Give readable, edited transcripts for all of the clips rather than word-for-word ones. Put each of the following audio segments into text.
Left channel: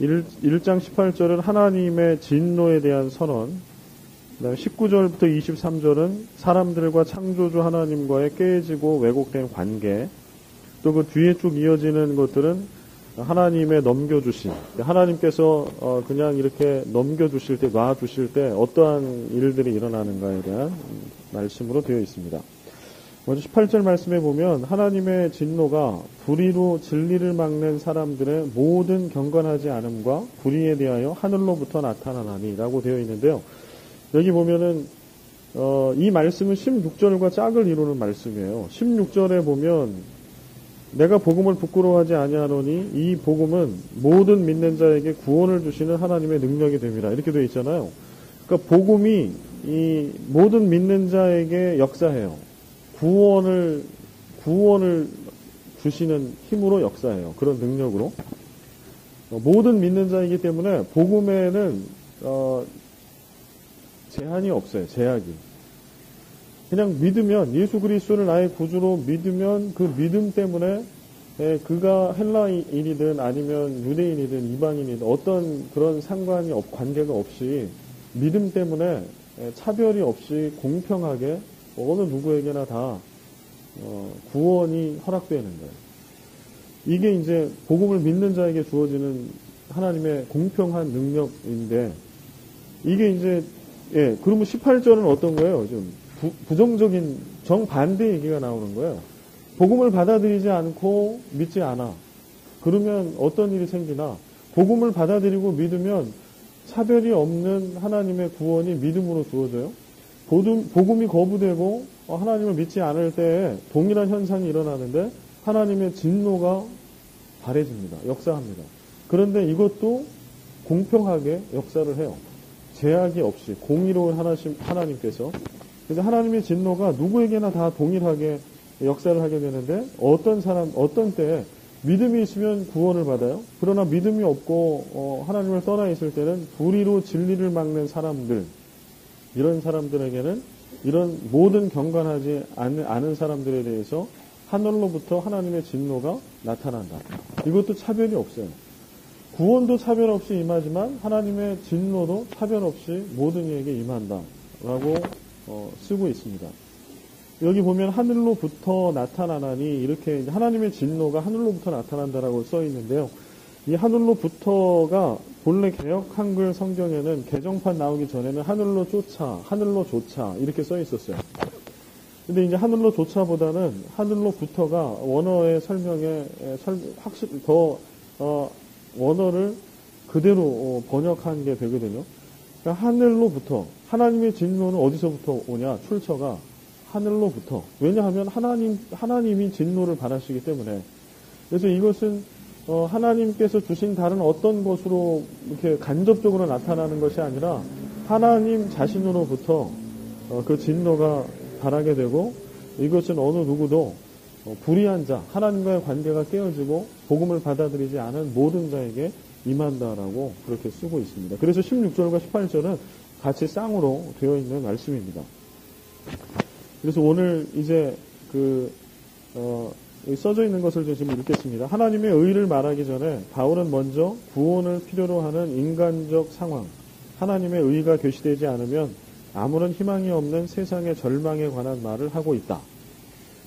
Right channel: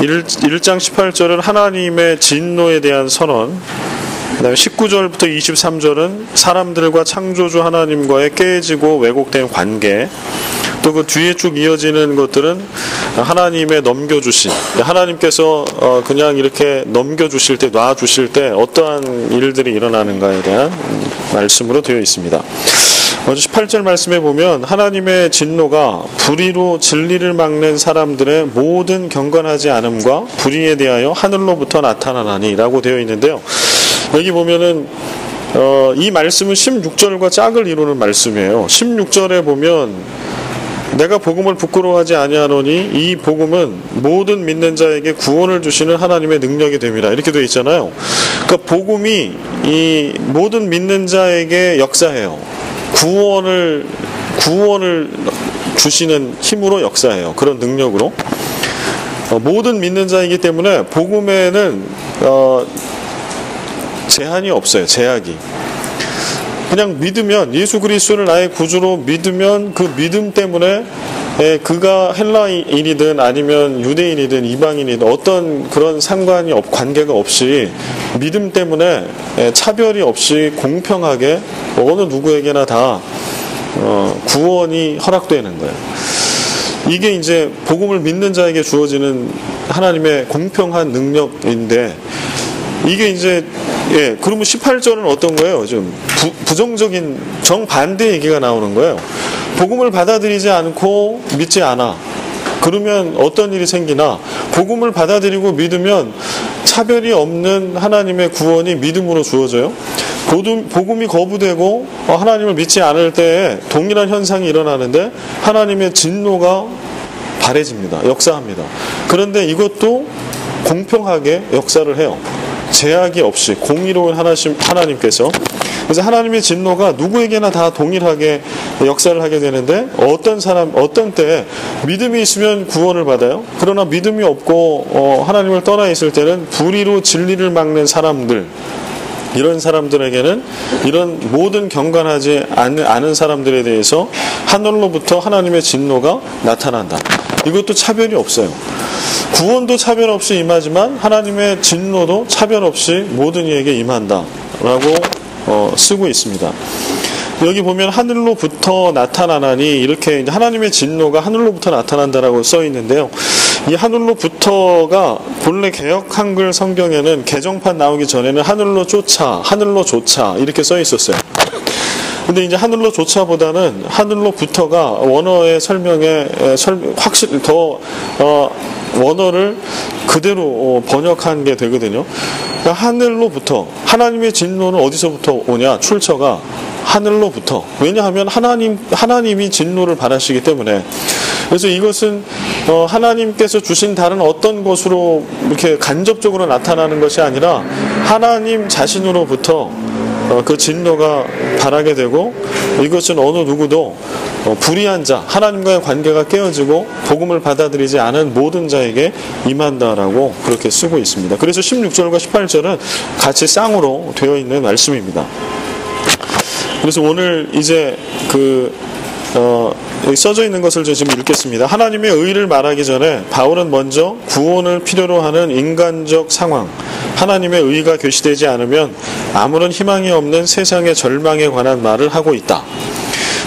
1장 18절은 하나님의 진노에 대한 선언, 그 다음에 19절부터 23절은 사람들과 창조주 하나님과의 깨지고 왜곡된 관계, 또 그 뒤에 쭉 이어지는 것들은 하나님의 넘겨주신, 하나님께서 그냥 이렇게 넘겨주실 때, 놔주실 때 어떠한 일들이 일어나는가에 대한 말씀으로 되어 있습니다. 먼저 18절 말씀에 보면 하나님의 진노가 불의로 진리를 막는 사람들의 모든 경건하지 않음과 불의에 대하여 하늘로부터 나타나나니 라고 되어 있는데요. 여기 보면은 이 말씀은 16절과 짝을 이루는 말씀이에요. 16절에 보면 내가 복음을 부끄러워하지 아니하노니 이 복음은 모든 믿는 자에게 구원을 주시는 하나님의 능력이 됨이라, 이렇게 되어 있잖아요. 그러니까 복음이 이 모든 믿는 자에게 역사해요. 구원을 주시는 힘으로 역사해요. 그런 능력으로. 모든 믿는 자이기 때문에 복음에는 제한이 없어요. 제약이. 그냥 믿으면, 예수 그리스도를 나의 구주로 믿으면 그 믿음 때문에 그가 헬라인이든 아니면 유대인이든 이방인이든 어떤 그런 상관이 관계가 없이 믿음 때문에 차별이 없이 공평하게 어느 누구에게나 다 구원이 허락되는 거예요. 이게 이제 복음을 믿는 자에게 주어지는 하나님의 공평한 능력인데, 이게 이제 그러면 18절은 어떤 거예요? 좀 부정적인 정반대 얘기가 나오는 거예요. 복음을 받아들이지 않고 믿지 않아. 그러면 어떤 일이 생기나? 복음을 받아들이고 믿으면 차별이 없는 하나님의 구원이 믿음으로 주어져요. 복음이 거부되고 하나님을 믿지 않을 때에 동일한 현상이 일어나는데 하나님의 진노가 발해집니다. 역사합니다. 그런데 이것도 공평하게 역사를 해요. 제약이 없이 공의로운 하나님께서. 그래서 하나님의 진노가 누구에게나 다 동일하게 역사를 하게 되는데, 어떤 때에 믿음이 있으면 구원을 받아요. 그러나 믿음이 없고 하나님을 떠나 있을 때는 불의로 진리를 막는 사람들, 이런 사람들에게는 이런 모든 경건하지 않은 사람들에 대해서 하늘로부터 하나님의 진노가 나타난다. 이것도 차별이 없어요. 구원도 차별 없이 임하지만 하나님의 진노도 차별 없이 모든 이에게 임한다라고 쓰고 있습니다. 여기 보면 하늘로부터 나타나나니, 이렇게 하나님의 진노가 하늘로부터 나타난다라고 써 있는데요. 이 하늘로부터가 본래 개역 한글 성경에는 개정판 나오기 전에는 하늘로조차 이렇게 써 있었어요. 근데 이제 하늘로조차보다는 하늘로부터가 원어의 설명에 확실히 더 원어를 그대로 번역한 게 되거든요. 그러니까 하늘로부터, 하나님의 진노는 어디서부터 오냐? 출처가 하늘로부터. 왜냐하면 하나님이 진노를 바라시기 때문에. 그래서 이것은 하나님께서 주신 다른 어떤 것으로 이렇게 간접적으로 나타나는 것이 아니라 하나님 자신으로부터 그 진노가 바라게 되고, 이것은 어느 누구도 불의한 자, 하나님과의 관계가 깨어지고 복음을 받아들이지 않은 모든 자에게 임한다라고 그렇게 쓰고 있습니다. 그래서 16절과 18절은 같이 쌍으로 되어 있는 말씀입니다. 그래서 오늘 이제 여기 써져 있는 것을 지금 읽겠습니다. 하나님의 의를 말하기 전에 바울은 먼저 구원을 필요로 하는 인간적 상황, 하나님의 의가 계시되지 않으면 아무런 희망이 없는 세상의 절망에 관한 말을 하고 있다.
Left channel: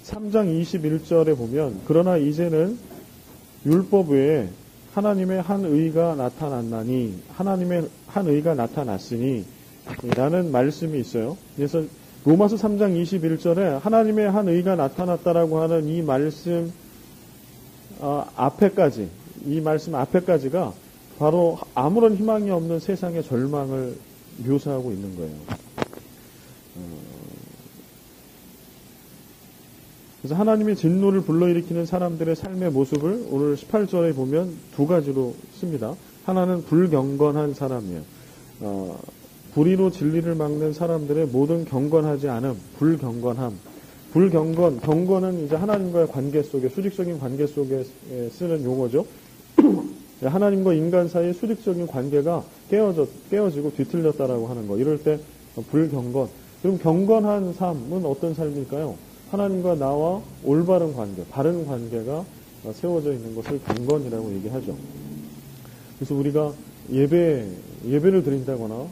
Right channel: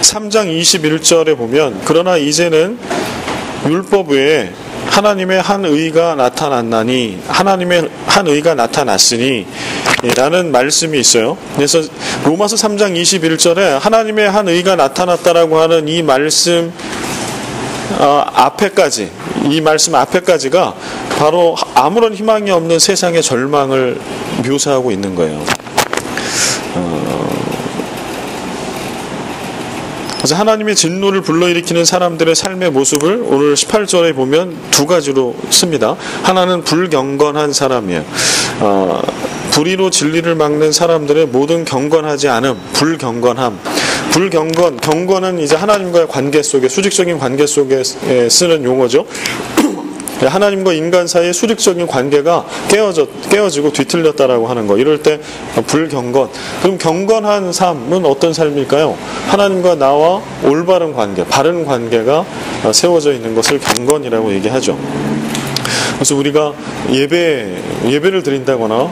3장 21절에 보면 그러나 이제는 율법 외에 하나님의 한 의가 나타났나니, 하나님의 한 의가 나타났으니 라는 말씀이 있어요. 그래서 로마서 3장 21절에 하나님의 한 의가 나타났다라고 하는 이 말씀 앞에까지, 이 말씀 앞에까지가 바로 아무런 희망이 없는 세상의 절망을 묘사하고 있는 거예요. 그래서 하나님의 진노를 불러일으키는 사람들의 삶의 모습을 오늘 18절에 보면 두 가지로 씁니다. 하나는 불경건한 사람이에요. 불의로 진리를 막는 사람들의 모든 경건하지 않음, 불경건함. 경건은 이제 하나님과의 관계 속에, 수직적인 관계 속에 쓰는 용어죠. 하나님과 인간 사이의 수직적인 관계가 깨어지고 뒤틀렸다라고 하는 거. 이럴 때 불경건. 그럼 경건한 삶은 어떤 삶일까요? 하나님과 나와 올바른 관계, 바른 관계가 세워져 있는 것을 경건이라고 얘기하죠. 그래서 우리가 예배를 드린다거나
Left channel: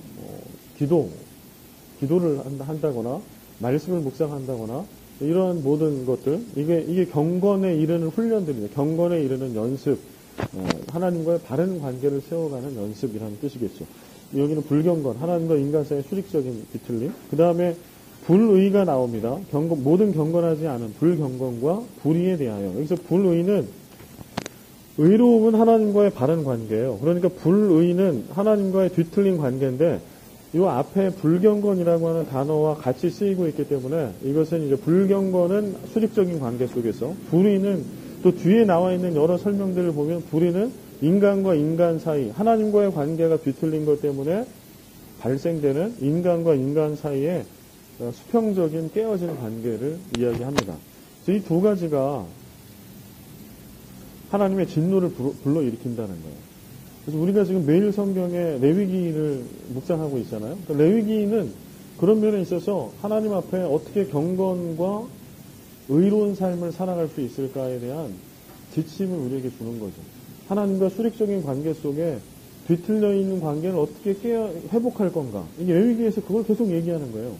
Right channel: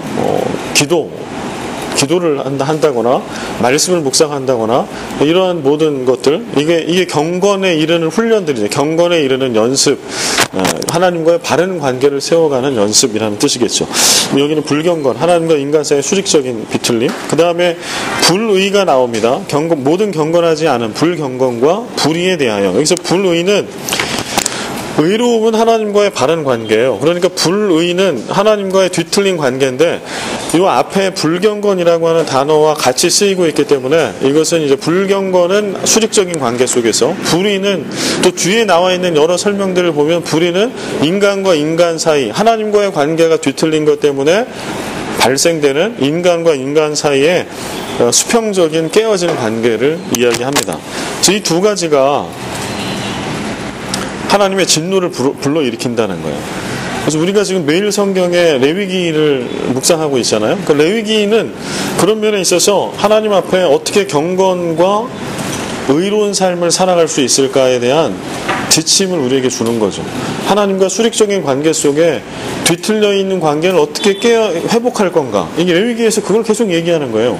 기도를 한다거나 말씀을 묵상한다거나 이러한 모든 것들, 이게 경건에 이르는 훈련들이죠. 경건에 이르는 연습, 하나님과의 바른 관계를 세워가는 연습이라는 뜻이겠죠. 여기는 불경건, 하나님과 인간 사이의 수직적인 비틀림. 그 다음에 불의가 나옵니다. 모든 경건하지 않은 불경건과 불의에 대하여. 여기서 불의는 의로움은 하나님과의 바른 관계예요. 그러니까 불의는 하나님과의 뒤틀린 관계인데 이 앞에 불경건이라고 하는 단어와 같이 쓰이고 있기 때문에 이것은 이제 불경건은 수직적인 관계 속에서, 불의는 또 뒤에 나와 있는 여러 설명들을 보면 불의는 인간과 인간 사이, 하나님과의 관계가 뒤틀린 것 때문에 발생되는 인간과 인간 사이에 수평적인 깨어진 관계를 이야기합니다. 이 두 가지가 하나님의 진노를 불러일으킨다는 거예요. 그래서 우리가 지금 매일 성경에 레위기를 묵상하고 있잖아요. 그 레위기는 그런 면에 있어서 하나님 앞에 어떻게 경건과 의로운 삶을 살아갈 수 있을까에 대한 지침을 우리에게 주는 거죠. 하나님과 수직적인 관계 속에 뒤틀려 있는 관계를 어떻게 회복할 건가. 이게 레위기에서 그걸 계속 얘기하는 거예요.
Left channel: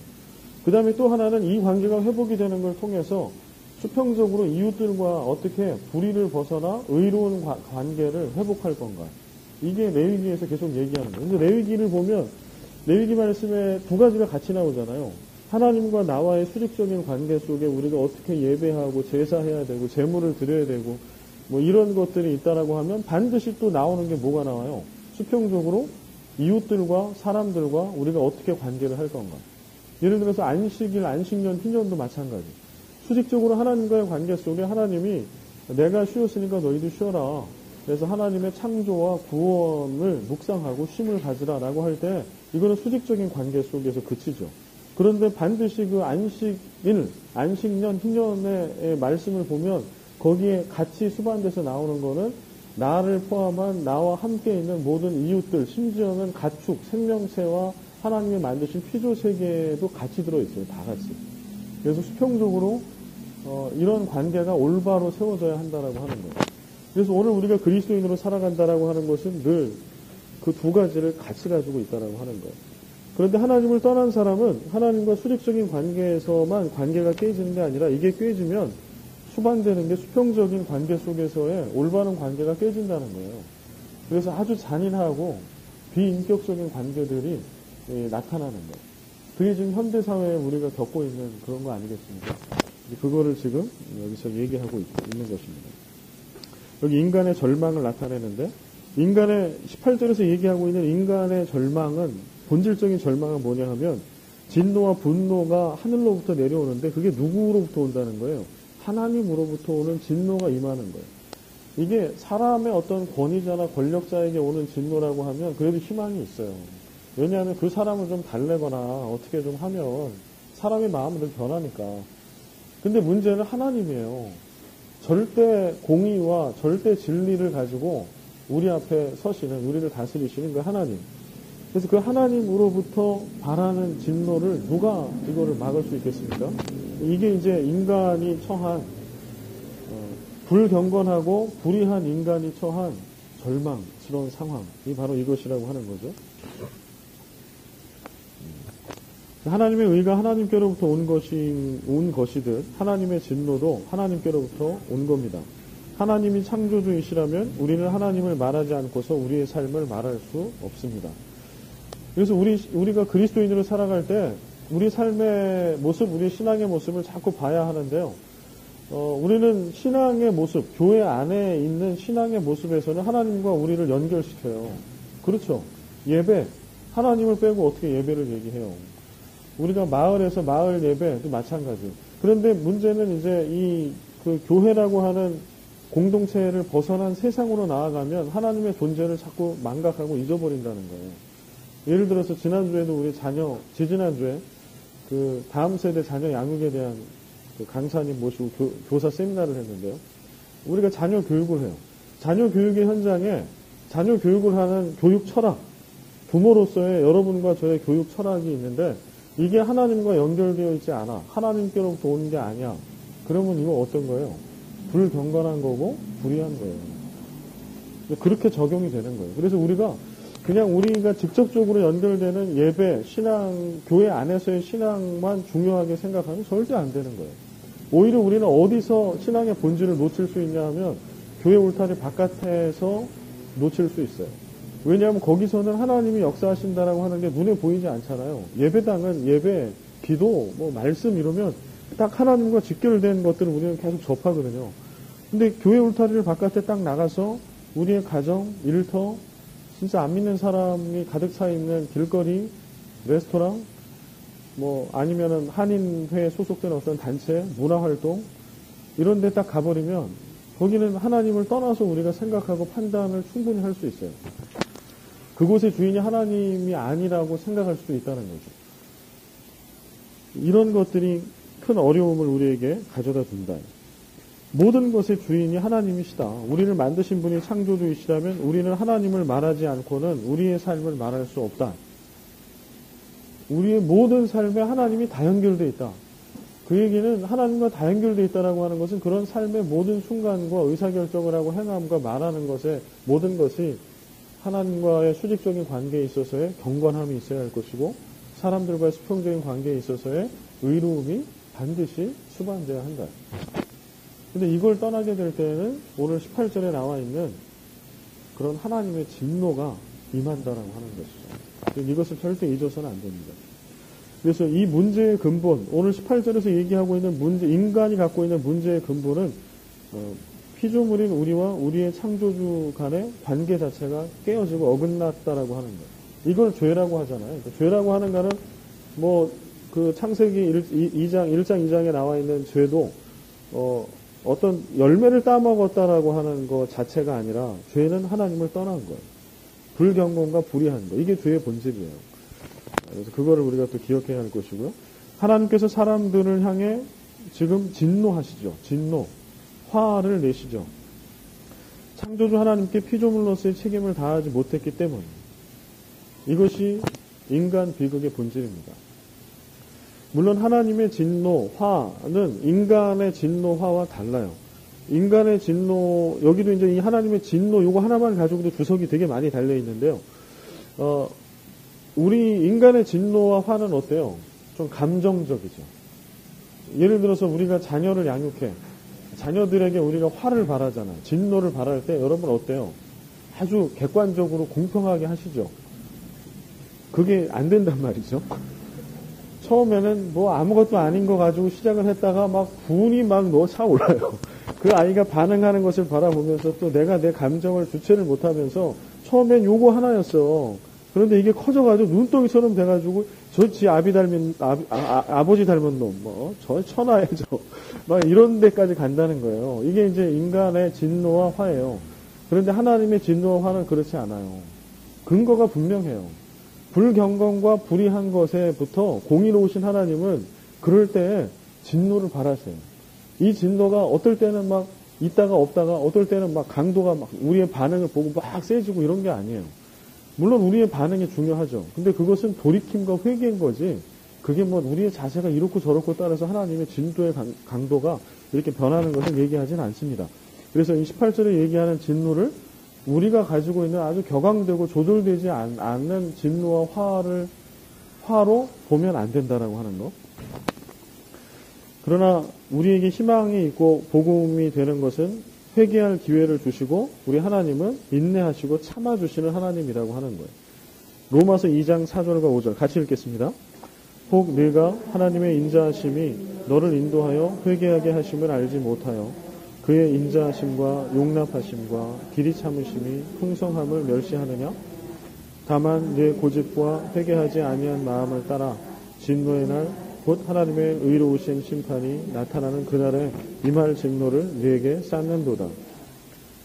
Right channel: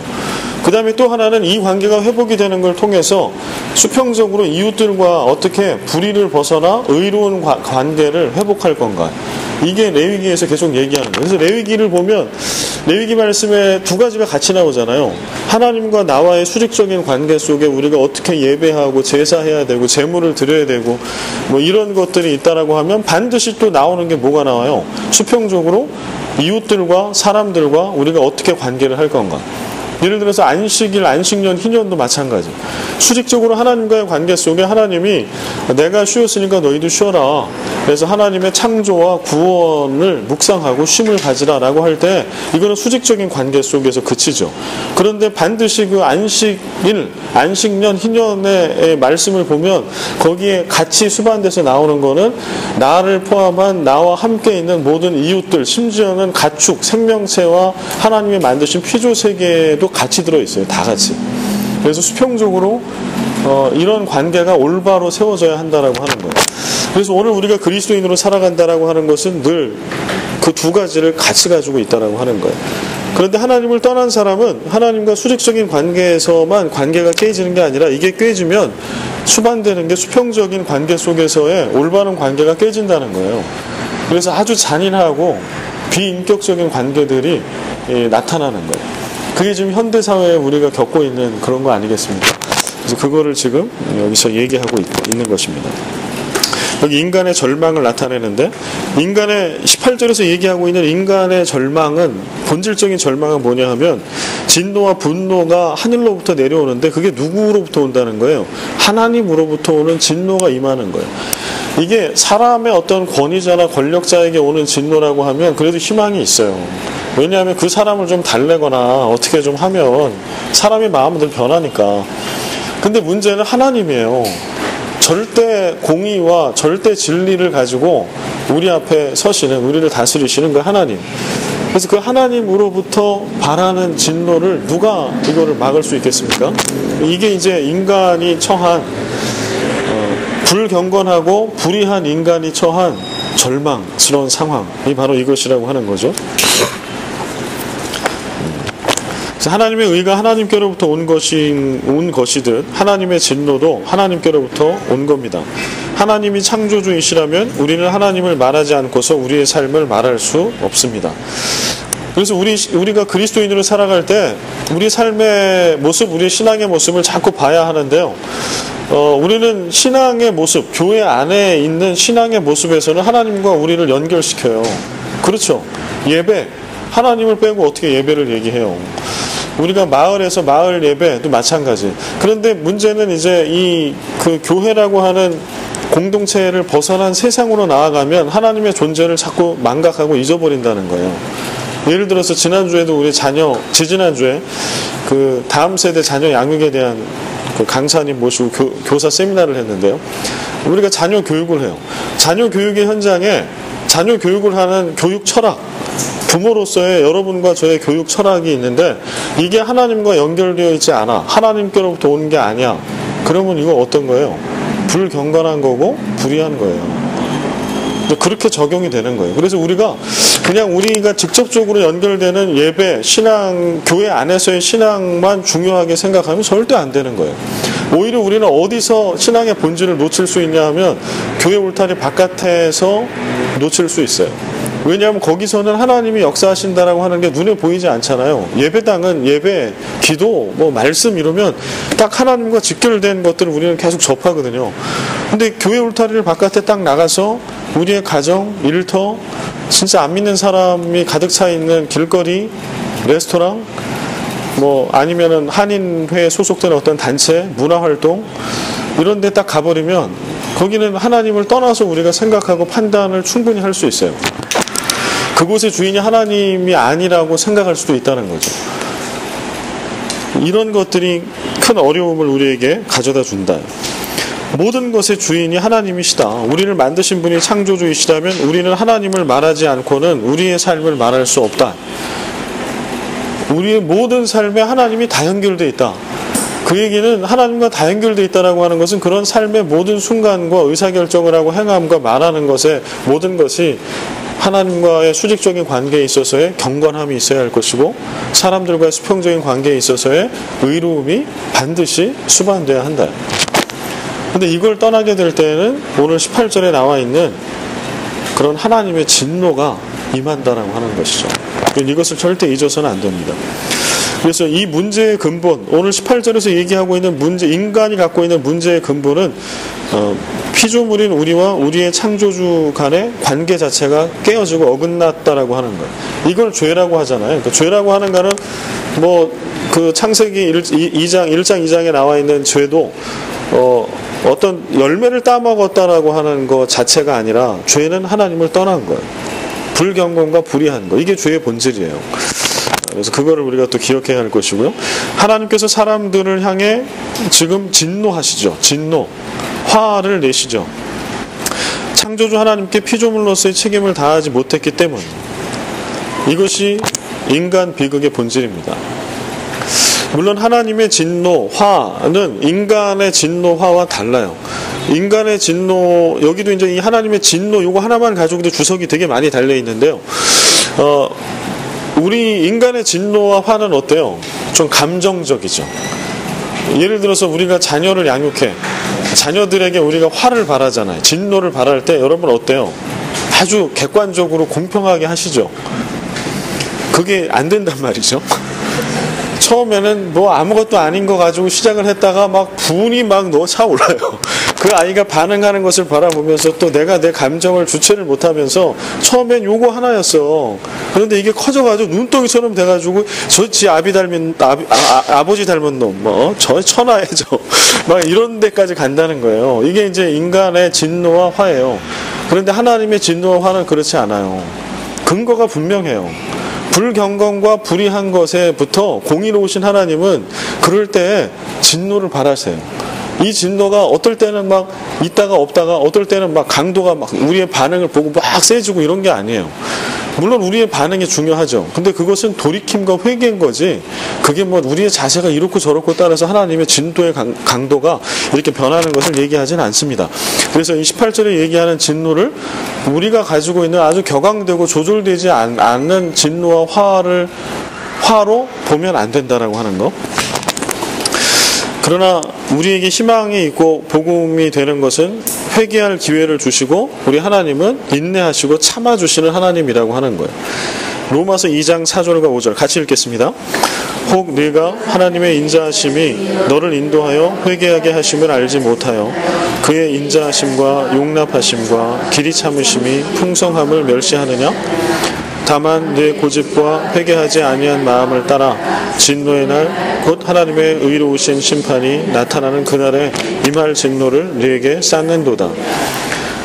그 다음에 또 하나는 이 관계가 회복이 되는 걸 통해서 수평적으로 이웃들과 어떻게 불의를 벗어나 의로운 관계를 회복할 건가. 이게 레위기에서 계속 얘기하는 거예요. 그래서 레위기를 보면 레위기 말씀에 두 가지가 같이 나오잖아요. 하나님과 나와의 수직적인 관계 속에 우리가 어떻게 예배하고 제사해야 되고 제물을 드려야 되고 뭐 이런 것들이 있다라고 하면 반드시 또 나오는 게 뭐가 나와요? 수평적으로 이웃들과 사람들과 우리가 어떻게 관계를 할 건가. 예를 들어서 안식일, 안식년, 희년도 마찬가지. 수직적으로 하나님과의 관계 속에 하나님이 내가 쉬었으니까 너희도 쉬어라. 그래서 하나님의 창조와 구원을 묵상하고 쉼을 가지라 라고 할 때 이거는 수직적인 관계 속에서 그치죠. 그런데 반드시 그 안식일, 안식년, 희년의 말씀을 보면 거기에 같이 수반돼서 나오는 거는 나를 포함한 나와 함께 있는 모든 이웃들, 심지어는 가축, 생명체와 하나님이 만드신 피조 세계에도 같이 들어있어요. 다 같이. 그래서 수평적으로 이런 관계가 올바로 세워져야 한다라고 하는 거예요. 그래서 오늘 우리가 그리스도인으로 살아간다라고 하는 것은 늘 그 두 가지를 같이 가지고 있다라고 하는 거예요. 그런데 하나님을 떠난 사람은 하나님과 수직적인 관계에서만 관계가 깨지는 게 아니라 이게 깨지면 수반되는 게 수평적인 관계 속에서의 올바른 관계가 깨진다는 거예요. 그래서 아주 잔인하고 비인격적인 관계들이 나타나는 거예요. 그게 지금 현대사회에 우리가 겪고 있는 그런 거 아니겠습니까? 그래서 그거를 지금 여기서 얘기하고 있는 것입니다. 여기 인간의 절망을 나타내는데 인간의 18절에서 얘기하고 있는 인간의 절망은, 본질적인 절망은 뭐냐 하면 진노와 분노가 하늘로부터 내려오는데 그게 누구로부터 온다는 거예요? 하나님으로부터 오는 진노가 임하는 거예요. 이게 사람의 어떤 권위자나 권력자에게 오는 진노라고 하면 그래도 희망이 있어요. 왜냐하면 그 사람을 좀 달래거나 어떻게 좀 하면 사람의 마음은 늘 변하니까. 근데 문제는 하나님이에요. 절대 공의와 절대 진리를 가지고 우리 앞에 서시는, 우리를 다스리시는 그 하나님. 그래서 그 하나님으로부터 바라는 진노를 누가 이거를 막을 수 있겠습니까? 이게 이제 인간이 처한 불경건하고 불의한 인간이 처한 절망스러운 상황이 바로 이것이라고 하는 거죠. 하나님의 의가 하나님께로부터 온 것이듯 하나님의 진노도 하나님께로부터 온 겁니다. 하나님이 창조주이시라면 우리는 하나님을 말하지 않고서 우리의 삶을 말할 수 없습니다. 그래서 우리가 그리스도인으로 살아갈 때 우리 삶의 모습, 우리의 신앙의 모습을 자꾸 봐야 하는데요. 우리는 신앙의 모습, 교회 안에 있는 신앙의 모습에서는 하나님과 우리를 연결시켜요. 그렇죠. 예배, 하나님을 빼고 어떻게 예배를 얘기해요. 우리가 마을에서 마을 예배도 마찬가지. 그런데 문제는 이제 그 교회라고 하는 공동체를 벗어난 세상으로 나아가면 하나님의 존재를 자꾸 망각하고 잊어버린다는 거예요. 예를 들어서 지난주에도 우리 지지난주에 그 다음 세대 자녀 양육에 대한 그 강사님 모시고 교사 세미나를 했는데요. 우리가 자녀 교육을 해요. 자녀 교육의 현장에 자녀 교육을 하는 교육 철학, 부모로서의 여러분과 저의 교육 철학이 있는데 이게 하나님과 연결되어 있지 않아. 하나님께로부터 온 게 아니야. 그러면 이거 어떤 거예요? 불경건한 거고 불의한 거예요. 그렇게 적용이 되는 거예요. 그래서 우리가 직접적으로 연결되는 예배, 신앙, 교회 안에서의 신앙만 중요하게 생각하면 절대 안 되는 거예요. 오히려 우리는 어디서 신앙의 본질을 놓칠 수 있냐 하면 교회 울타리 바깥에서 놓칠 수 있어요. 왜냐하면 거기서는 하나님이 역사하신다라고 하는 게 눈에 보이지 않잖아요. 예배당은 예배, 기도, 말씀 이러면 딱 하나님과 직결된 것들을 우리는 계속 접하거든요. 근데 교회 울타리를 바깥에 딱 나가서 우리의 가정, 일터, 진짜 안 믿는 사람이 가득 차 있는 길거리, 레스토랑, 아니면은 한인회에 소속된 어떤 단체, 문화활동 이런 데 딱 가버리면 거기는 하나님을 떠나서 우리가 생각하고 판단을 충분히 할 수 있어요. 그곳의 주인이 하나님이 아니라고 생각할 수도 있다는 거죠. 이런 것들이 큰 어려움을 우리에게 가져다 준다. 모든 것의 주인이 하나님이시다. 우리를 만드신 분이 창조주이시다면 우리는 하나님을 말하지 않고는 우리의 삶을 말할 수 없다. 우리의 모든 삶에 하나님이 다 연결되어 있다. 그 얘기는 하나님과 다 연결되어 있다라고 하는 것은 그런 삶의 모든 순간과 의사결정을 하고 행함과 말하는 것의 모든 것이 하나님과의 수직적인 관계에 있어서의 경건함이 있어야 할 것이고 사람들과의 수평적인 관계에 있어서의 의로움이 반드시 수반돼야 한다. 근데 이걸 떠나게 될 때에는 오늘 18절에 나와 있는 그런 하나님의 진노가 임한다라고 하는 것이죠. 이것을 절대 잊어서는 안 됩니다. 그래서 이 문제의 근본, 오늘 18절에서 얘기하고 있는 문제, 인간이 갖고 있는 문제의 근본은 피조물인 우리와 우리의 창조주 간의 관계 자체가 깨어지고 어긋났다라고 하는 거예요. 이걸 죄라고 하잖아요. 그러니까 죄라고 하는 거는 그 창세기 1장 2장에 나와 있는 죄도 어떤 열매를 따먹었다라고 하는 것 자체가 아니라 죄는 하나님을 떠난 거예요. 불경건과 불의한 거. 이게 죄의 본질이에요. 그래서 그거를 우리가 또 기억해야 할 것이고요. 하나님께서 사람들을 향해 지금 진노하시죠. 진노. 화를 내시죠. 창조주 하나님께 피조물로서의 책임을 다하지 못했기 때문. 이것이 인간 비극의 본질입니다. 물론 하나님의 진노, 화는 인간의 진노, 화와 달라요. 인간의 진노, 여기도 이제 이 하나님의 진노, 요거 하나만 가지고도 주석이 되게 많이 달려 있는데요. 우리 인간의 진노와 화는 어때요? 좀 감정적이죠. 예를 들어서 우리가 자녀를 양육해. 자녀들에게 우리가 화를 바라잖아요. 진노를 바랄 때 여러분 어때요? 아주 객관적으로 공평하게 하시죠. 그게 안 된단 말이죠. 처음에는 아무것도 아닌 거 가지고 시작을 했다가 분이 차올라요. 그 아이가 반응하는 것을 바라보면서 또 내가 내 감정을 주체를 못하면서 처음엔 요거 하나였어. 그런데 이게 커져가지고 눈덩이처럼 돼가지고 지 아버지 닮은 놈, 저 천하해져. 이런 데까지 간다는 거예요. 이게 이제 인간의 진노와 화예요. 그런데 하나님의 진노와 화는 그렇지 않아요. 근거가 분명해요. 불경건과 불의한 것에부터 공의로우신 하나님은 그럴 때 진노를 발하세요. 이 진노가 어떨 때는 있다가 없다가 어떨 때는 강도가 우리의 반응을 보고 세지고 이런 게 아니에요. 물론 우리의 반응이 중요하죠. 근데 그것은 돌이킴과 회개인 거지 그게 우리의 자세가 이렇고 저렇고 따라서 하나님의 진노의 강도가 이렇게 변하는 것을 얘기하지는 않습니다. 그래서 이 18절에 얘기하는 진노를 우리가 가지고 있는 아주 격앙되고 조절되지 않는 진노와 화로 보면 안 된다라고 하는 거. 그러나 우리에게 희망이 있고 복음이 되는 것은 회개할 기회를 주시고 우리 하나님은 인내하시고 참아주시는 하나님이라고 하는 거예요. 로마서 2장 4절과 5절 같이 읽겠습니다. 혹 네가 하나님의 인자하심이 너를 인도하여 회개하게 하심을 알지 못하여 그의 인자하심과 용납하심과 길이 참으심이 풍성함을 멸시하느냐? 다만 네 고집과 회개하지 아니한 마음을 따라 진노의 날 곧 하나님의 의로우신 심판이 나타나는 그날에 임할 진노를 네게 쌓는도다.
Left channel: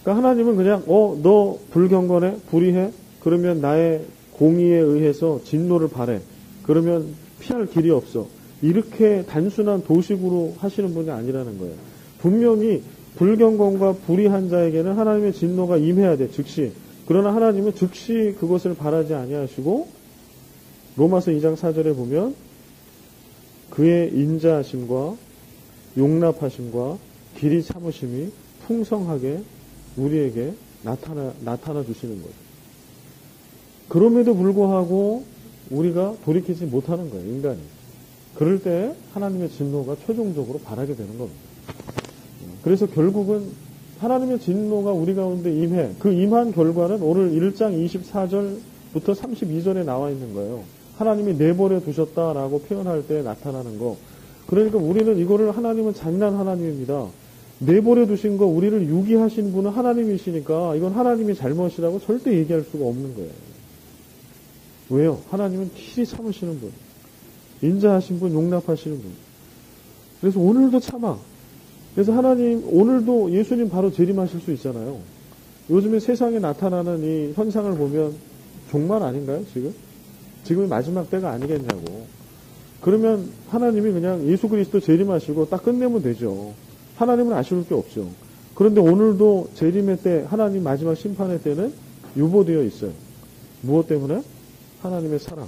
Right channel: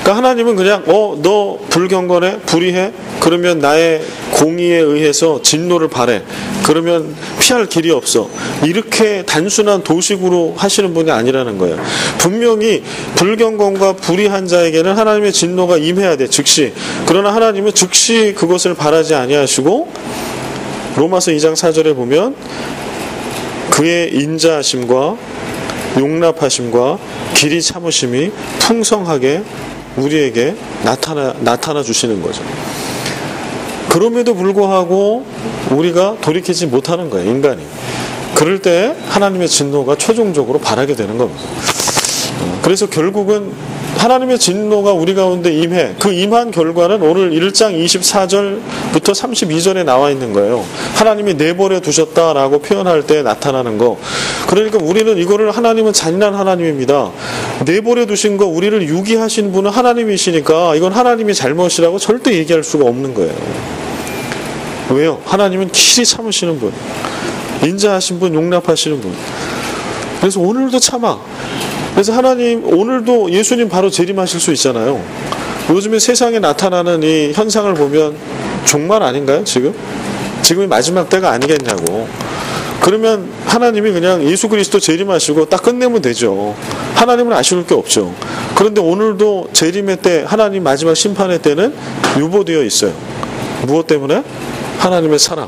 그러니까 하나님은 그냥 너 불경건해? 불의해? 그러면 나의 공의에 의해서 진노를 발해. 그러면 피할 길이 없어. 이렇게 단순한 도식으로 하시는 분이 아니라는 거예요. 분명히 불경건과 불의한 자에게는 하나님의 진노가 임해야 돼. 즉시. 그러나 하나님은 즉시 그것을 바라지 아니하시고 로마서 2장 4절에 보면 그의 인자하심과 용납하심과 길이 참으심이 풍성하게 우리에게 나타나 주시는 거죠. 그럼에도 불구하고 우리가 돌이키지 못하는 거예요, 인간이. 그럴 때 하나님의 진노가 최종적으로 발하게 되는 겁니다. 그래서 결국은 하나님의 진노가 우리 가운데 임해, 그 임한 결과는 오늘 1장 24절부터 32절에 나와 있는 거예요. 하나님이 내버려 두셨다라고 표현할 때 나타나는 거. 그러니까 우리는 이거를, 하나님은 잔인한 하나님입니다. 내버려 두신 거, 우리를 유기하신 분은 하나님이시니까 이건 하나님이 잘못이라고 절대 얘기할 수가 없는 거예요. 왜요? 하나님은 길이 참으시는 분, 인자하신 분, 용납하시는 분. 그래서 오늘도 참아. 그래서 하나님, 오늘도 예수님 바로 재림하실 수 있잖아요. 요즘에 세상에 나타나는 이 현상을 보면 종말 아닌가요, 지금? 지금이 마지막 때가 아니겠냐고. 그러면 하나님이 그냥 예수 그리스도 재림하시고 딱 끝내면 되죠. 하나님은 아쉬울 게 없죠. 그런데 오늘도 재림의 때, 하나님 마지막 심판의 때는 유보되어 있어요. 무엇 때문에? 하나님의 사랑,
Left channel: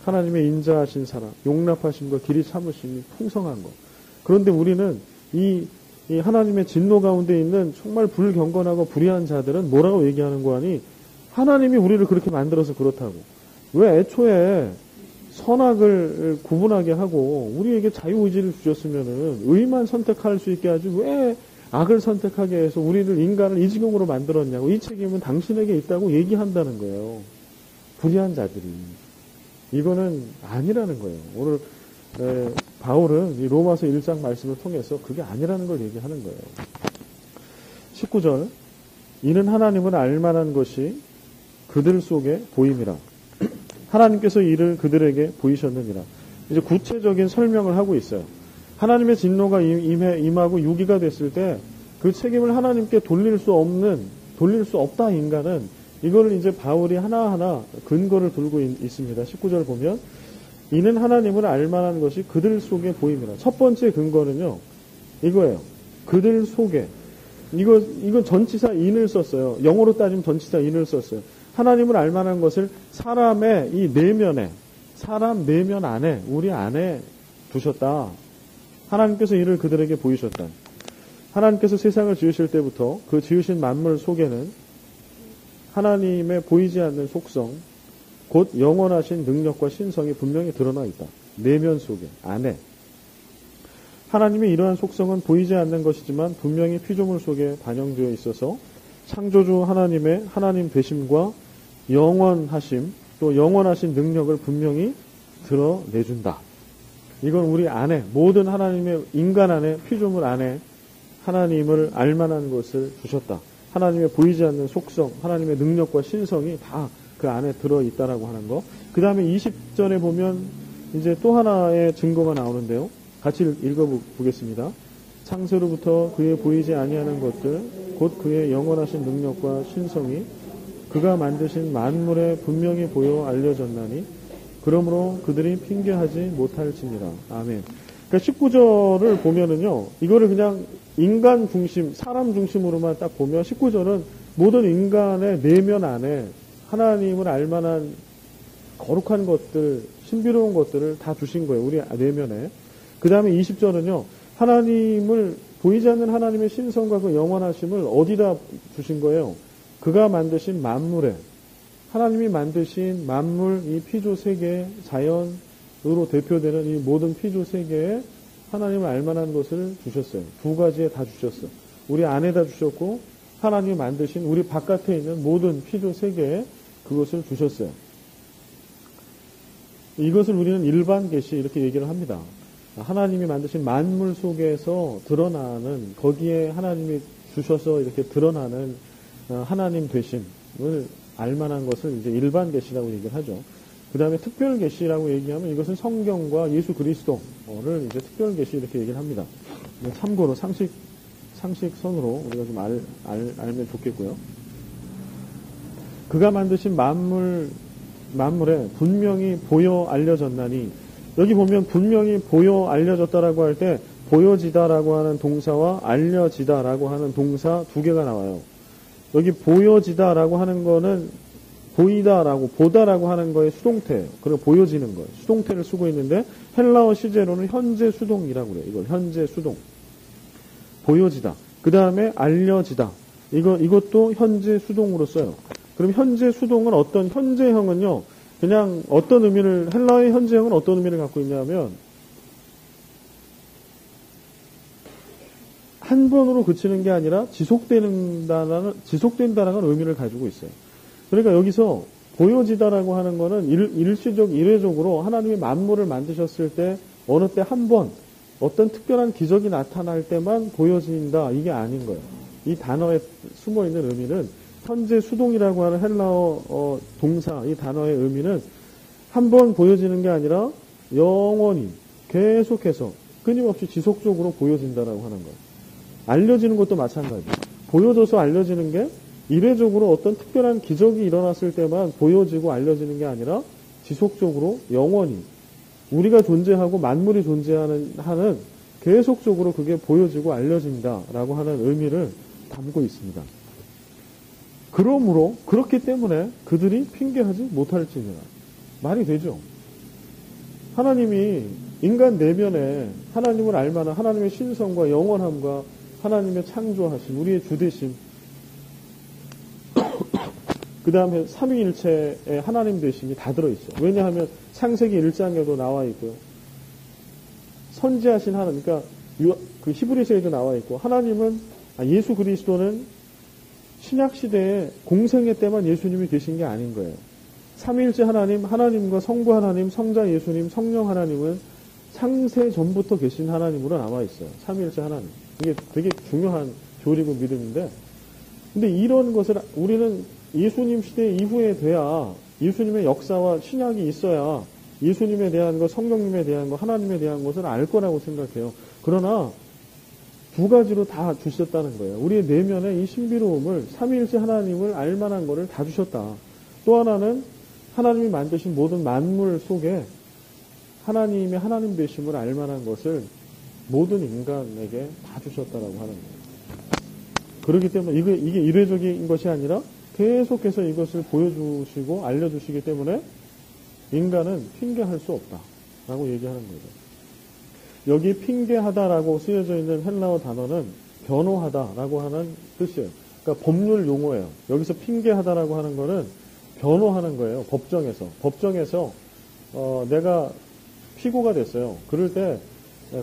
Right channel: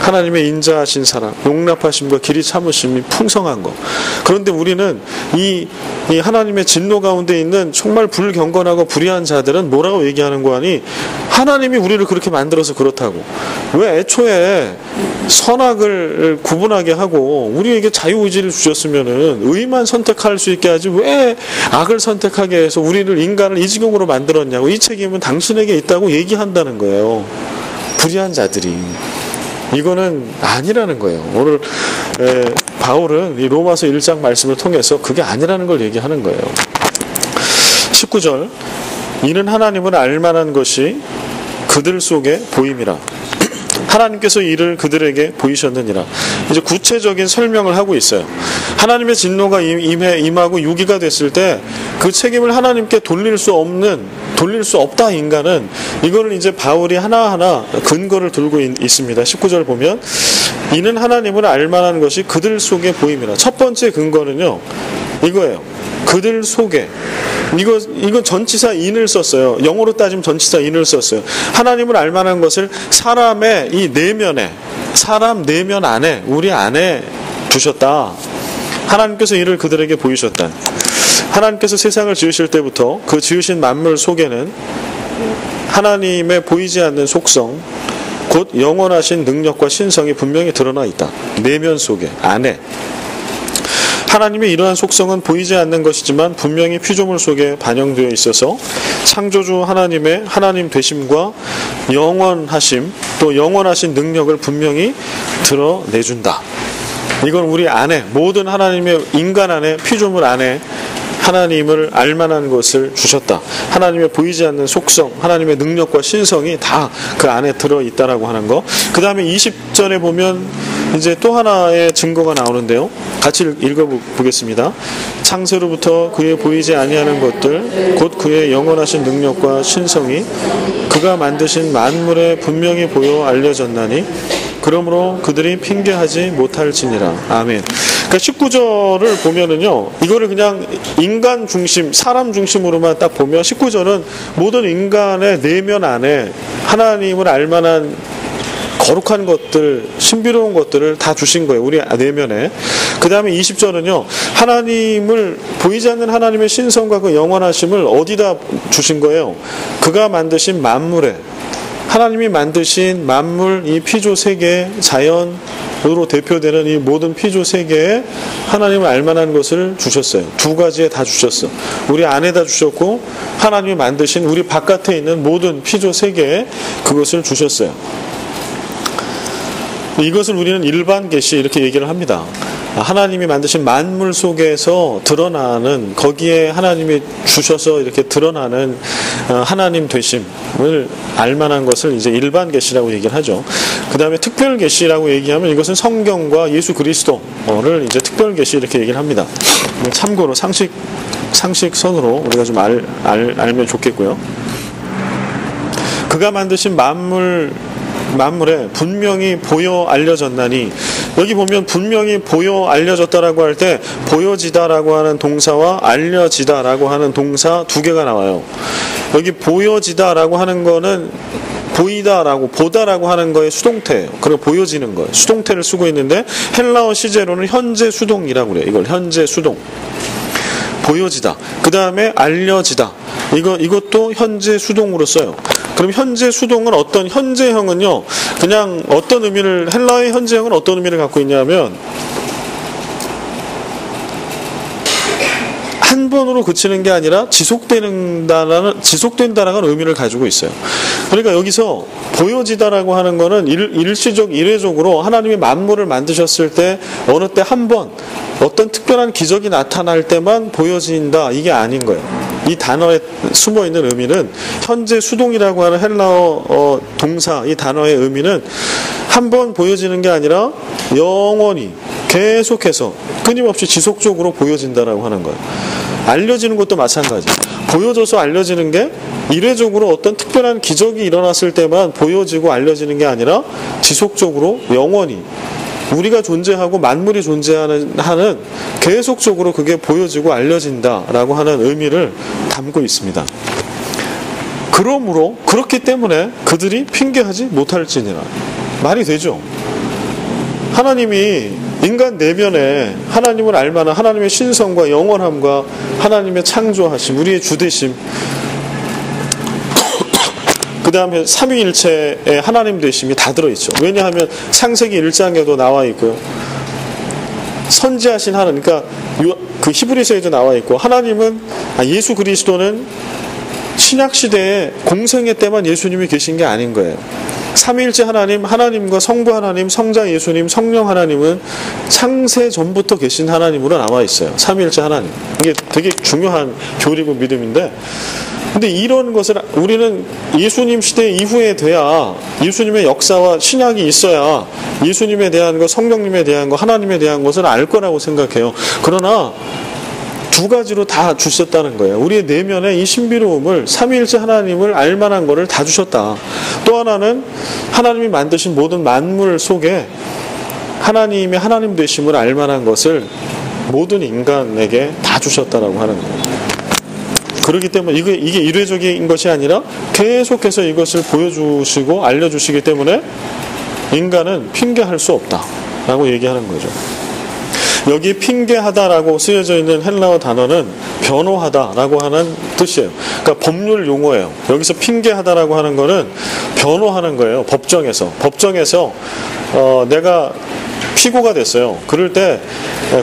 하나님의 인자하신 사랑, 용납하심과 길이 참으심이 풍성한 것. 그런데 우리는 이 하나님의 진노 가운데 있는 정말 불경건하고 불의한 자들은 뭐라고 얘기하는 거 아니? 하나님이 우리를 그렇게 만들어서 그렇다고. 왜 애초에 선악을 구분하게 하고 우리에게 자유의지를 주셨으면은 의만 선택할 수 있게 하지 왜 악을 선택하게 해서 우리를, 인간을 이 지경으로 만들었냐고. 이 책임은 당신에게 있다고 얘기한다는 거예요, 불의한 자들이. 이거는 아니라는 거예요. 오늘 바울은 이 로마서 1장 말씀을 통해서 그게 아니라는 걸 얘기하는 거예요. 19절, 이는 하나님을 알만한 것이 그들 속에 보임이라. 하나님께서 이를 그들에게 보이셨느니라. 이제 구체적인 설명을 하고 있어요. 하나님의 진노가 임하고 유기가 됐을 때 그 책임을 하나님께 돌릴 수 없다, 인간은. 이거를 이제 바울이 하나하나 근거를 들고 있습니다. 19절 보면, 이는 하나님을 알만한 것이 그들 속에 보임이라. 첫 번째 근거는요, 이거예요. 그들 속에. 이건 전치사 인을 썼어요. 영어로 따지면 전치사 인을 썼어요. 하나님을 알만한 것을 사람의 이 내면에, 사람 내면 안에, 우리 안에 두셨다. 하나님께서 이를 그들에게 보이셨다. 하나님께서 세상을 지으실 때부터 그 지으신 만물 속에는 하나님의 보이지 않는 속성, 곧 영원하신 능력과 신성이 분명히 드러나 있다. 내면 속에, 안에. 하나님의 이러한 속성은 보이지 않는 것이지만 분명히 피조물 속에 반영되어 있어서 창조주 하나님의 하나님 되심과 영원하심, 또 영원하신 능력을 분명히 드러내준다. 이건 우리 안에, 모든 하나님의 인간 안에, 피조물 안에 하나님을 알만한 것을 주셨다. 하나님의 보이지 않는 속성, 하나님의 능력과 신성이 다 그 안에 들어있다라고 하는 거. 그 다음에 20절에 보면 이제 또 하나의 증거가 나오는데요. 같이 읽어보겠습니다. 창세로부터 그의 보이지 아니하는 것들, 곧 그의 영원하신 능력과 신성이 그가 만드신 만물에 분명히 보여 알려졌나니 그러므로 그들이 핑계하지 못할지니라. 아멘. 그러니까 19절을 보면은요, 이거를 그냥 인간 중심, 사람 중심으로만 딱 보면 19절은 모든 인간의 내면 안에 하나님을 알만한 거룩한 것들, 신비로운 것들을 다 주신 거예요, 우리 내면에. 그 다음에 20절은요, 하나님을, 보이지 않는 하나님의 신성과 그 영원하심을 어디다 주신 거예요? 그가 만드신 만물에, 하나님이 만드신 만물, 이 피조 세계, 자연으로 대표되는 이 모든 피조 세계에 하나님을 알만한 것을 주셨어요. 두 가지에 다 주셨어. 우리 안에다 주셨고, 하나님이 만드신 우리 바깥에 있는 모든 피조 세계에 그것을 주셨어요. 이것을 우리는 일반 계시 이렇게 얘기를 합니다. 하나님이 만드신 만물 속에서 드러나는, 거기에 하나님이 주셔서 이렇게 드러나는 하나님 되심을 알만한 것을 이제 일반 계시라고 얘기를 하죠. 그 다음에 특별 계시라고 얘기하면 이것은 성경과 예수 그리스도를 이제 특별 계시 이렇게 얘기를 합니다. 참고로 상식선으로 우리가 좀 알면 좋겠고요. 그가 만드신 만물에 분명히 보여 알려졌나니, 여기 보면 분명히 보여 알려졌다라고 할 때 보여지다라고 하는 동사와 알려지다라고 하는 동사 두 개가 나와요. 여기 보여지다라고 하는 거는 보이다라고, 보다라고 하는 거의 수동태예요. 그리고 보여지는 거예요. 수동태를 쓰고 있는데 헬라어 시제로는 현재 수동이라고 그래요. 이걸 현재 수동. 보여지다. 그 다음에 알려지다. 이것도 현재 수동으로 써요. 그럼 현재 수동은 어떤 현재형은요, 그냥 어떤 의미를, 헬라어의 현재형은 어떤 의미를 갖고 있냐면, 한 번으로 그치는 게 아니라 지속된다라는 의미를 가지고 있어요. 그러니까 여기서 보여지다라고 하는 거는 일회적으로 하나님이 만물을 만드셨을 때 어느 때 한 번 어떤 특별한 기적이 나타날 때만 보여진다, 이게 아닌 거예요. 이 단어에 숨어있는 의미는, 현재 수동이라고 하는 헬라어 동사 이 단어의 의미는 한 번 보여지는 게 아니라 영원히 계속해서 끊임없이 지속적으로 보여진다라고 하는 거예요. 알려지는 것도 마찬가지. 보여져서 알려지는 게 일회적으로 어떤 특별한 기적이 일어났을 때만 보여지고 알려지는 게 아니라 지속적으로 영원히 우리가 존재하고 만물이 존재하는 계속적으로 그게 보여지고 알려진다라고 하는 의미를 담고 있습니다. 그러므로 그렇기 때문에 그들이 핑계하지 못할지니라. 말이 되죠. 하나님이 인간 내면에 하나님을 알만한 하나님의 신성과 영원함과 하나님의 창조하심, 우리의 주되심, 그 다음에 삼위일체의 하나님 되심이 다 들어있죠. 왜냐하면 창세기 1장에도 나와 있고요. 선지하신 하나님, 그러니까 그 히브리서에도 나와 있고, 하나님은, 예수 그리스도는 신약시대에 공생애 때만 예수님이 계신 게 아닌 거예요. 삼위일체 하나님, 하나님과 성부 하나님, 성자 예수님, 성령 하나님은 창세 전부터 계신 하나님으로 나와 있어요. 삼위일체 하나님. 이게 되게 중요한 교리고 믿음인데, 근데 이런 것을 우리는 예수님 시대 이후에 돼야, 예수님의 역사와 신약이 있어야 예수님에 대한 것, 성령님에 대한 것, 하나님에 대한 것을 알 거라고 생각해요. 그러나 두 가지로 다 주셨다는 거예요. 우리의 내면에 이 신비로움을, 삼위일체 하나님을 알만한 거를 다 주셨다. 또 하나는 하나님이 만드신 모든 만물 속에 하나님의 하나님 되심을 알만한 것을 모든 인간에게 다 주셨다라고 하는 거예요. 그렇기 때문에 이게 일회적인 것이 아니라 계속해서 이것을 보여주시고 알려주시기 때문에 인간은 핑계할 수 없다라고 얘기하는 거죠. 여기 핑계하다라고 쓰여져 있는 헬라어 단어는 변호하다라고 하는 뜻이에요. 그러니까 법률 용어예요. 여기서 핑계하다라고 하는 거는 변호하는 거예요. 법정에서 내가 피고가 됐어요. 그럴 때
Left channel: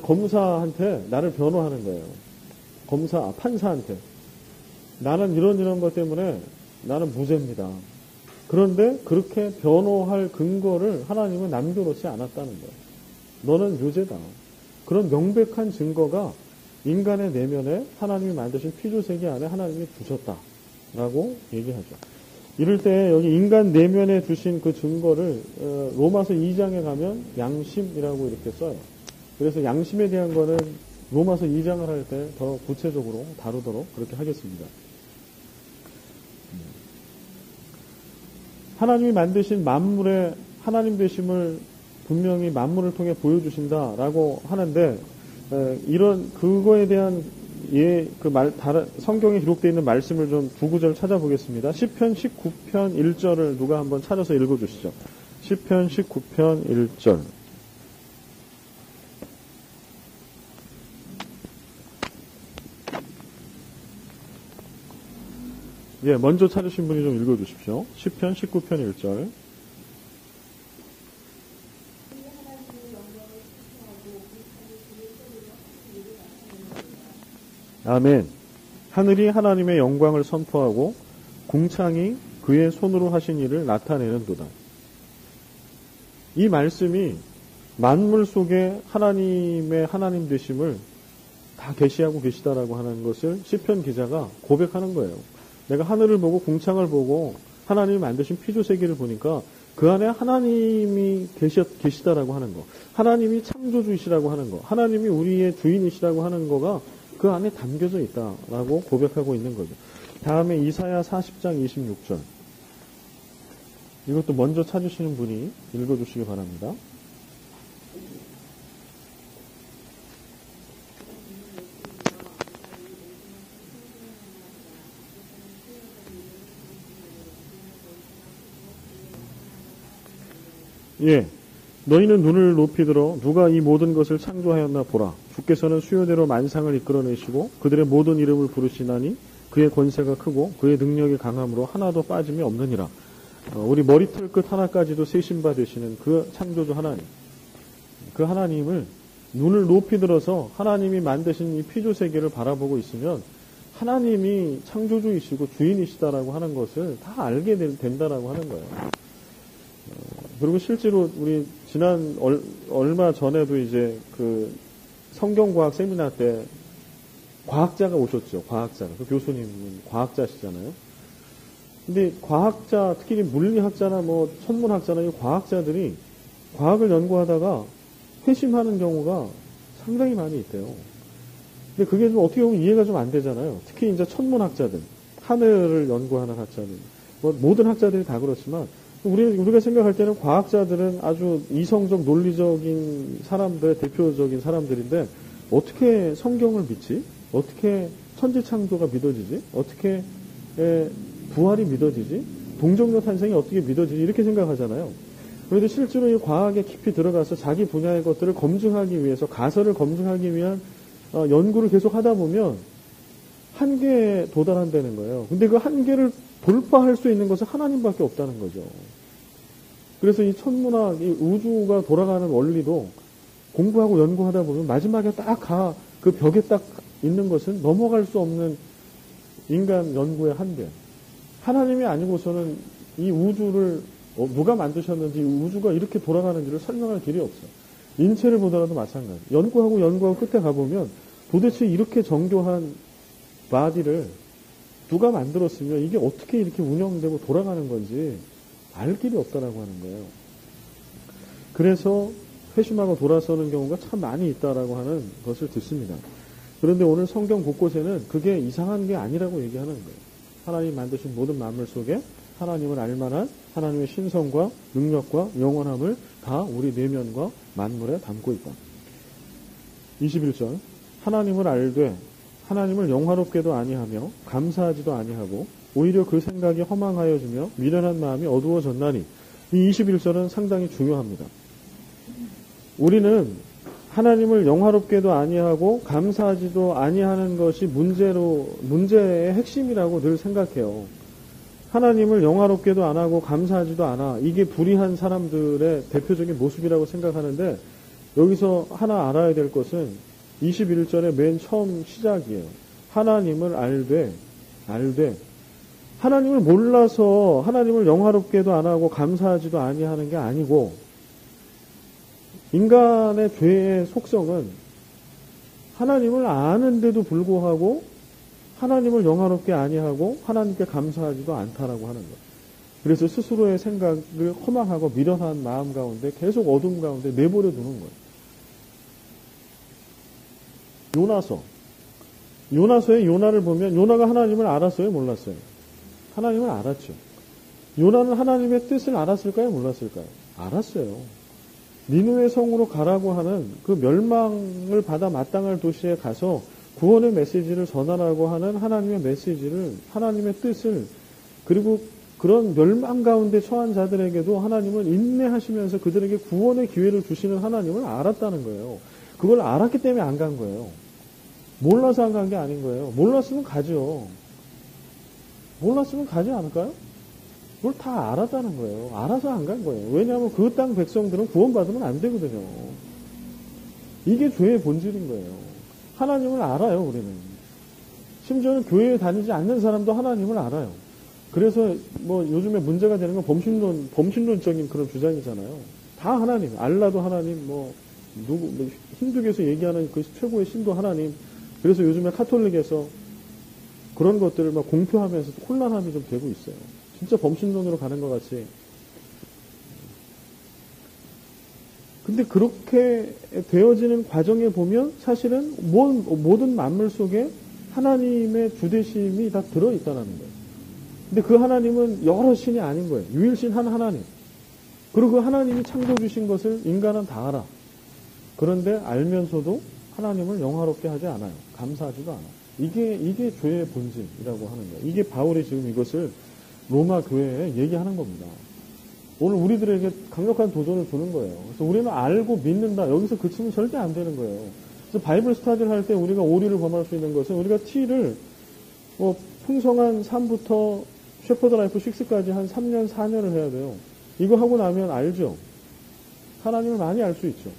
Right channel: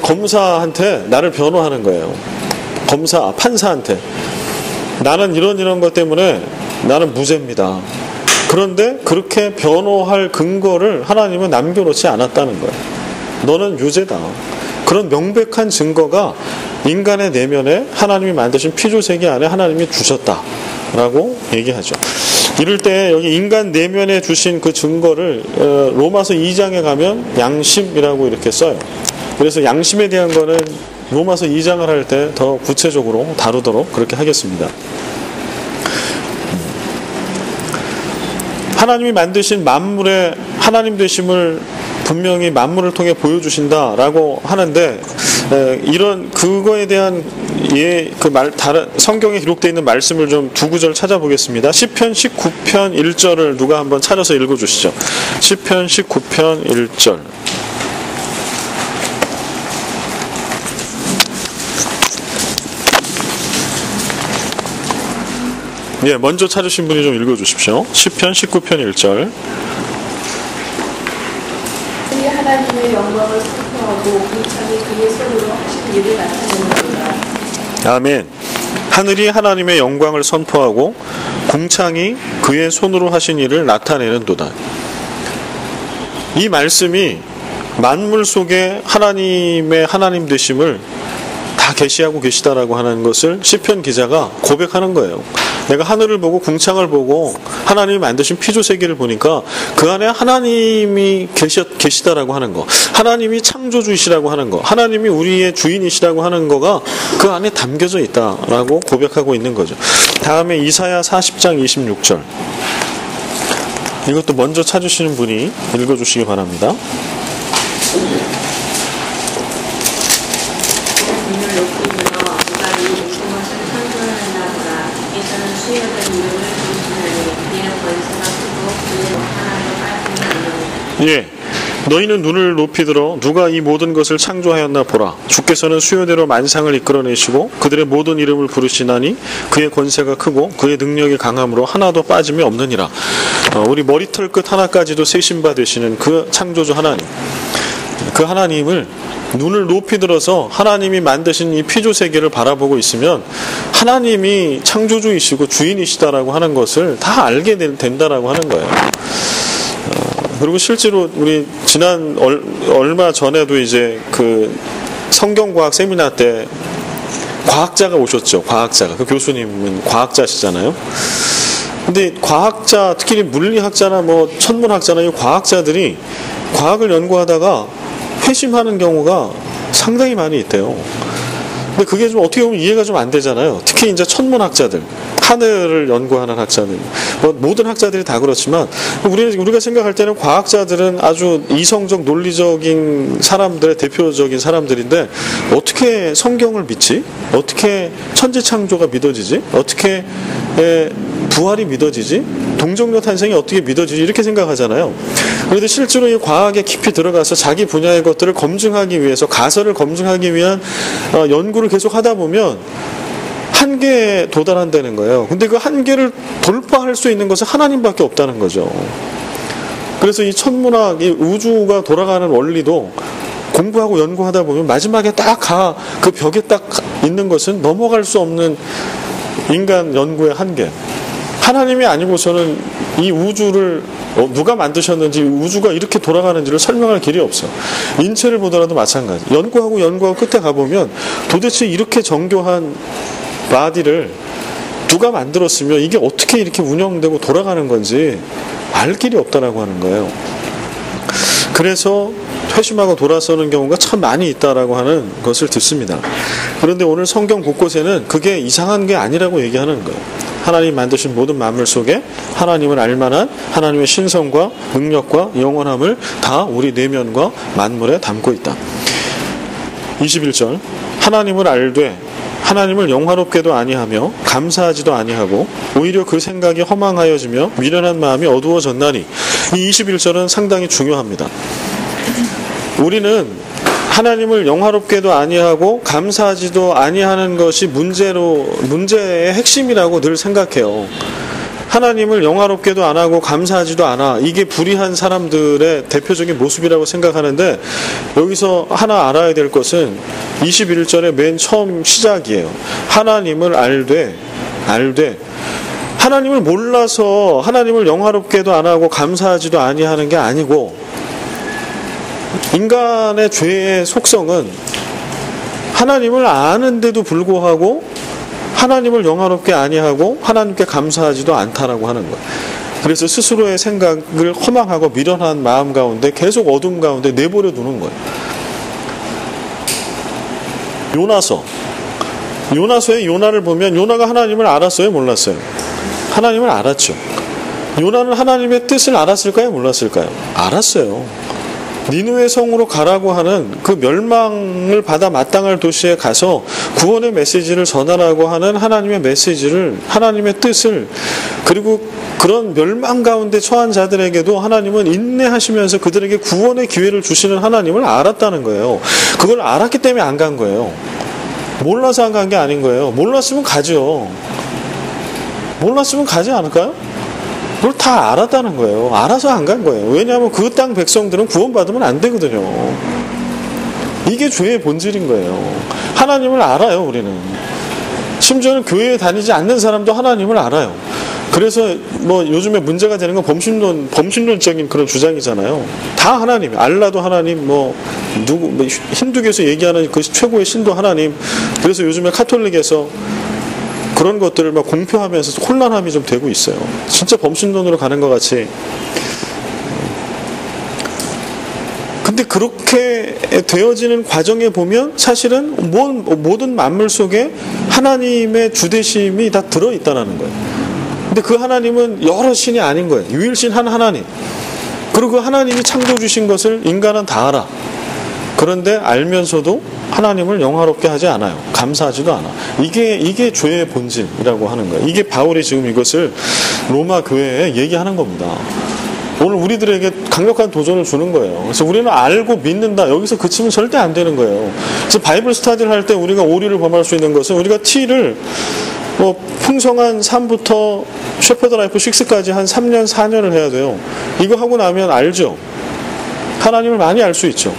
검사한테 나를 변호하는 거예요. 판사한테 나는 이런 것 때문에 나는 무죄입니다. 그런데 그렇게 변호할 근거를 하나님은 남겨놓지 않았다는 거예요. 너는 유죄다. 그런 명백한 증거가 인간의 내면에 하나님이 만드신 피조세계 안에 하나님이 주셨다라고 얘기하죠. 이럴 때 여기 인간 내면에 주신 그 증거를 로마서 2장에 가면 양심이라고 이렇게 써요. 그래서 양심에 대한 거는 로마서 2장을 할 때 더 구체적으로 다루도록 그렇게 하겠습니다. 하나님이 만드신 만물의 하나님 되심을 분명히 만물을 통해 보여주신다라고 하는데, 이런 그거에 대한 다른 성경에 기록되어 있는 말씀을 좀 두 구절 찾아보겠습니다. 시편 19편 1절을 누가 한번 찾아서 읽어주시죠. 시편 19편 1절. 예, 먼저 찾으신 분이 좀 읽어주십시오. 시편 19편 1절. 그의 하나님의 영광을 선포하고 공창이 그의 손으로 하신 일을 나타내는도다. 아멘. 하늘이 하나님의 영광을 선포하고 공창이 그의 손으로 하신 일을 나타내는도다. 이 말씀이 만물 속에 하나님의 하나님 되심을 다 계시하고 계시다라고 하는 것을 시편 기자가 고백하는 거예요. 내가 하늘을 보고 궁창을 보고 하나님이 만드신 피조세계를 보니까 그 안에 하나님이 계시다라고 하는 거, 하나님이 창조주이시라고 하는 거, 하나님이 우리의 주인이시라고 하는 거가 그 안에 담겨져 있다라고 고백하고 있는 거죠. 다음에 이사야 40장 26절. 이것도 먼저 찾으시는 분이 읽어주시기 바랍니다. 예, 너희는 눈을 높이 들어 누가 이 모든 것을 창조하였나 보라. 주께서는 수요대로 만상을 이끌어내시고 그들의 모든 이름을 부르시나니 그의 권세가 크고 그의 능력이 강함으로 하나도 빠짐이 없느니라. 우리 머리털 끝 하나까지도 세심바 되시는 그 창조주 하나님, 그 하나님을 눈을 높이 들어서 하나님이 만드신 이 피조 세계를 바라보고 있으면 하나님이 창조주이시고 주인이시다라고 하는 것을 다 알게 된다라고 하는 거예요. 그리고 실제로 우리 지난 얼마 전에도 이제 그 성경과학 세미나 때 과학자가 오셨죠. 과학자가. 그 교수님은 과학자시잖아요. 근데 과학자, 특히 물리학자나 뭐 천문학자나 이 과학자들이 과학을 연구하다가 회심하는 경우가 상당히 많이 있대요. 근데 그게 좀 어떻게 보면 이해가 좀 안 되잖아요. 특히 이제 천문학자들, 하늘을 연구하는 학자들, 모든 학자들이 다 그렇지만 우리가 생각할 때는 과학자들은 아주 이성적, 논리적인 사람들의 대표적인 사람들인데 어떻게 성경을 믿지? 어떻게 천지창조가 믿어지지? 어떻게 부활이 믿어지지? 동정녀 탄생이 어떻게 믿어지지? 이렇게 생각하잖아요. 그런데 실제로 이 과학에 깊이 들어가서 자기 분야의 것들을 검증하기 위해서, 가설을 검증하기 위한 연구를 계속 하다 보면 한계에 도달한다는 거예요. 근데 그 한계를 돌파할 수 있는 것은 하나님밖에 없다는 거죠. 그래서 이 천문학, 이 우주가 돌아가는 원리도 공부하고 연구하다 보면 마지막에 딱 그 벽에 딱 있는 것은 넘어갈 수 없는 인간 연구의 한계. 하나님이 아니고서는 이 우주를 누가 만드셨는지, 우주가 이렇게 돌아가는지를 설명할 길이 없어. 인체를 보더라도 마찬가지. 연구하고 끝에 가보면 도대체 이렇게 정교한 바디를 누가 만들었으며 이게 어떻게 이렇게 운영되고 돌아가는 건지 알 길이 없다라고 하는 거예요. 그래서 회심하고 돌아서는 경우가 참 많이 있다라고 하는 것을 듣습니다. 그런데 오늘 성경 곳곳에는 그게 이상한 게 아니라고 얘기하는 거예요. 하나님 만드신 모든 만물 속에 하나님을 알만한 하나님의 신성과 능력과 영원함을 다 우리 내면과 만물에 담고 있다. 21절, 하나님을 알되 하나님을 영화롭게도 아니하며 감사하지도 아니하고 오히려 그 생각이 허망하여지며 미련한 마음이 어두워졌나니. 이 21절은 상당히 중요합니다. 우리는 하나님을 영화롭게도 아니하고 감사하지도 아니하는 것이 문제의 핵심이라고 늘 생각해요. 하나님을 영화롭게도 안 하고 감사하지도 않아. 이게 불의한 사람들의 대표적인 모습이라고 생각하는데, 여기서 하나 알아야 될 것은 21절의 맨 처음 시작이에요. 하나님을 알되 하나님을 몰라서 하나님을 영화롭게도 안 하고 감사하지도 아니하는 게 아니고, 인간의 죄의 속성은 하나님을 아는데도 불구하고 하나님을 영화롭게 아니하고 하나님께 감사하지도 않다라고 하는 거예요. 그래서 스스로의 생각을 허망하고 미련한 마음 가운데 계속 어둠 가운데 내버려 두는 거예요. 요나서의 요나를 보면 요나가 하나님을 알았어요, 몰랐어요? 하나님을 알았죠. 요나는 하나님의 뜻을 알았을까요, 몰랐을까요? 알았어요. 니느웨 성으로 가라고 하는 그 멸망을 받아 마땅할 도시에 가서 구원의 메시지를 전하라고 하는 하나님의 메시지를, 하나님의 뜻을, 그리고 그런 멸망 가운데 처한 자들에게도 하나님은 인내하시면서 그들에게 구원의 기회를 주시는 하나님을 알았다는 거예요. 그걸 알았기 때문에 안 간 거예요. 몰라서 안 간 게 아닌 거예요. 몰랐으면 가죠. 몰랐으면 가지 않을까요? 그걸 다 알았다는 거예요. 알아서 안 간 거예요. 왜냐하면 그 땅 백성들은 구원받으면 안 되거든요. 이게 죄의 본질인 거예요. 하나님을 알아요, 우리는. 심지어는 교회에 다니지 않는 사람도 하나님을 알아요. 그래서 뭐 요즘에 문제가 되는 건 범신론적인 그런 주장이잖아요. 다 하나님, 알라도 하나님, 힌두교에서 얘기하는 그 최고의 신도 하나님. 그래서 요즘에 카톨릭에서 그런 것들을 막 공표하면서 혼란함이 좀 되고 있어요. 진짜 범신론으로 가는 것 같이. 근데 그렇게 되어지는 과정에 보면 사실은 모든 만물 속에 하나님의 주대심이 다 들어있다는 거예요. 근데 그 하나님은 여러 신이 아닌 거예요. 유일신 한 하나님. 그리고 그 하나님이 창조 주신 것을 인간은 다 알아. 그런데 알면서도 하나님을 영화롭게 하지 않아요. 감사하지도 않아. 이게 죄의 본질이라고 하는 거예요. 이게 바울이 지금 이것을 로마 교회에 얘기하는 겁니다. 오늘 우리들에게 강력한 도전을 주는 거예요. 그래서 우리는 알고 믿는다. 여기서 그치면 절대 안 되는 거예요. 그래서 바이블 스터디를 할 때 우리가 오류를 범할 수 있는 것은 우리가 T를 풍성한 3부터 셰퍼드 라이프 6까지 한 3년, 4년을 해야 돼요. 이거 하고 나면 알죠. 하나님을 많이 알 수 있죠.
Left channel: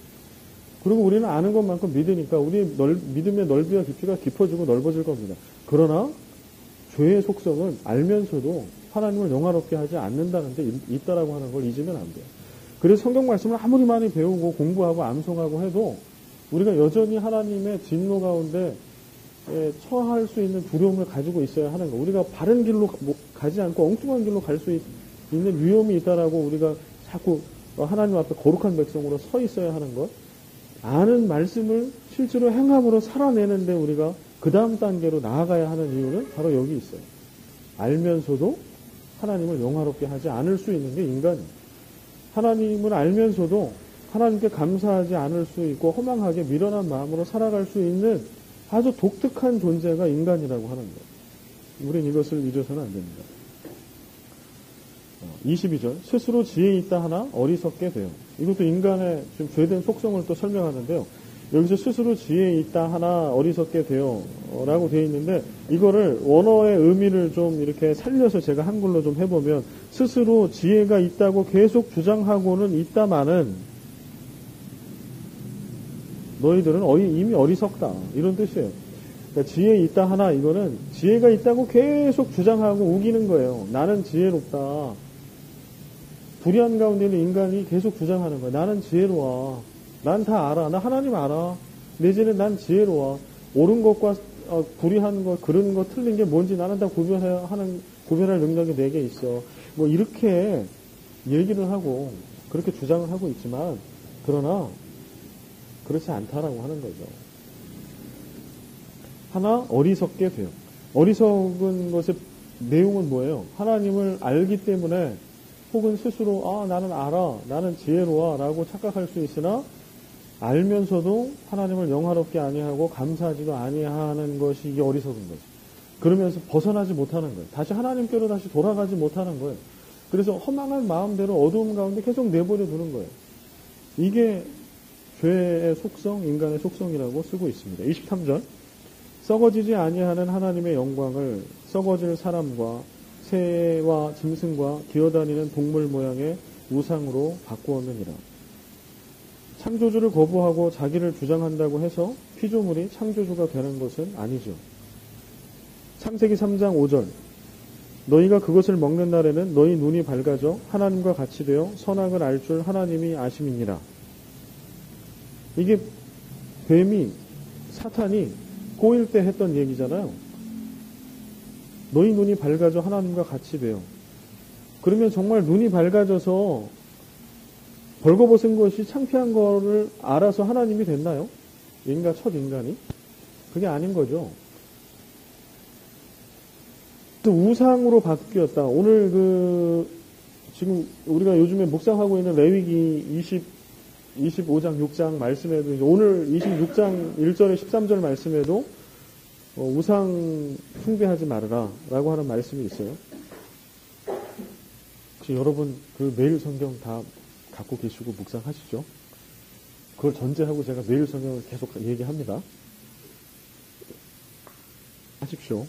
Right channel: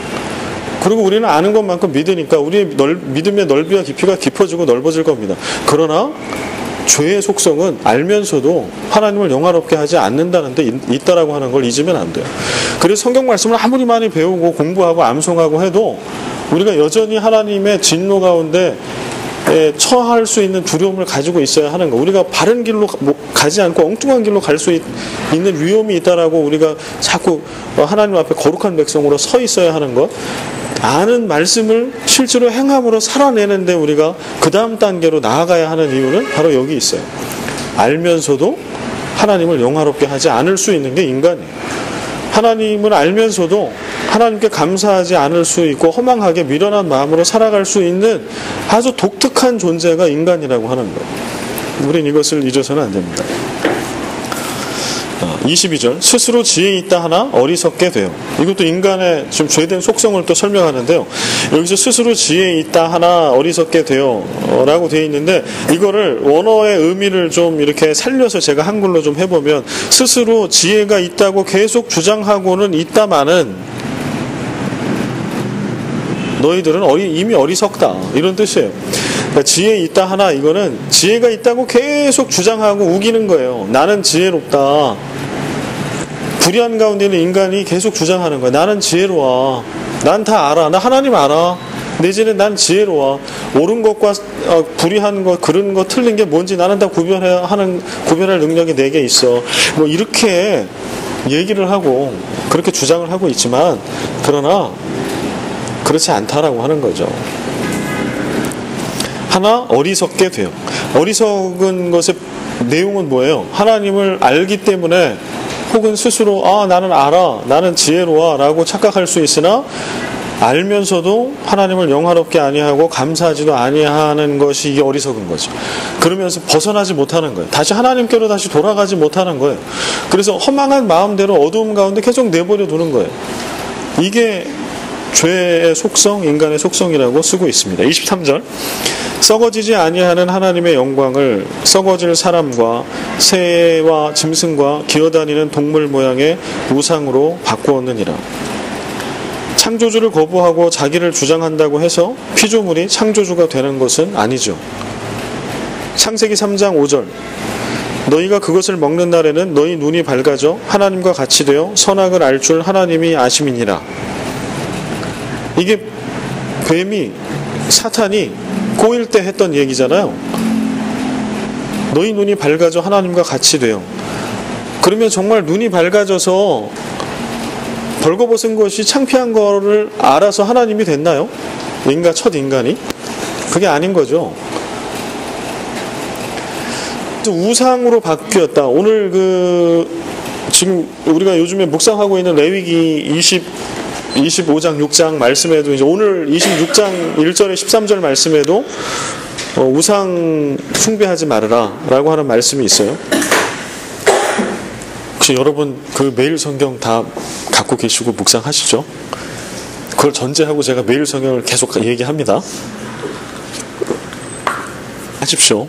그리고 우리는 아는 것만큼 믿으니까 우리의 믿음의 넓이와 깊이가 깊어지고 넓어질 겁니다. 그러나 죄의 속성은 알면서도 하나님을 영화롭게 하지 않는다는 데 있다라고 하는 걸 잊으면 안 돼요. 그래서 성경 말씀을 아무리 많이 배우고 공부하고 암송하고 해도 우리가 여전히 하나님의 진노 가운데 처할 수 있는 두려움을 가지고 있어야 하는 거. 우리가 바른 길로 가지 않고 엉뚱한 길로 갈 수 있는 위험이 있다라고 우리가 자꾸 하나님 앞에 거룩한 백성으로 서 있어야 하는 것. 아는 말씀을 실제로 행함으로 살아내는데 우리가 그 다음 단계로 나아가야 하는 이유는 바로 여기 있어요. 알면서도 하나님을 영화롭게 하지 않을 수 있는 게 인간이에요. 하나님을 알면서도 하나님께 감사하지 않을 수 있고 허망하게 미련한 마음으로 살아갈 수 있는 아주 독특한 존재가 인간이라고 하는 거예요. 우린 이것을 잊어서는 안 됩니다. 22절 스스로 지혜 있다 하나 어리석게 돼요. 이것도 인간의 좀 죄된 속성을 또 설명하는데요. 여기서 스스로 지혜 있다 하나 어리석게 돼요 라고 되어 있는데 이거를 원어의 의미를 좀 이렇게 살려서 제가 한글로 좀 해보면 스스로 지혜가 있다고 계속 주장하고는 있다마는 너희들은 이미 어리석다 이런 뜻이에요. 그러니까 지혜 있다 하나 이거는 지혜가 있다고 계속 주장하고 우기는 거예요. 나는 지혜롭다. 불의한 가운데 있는 인간이 계속 주장하는 거야. 나는 지혜로워. 난 다 알아. 나 하나님 알아. 내지는 난 지혜로워. 옳은 것과 불의한 것, 그른 것, 틀린 게 뭔지 나는 다 구별할 능력이 내게 있어. 뭐 이렇게 얘기를 하고 그렇게 주장을 하고 있지만 그러나 그렇지 않다라고 하는 거죠. 하나 어리석게 돼요. 어리석은 것의 내용은 뭐예요? 하나님을 알기 때문에 혹은 스스로 나는 알아, 나는 지혜로워 라고 착각할 수 있으나 알면서도 하나님을 영화롭게 아니하고 감사하지도 아니하는 것이 이게 어리석은 거죠. 그러면서 벗어나지 못하는 거예요. 다시 하나님께로 다시 돌아가지 못하는 거예요. 그래서 허망한 마음대로 어두움 가운데 계속 내버려 두는 거예요. 이게 죄의 속성, 인간의 속성이라고 쓰고 있습니다. 23절 썩어지지 아니하는 하나님의 영광을 썩어질 사람과 새와 짐승과 기어다니는 동물 모양의 우상으로 바꾸었느니라. 창조주를 거부하고 자기를 주장한다고 해서 피조물이 창조주가 되는 것은 아니죠. 창세기 3장 5절 너희가 그것을 먹는 날에는 너희 눈이 밝아져 하나님과 같이 되어 선악을 알 줄 하나님이 아심이니라. 이게 뱀이 사탄이 꼬일 때 했던 얘기잖아요. 너희 눈이 밝아져 하나님과 같이 돼요. 그러면 정말 눈이 밝아져서 벌거벗은 것이 창피한 거를 알아서 하나님이 됐나요? 첫 인간이? 그게 아닌 거죠. 우상으로 바뀌었다. 오늘 지금 우리가 요즘에 묵상하고 있는 레위기 25장 6장 말씀에도 이제 오늘 26장 1절에 13절 말씀에도 우상 숭배하지 말아라 라고 하는 말씀이 있어요. 혹시 여러분 매일 성경 다 갖고 계시고 묵상하시죠? 그걸 전제하고 제가 매일 성경을 계속 얘기합니다. 하십시오.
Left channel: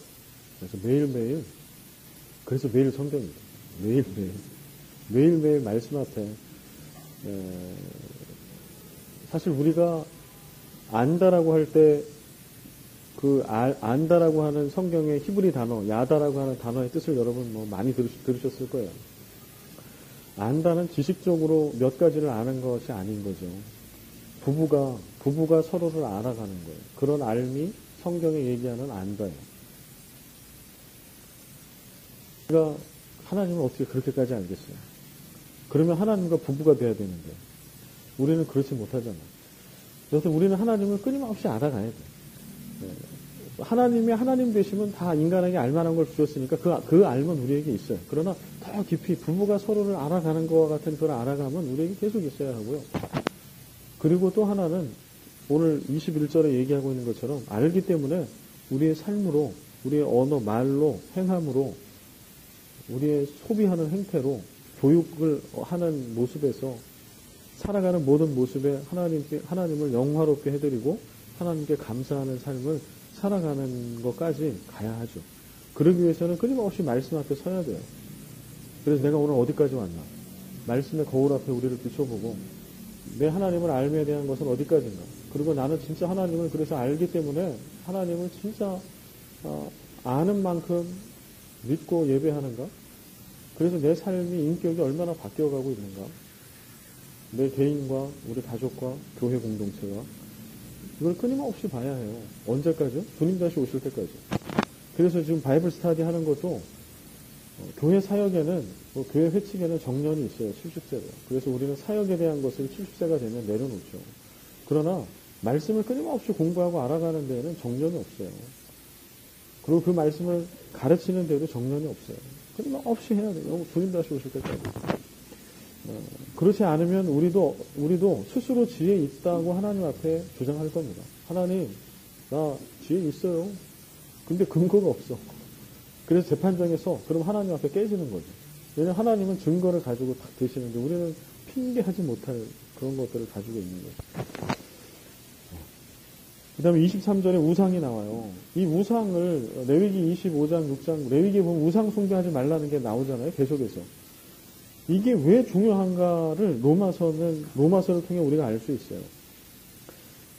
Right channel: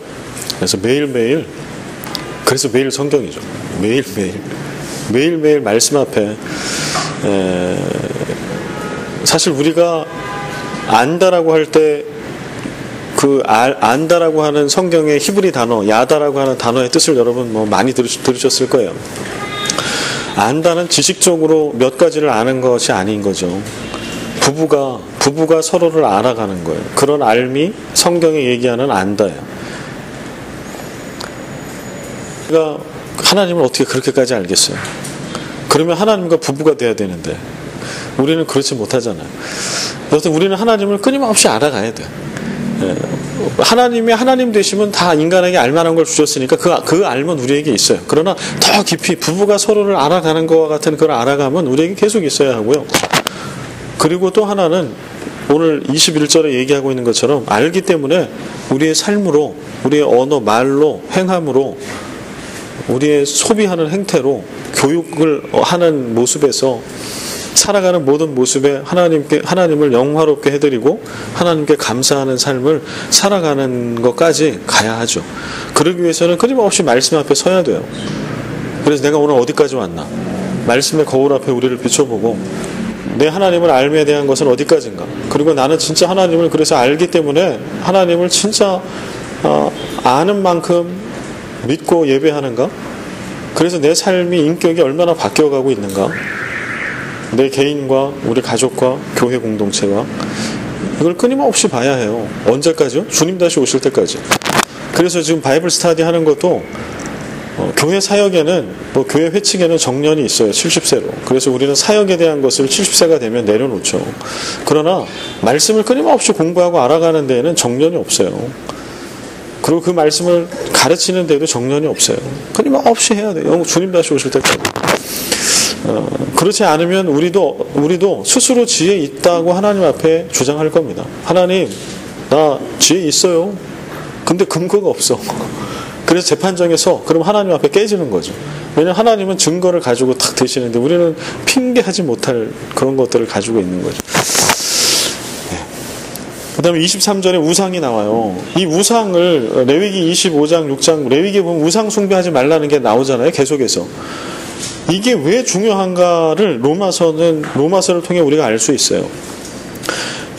그래서 매일매일 그래서 매일 성경이죠. 매일매일 말씀 앞에 사실 우리가 안다라고 할 때 안다라고 하는 성경의 히브리 단어 야다라고 하는 단어의 뜻을 여러분 많이 들으셨을 거예요. 안다는 지식적으로 몇 가지를 아는 것이 아닌 거죠. 부부가 서로를 알아가는 거예요. 그런 알미 성경이 얘기하는 안다예요. 우리가 하나님을 어떻게 그렇게까지 알겠어요? 그러면 하나님과 부부가 돼야 되는데 우리는 그렇지 못하잖아요. 여튼 우리는 하나님을 끊임없이 알아가야 돼. 하나님이 하나님 되시면 다 인간에게 알만한 걸 주셨으니까 그 알면 우리에게 있어요. 그러나 더 깊이 부부가 서로를 알아가는 것과 같은 그런 알아감은 우리에게 계속 있어야 하고요. 그리고 또 하나는 오늘 21절에 얘기하고 있는 것처럼 알기 때문에 우리의 삶으로 우리의 언어, 말로, 행함으로 우리의 소비하는 행태로 교육을 하는 모습에서 살아가는 모든 모습에 하나님을 영화롭게 해드리고 하나님께 감사하는 삶을 살아가는 것까지 가야 하죠. 그러기 위해서는 끊임없이 말씀 앞에 서야 돼요. 그래서 내가 오늘 어디까지 왔나? 말씀의 거울 앞에 우리를 비춰보고 내 하나님을 알매에 대한 것은 어디까지인가? 그리고 나는 진짜 하나님을 그래서 알기 때문에 하나님을 진짜 아는 만큼 믿고 예배하는가? 그래서 내 삶이 인격이 얼마나 바뀌어가고 있는가? 내 개인과 우리 가족과 교회 공동체가 이걸 끊임없이 봐야 해요. 언제까지요? 주님 다시 오실 때까지. 그래서 지금 바이블 스터디 하는 것도 교회 사역에는 교회 회칙에는 정년이 있어요. 70세로. 그래서 우리는 사역에 대한 것을 70세가 되면 내려놓죠. 그러나 말씀을 끊임없이 공부하고 알아가는 데에는 정년이 없어요. 그리고 그 말씀을 가르치는 데도 정년이 없어요. 끊임없이 해야 돼요. 주님 다시 오실 때까지. 그렇지 않으면 우리도 스스로 지혜 있다고 하나님 앞에 주장할 겁니다. 하나님, 나 지혜 있어요. 근데 근거가 없어. 그래서 재판정에서 그럼 하나님 앞에 깨지는 거죠. 왜냐하면 하나님은 증거를 가지고 탁 되시는데 우리는 핑계하지 못할 그런 것들을 가지고 있는 거죠. 그 다음에 23절에 우상이 나와요. 이 우상을 레위기 25장 6장 레위기에 보면 우상 숭배하지 말라는 게 나오잖아요. 계속해서. 이게 왜 중요한가를 로마서를 통해 우리가 알 수 있어요.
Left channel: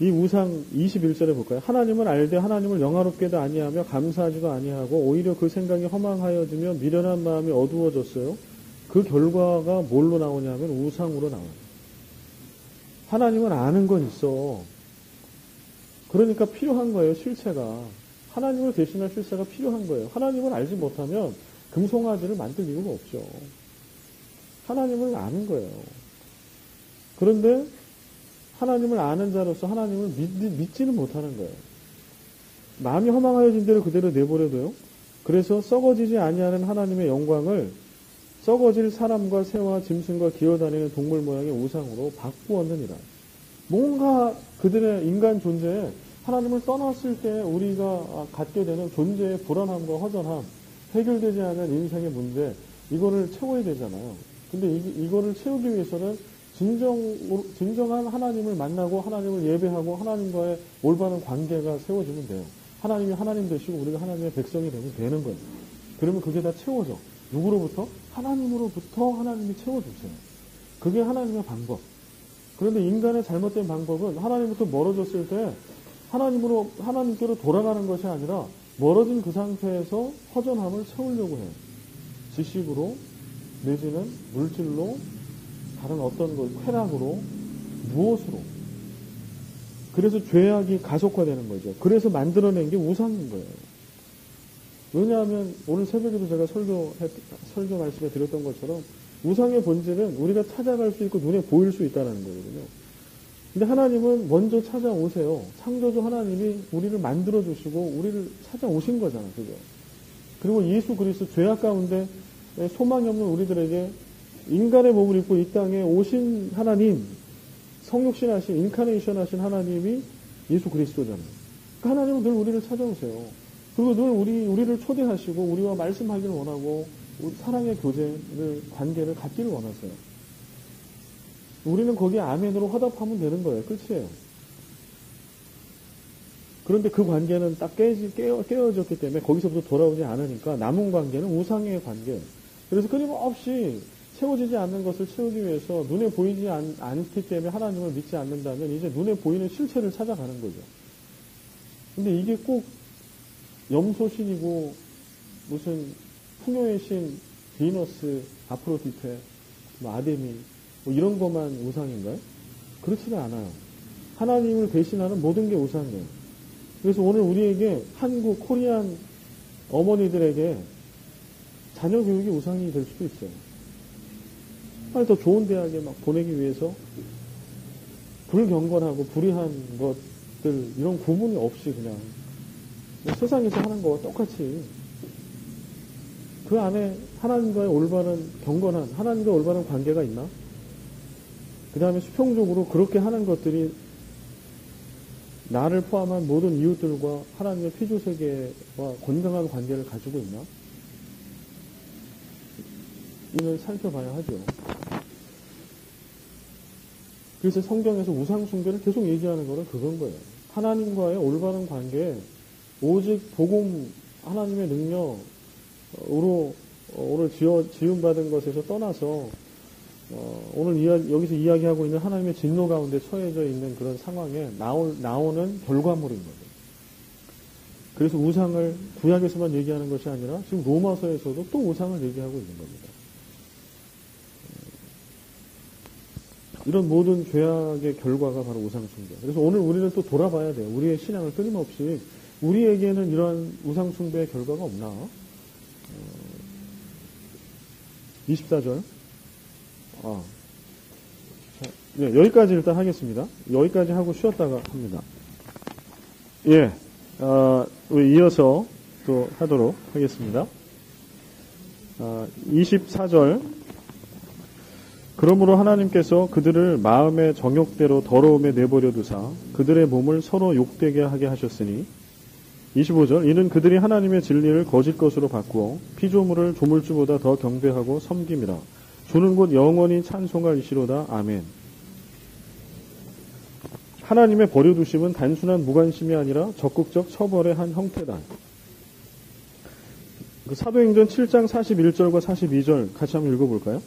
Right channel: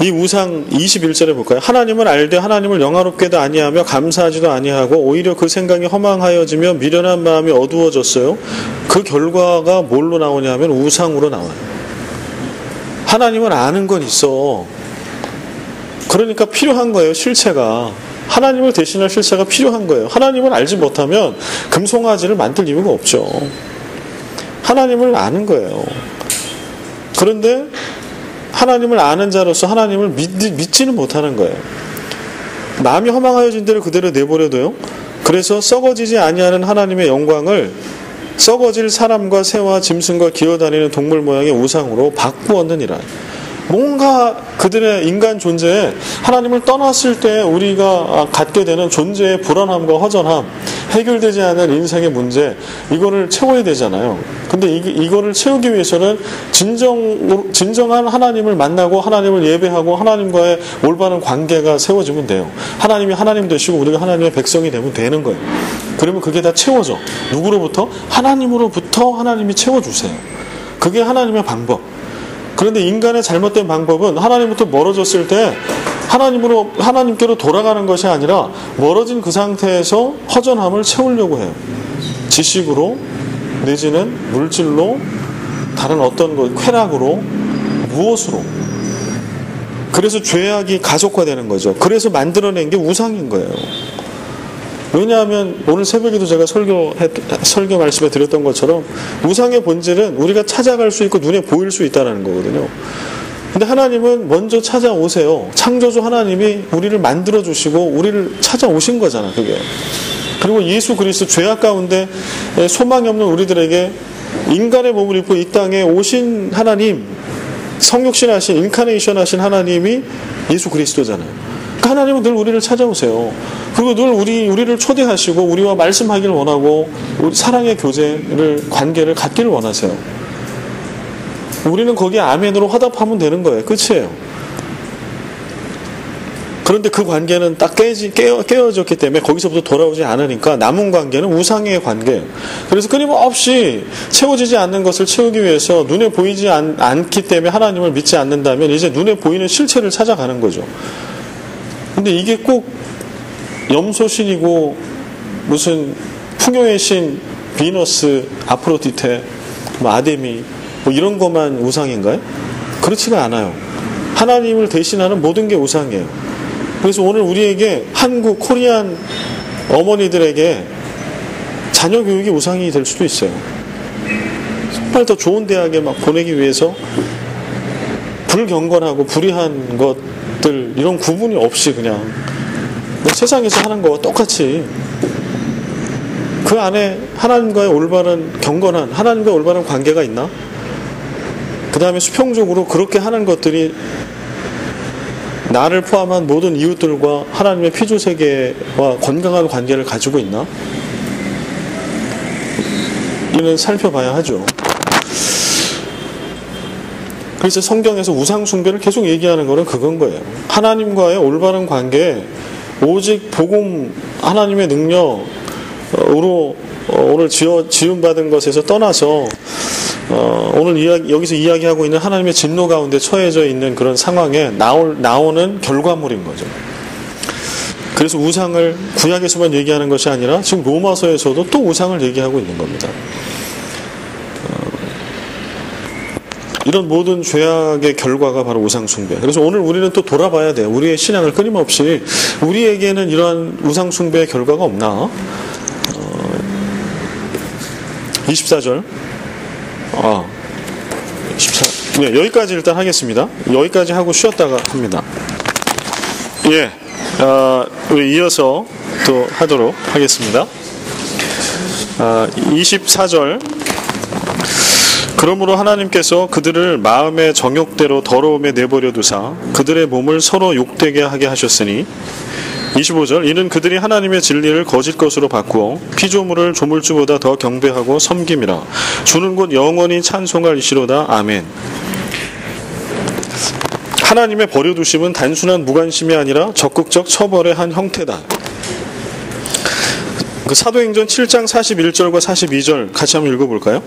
이 우상 21절에 볼까요? 하나님을 알되 하나님을 영화롭게도 아니하며 감사하지도 아니하고 오히려 그 생각이 허망하여지며 미련한 마음이 어두워졌어요. 그 결과가 뭘로 나오냐면 우상으로 나와요. 하나님을 아는 건 있어. 그러니까 필요한 거예요. 실체가. 하나님을 대신할 실체가 필요한 거예요. 하나님을 알지 못하면 금송아지를 만들 이유가 없죠. 하나님을 아는 거예요. 그런데 하나님을 아는 자로서 하나님을 믿지는 못하는 거예요. 마음이 허망하여진 대로 그대로 내버려둬요. 그래서 썩어지지 아니하는 하나님의 영광을 썩어질 사람과 새와 짐승과 기어다니는 동물 모양의 우상으로 바꾸었느니라. 뭔가 그들의 인간 존재에 하나님을 떠났을 때 우리가 갖게 되는 존재의 불안함과 허전함, 해결되지 않은 인생의 문제, 이거를 채워야 되잖아요. 근데 이거를 채우기 위해서는 진정한 하나님을 만나고 하나님을 예배하고 하나님과의 올바른 관계가 세워지면 돼요. 하나님이 하나님 되시고 우리가 하나님의 백성이 되면 되는 거예요. 그러면 그게 다 채워져. 누구로부터? 하나님으로부터 하나님이 채워주세요. 그게 하나님의 방법. 그런데 인간의 잘못된 방법은 하나님부터 멀어졌을 때 하나님께로 돌아가는 것이 아니라 멀어진 그 상태에서 허전함을 채우려고 해요. 지식으로 내지는 물질로 다른 어떤 것, 쾌락으로 무엇으로. 그래서 죄악이 가속화되는 거죠. 그래서 만들어낸 게 우상인 거예요. 왜냐하면 오늘 새벽에도 제가 설교 말씀에 드렸던 것처럼 우상의 본질은 우리가 찾아갈 수 있고 눈에 보일 수 있다는 거거든요. 근데 하나님은 먼저 찾아오세요. 창조주 하나님이 우리를 만들어주시고 우리를 찾아오신 거잖아, 그게. 그리고 예수 그리스도 죄악 가운데 소망이 없는 우리들에게 인간의 몸을 입고 이 땅에 오신 하나님, 성육신 하신, 인카네이션 하신 하나님이 예수 그리스도잖아요. 그러니까 하나님은 늘 우리를 찾아오세요. 그리고 늘 우리를 초대하시고 우리와 말씀하기를 원하고 사랑의 관계를 갖기를 원하세요. 우리는 거기에 아멘으로 화답하면 되는 거예요. 끝이에요. 그런데 그 관계는 딱 깨어졌기 때문에 거기서부터 돌아오지 않으니까 남은 관계는 우상의 관계예요. 그래서 끊임없이 채워지지 않는 것을 채우기 위해서 눈에 보이지 않기 때문에 하나님을 믿지 않는다면 이제 눈에 보이는 실체를 찾아가는 거죠. 근데 이게 꼭 염소신이고 무슨 풍요의 신 비너스, 아프로디테, 아데미 이런 것만 우상인가요? 그렇지가 않아요. 하나님을 대신하는 모든 게 우상이에요. 그래서 오늘 우리에게 한국 코리안 어머니들에게 자녀 교육이 우상이 될 수도 있어요. 정말 더 좋은 대학에 막 보내기 위해서 불경건하고 불의한 것들 이런 구분이 없이 그냥 세상에서 하는 거와 똑같이 그 안에 하나님과의 올바른 경건한 하나님과 올바른 관계가 있나? 그 다음에 수평적으로 그렇게 하는 것들이 나를 포함한 모든 이웃들과 하나님의 피조세계와 건강한 관계를 가지고 있나? 우리는 살펴봐야 하죠. 그래서 성경에서 우상 숭배를 계속 얘기하는 거는 그건 거예요. 하나님과의 올바른 관계, 오직 복음, 하나님의 능력으로 오늘 지음받은 것에서 떠나서 오늘 여기서 이야기하고 있는 하나님의 진노 가운데 처해져 있는 그런 상황에 나오는 결과물인 거죠. 그래서 우상을 구약에서만 얘기하는 것이 아니라 지금 로마서에서도 또 우상을 얘기하고 있는 겁니다. 이런 모든 죄악의 결과가 바로 우상숭배. 그래서 오늘 우리는 또 돌아봐야 돼요. 우리의 신앙을 끊임없이 우리에게는 이러한 우상숭배의 결과가 없나? 24절. 24. 네, 여기까지 일단 하겠습니다. 여기까지 하고 쉬었다가 합니다. 예, 우리 이어서 또 하도록 하겠습니다. 24절. 그러므로 하나님께서 그들을 마음의 정욕대로 더러움에 내버려 두사 그들의 몸을 서로 욕되게 하게 하셨으니 25절 이는 그들이 하나님의 진리를 거짓 것으로 바꾸어 피조물을 조물주보다 더 경배하고 섬김이라 주는 곧 영원히 찬송할 이시로다. 아멘. 하나님의 버려두심은 단순한 무관심이 아니라 적극적 처벌의 한 형태다. 그 사도행전 7장 41절과 42절 같이 한번 읽어볼까요?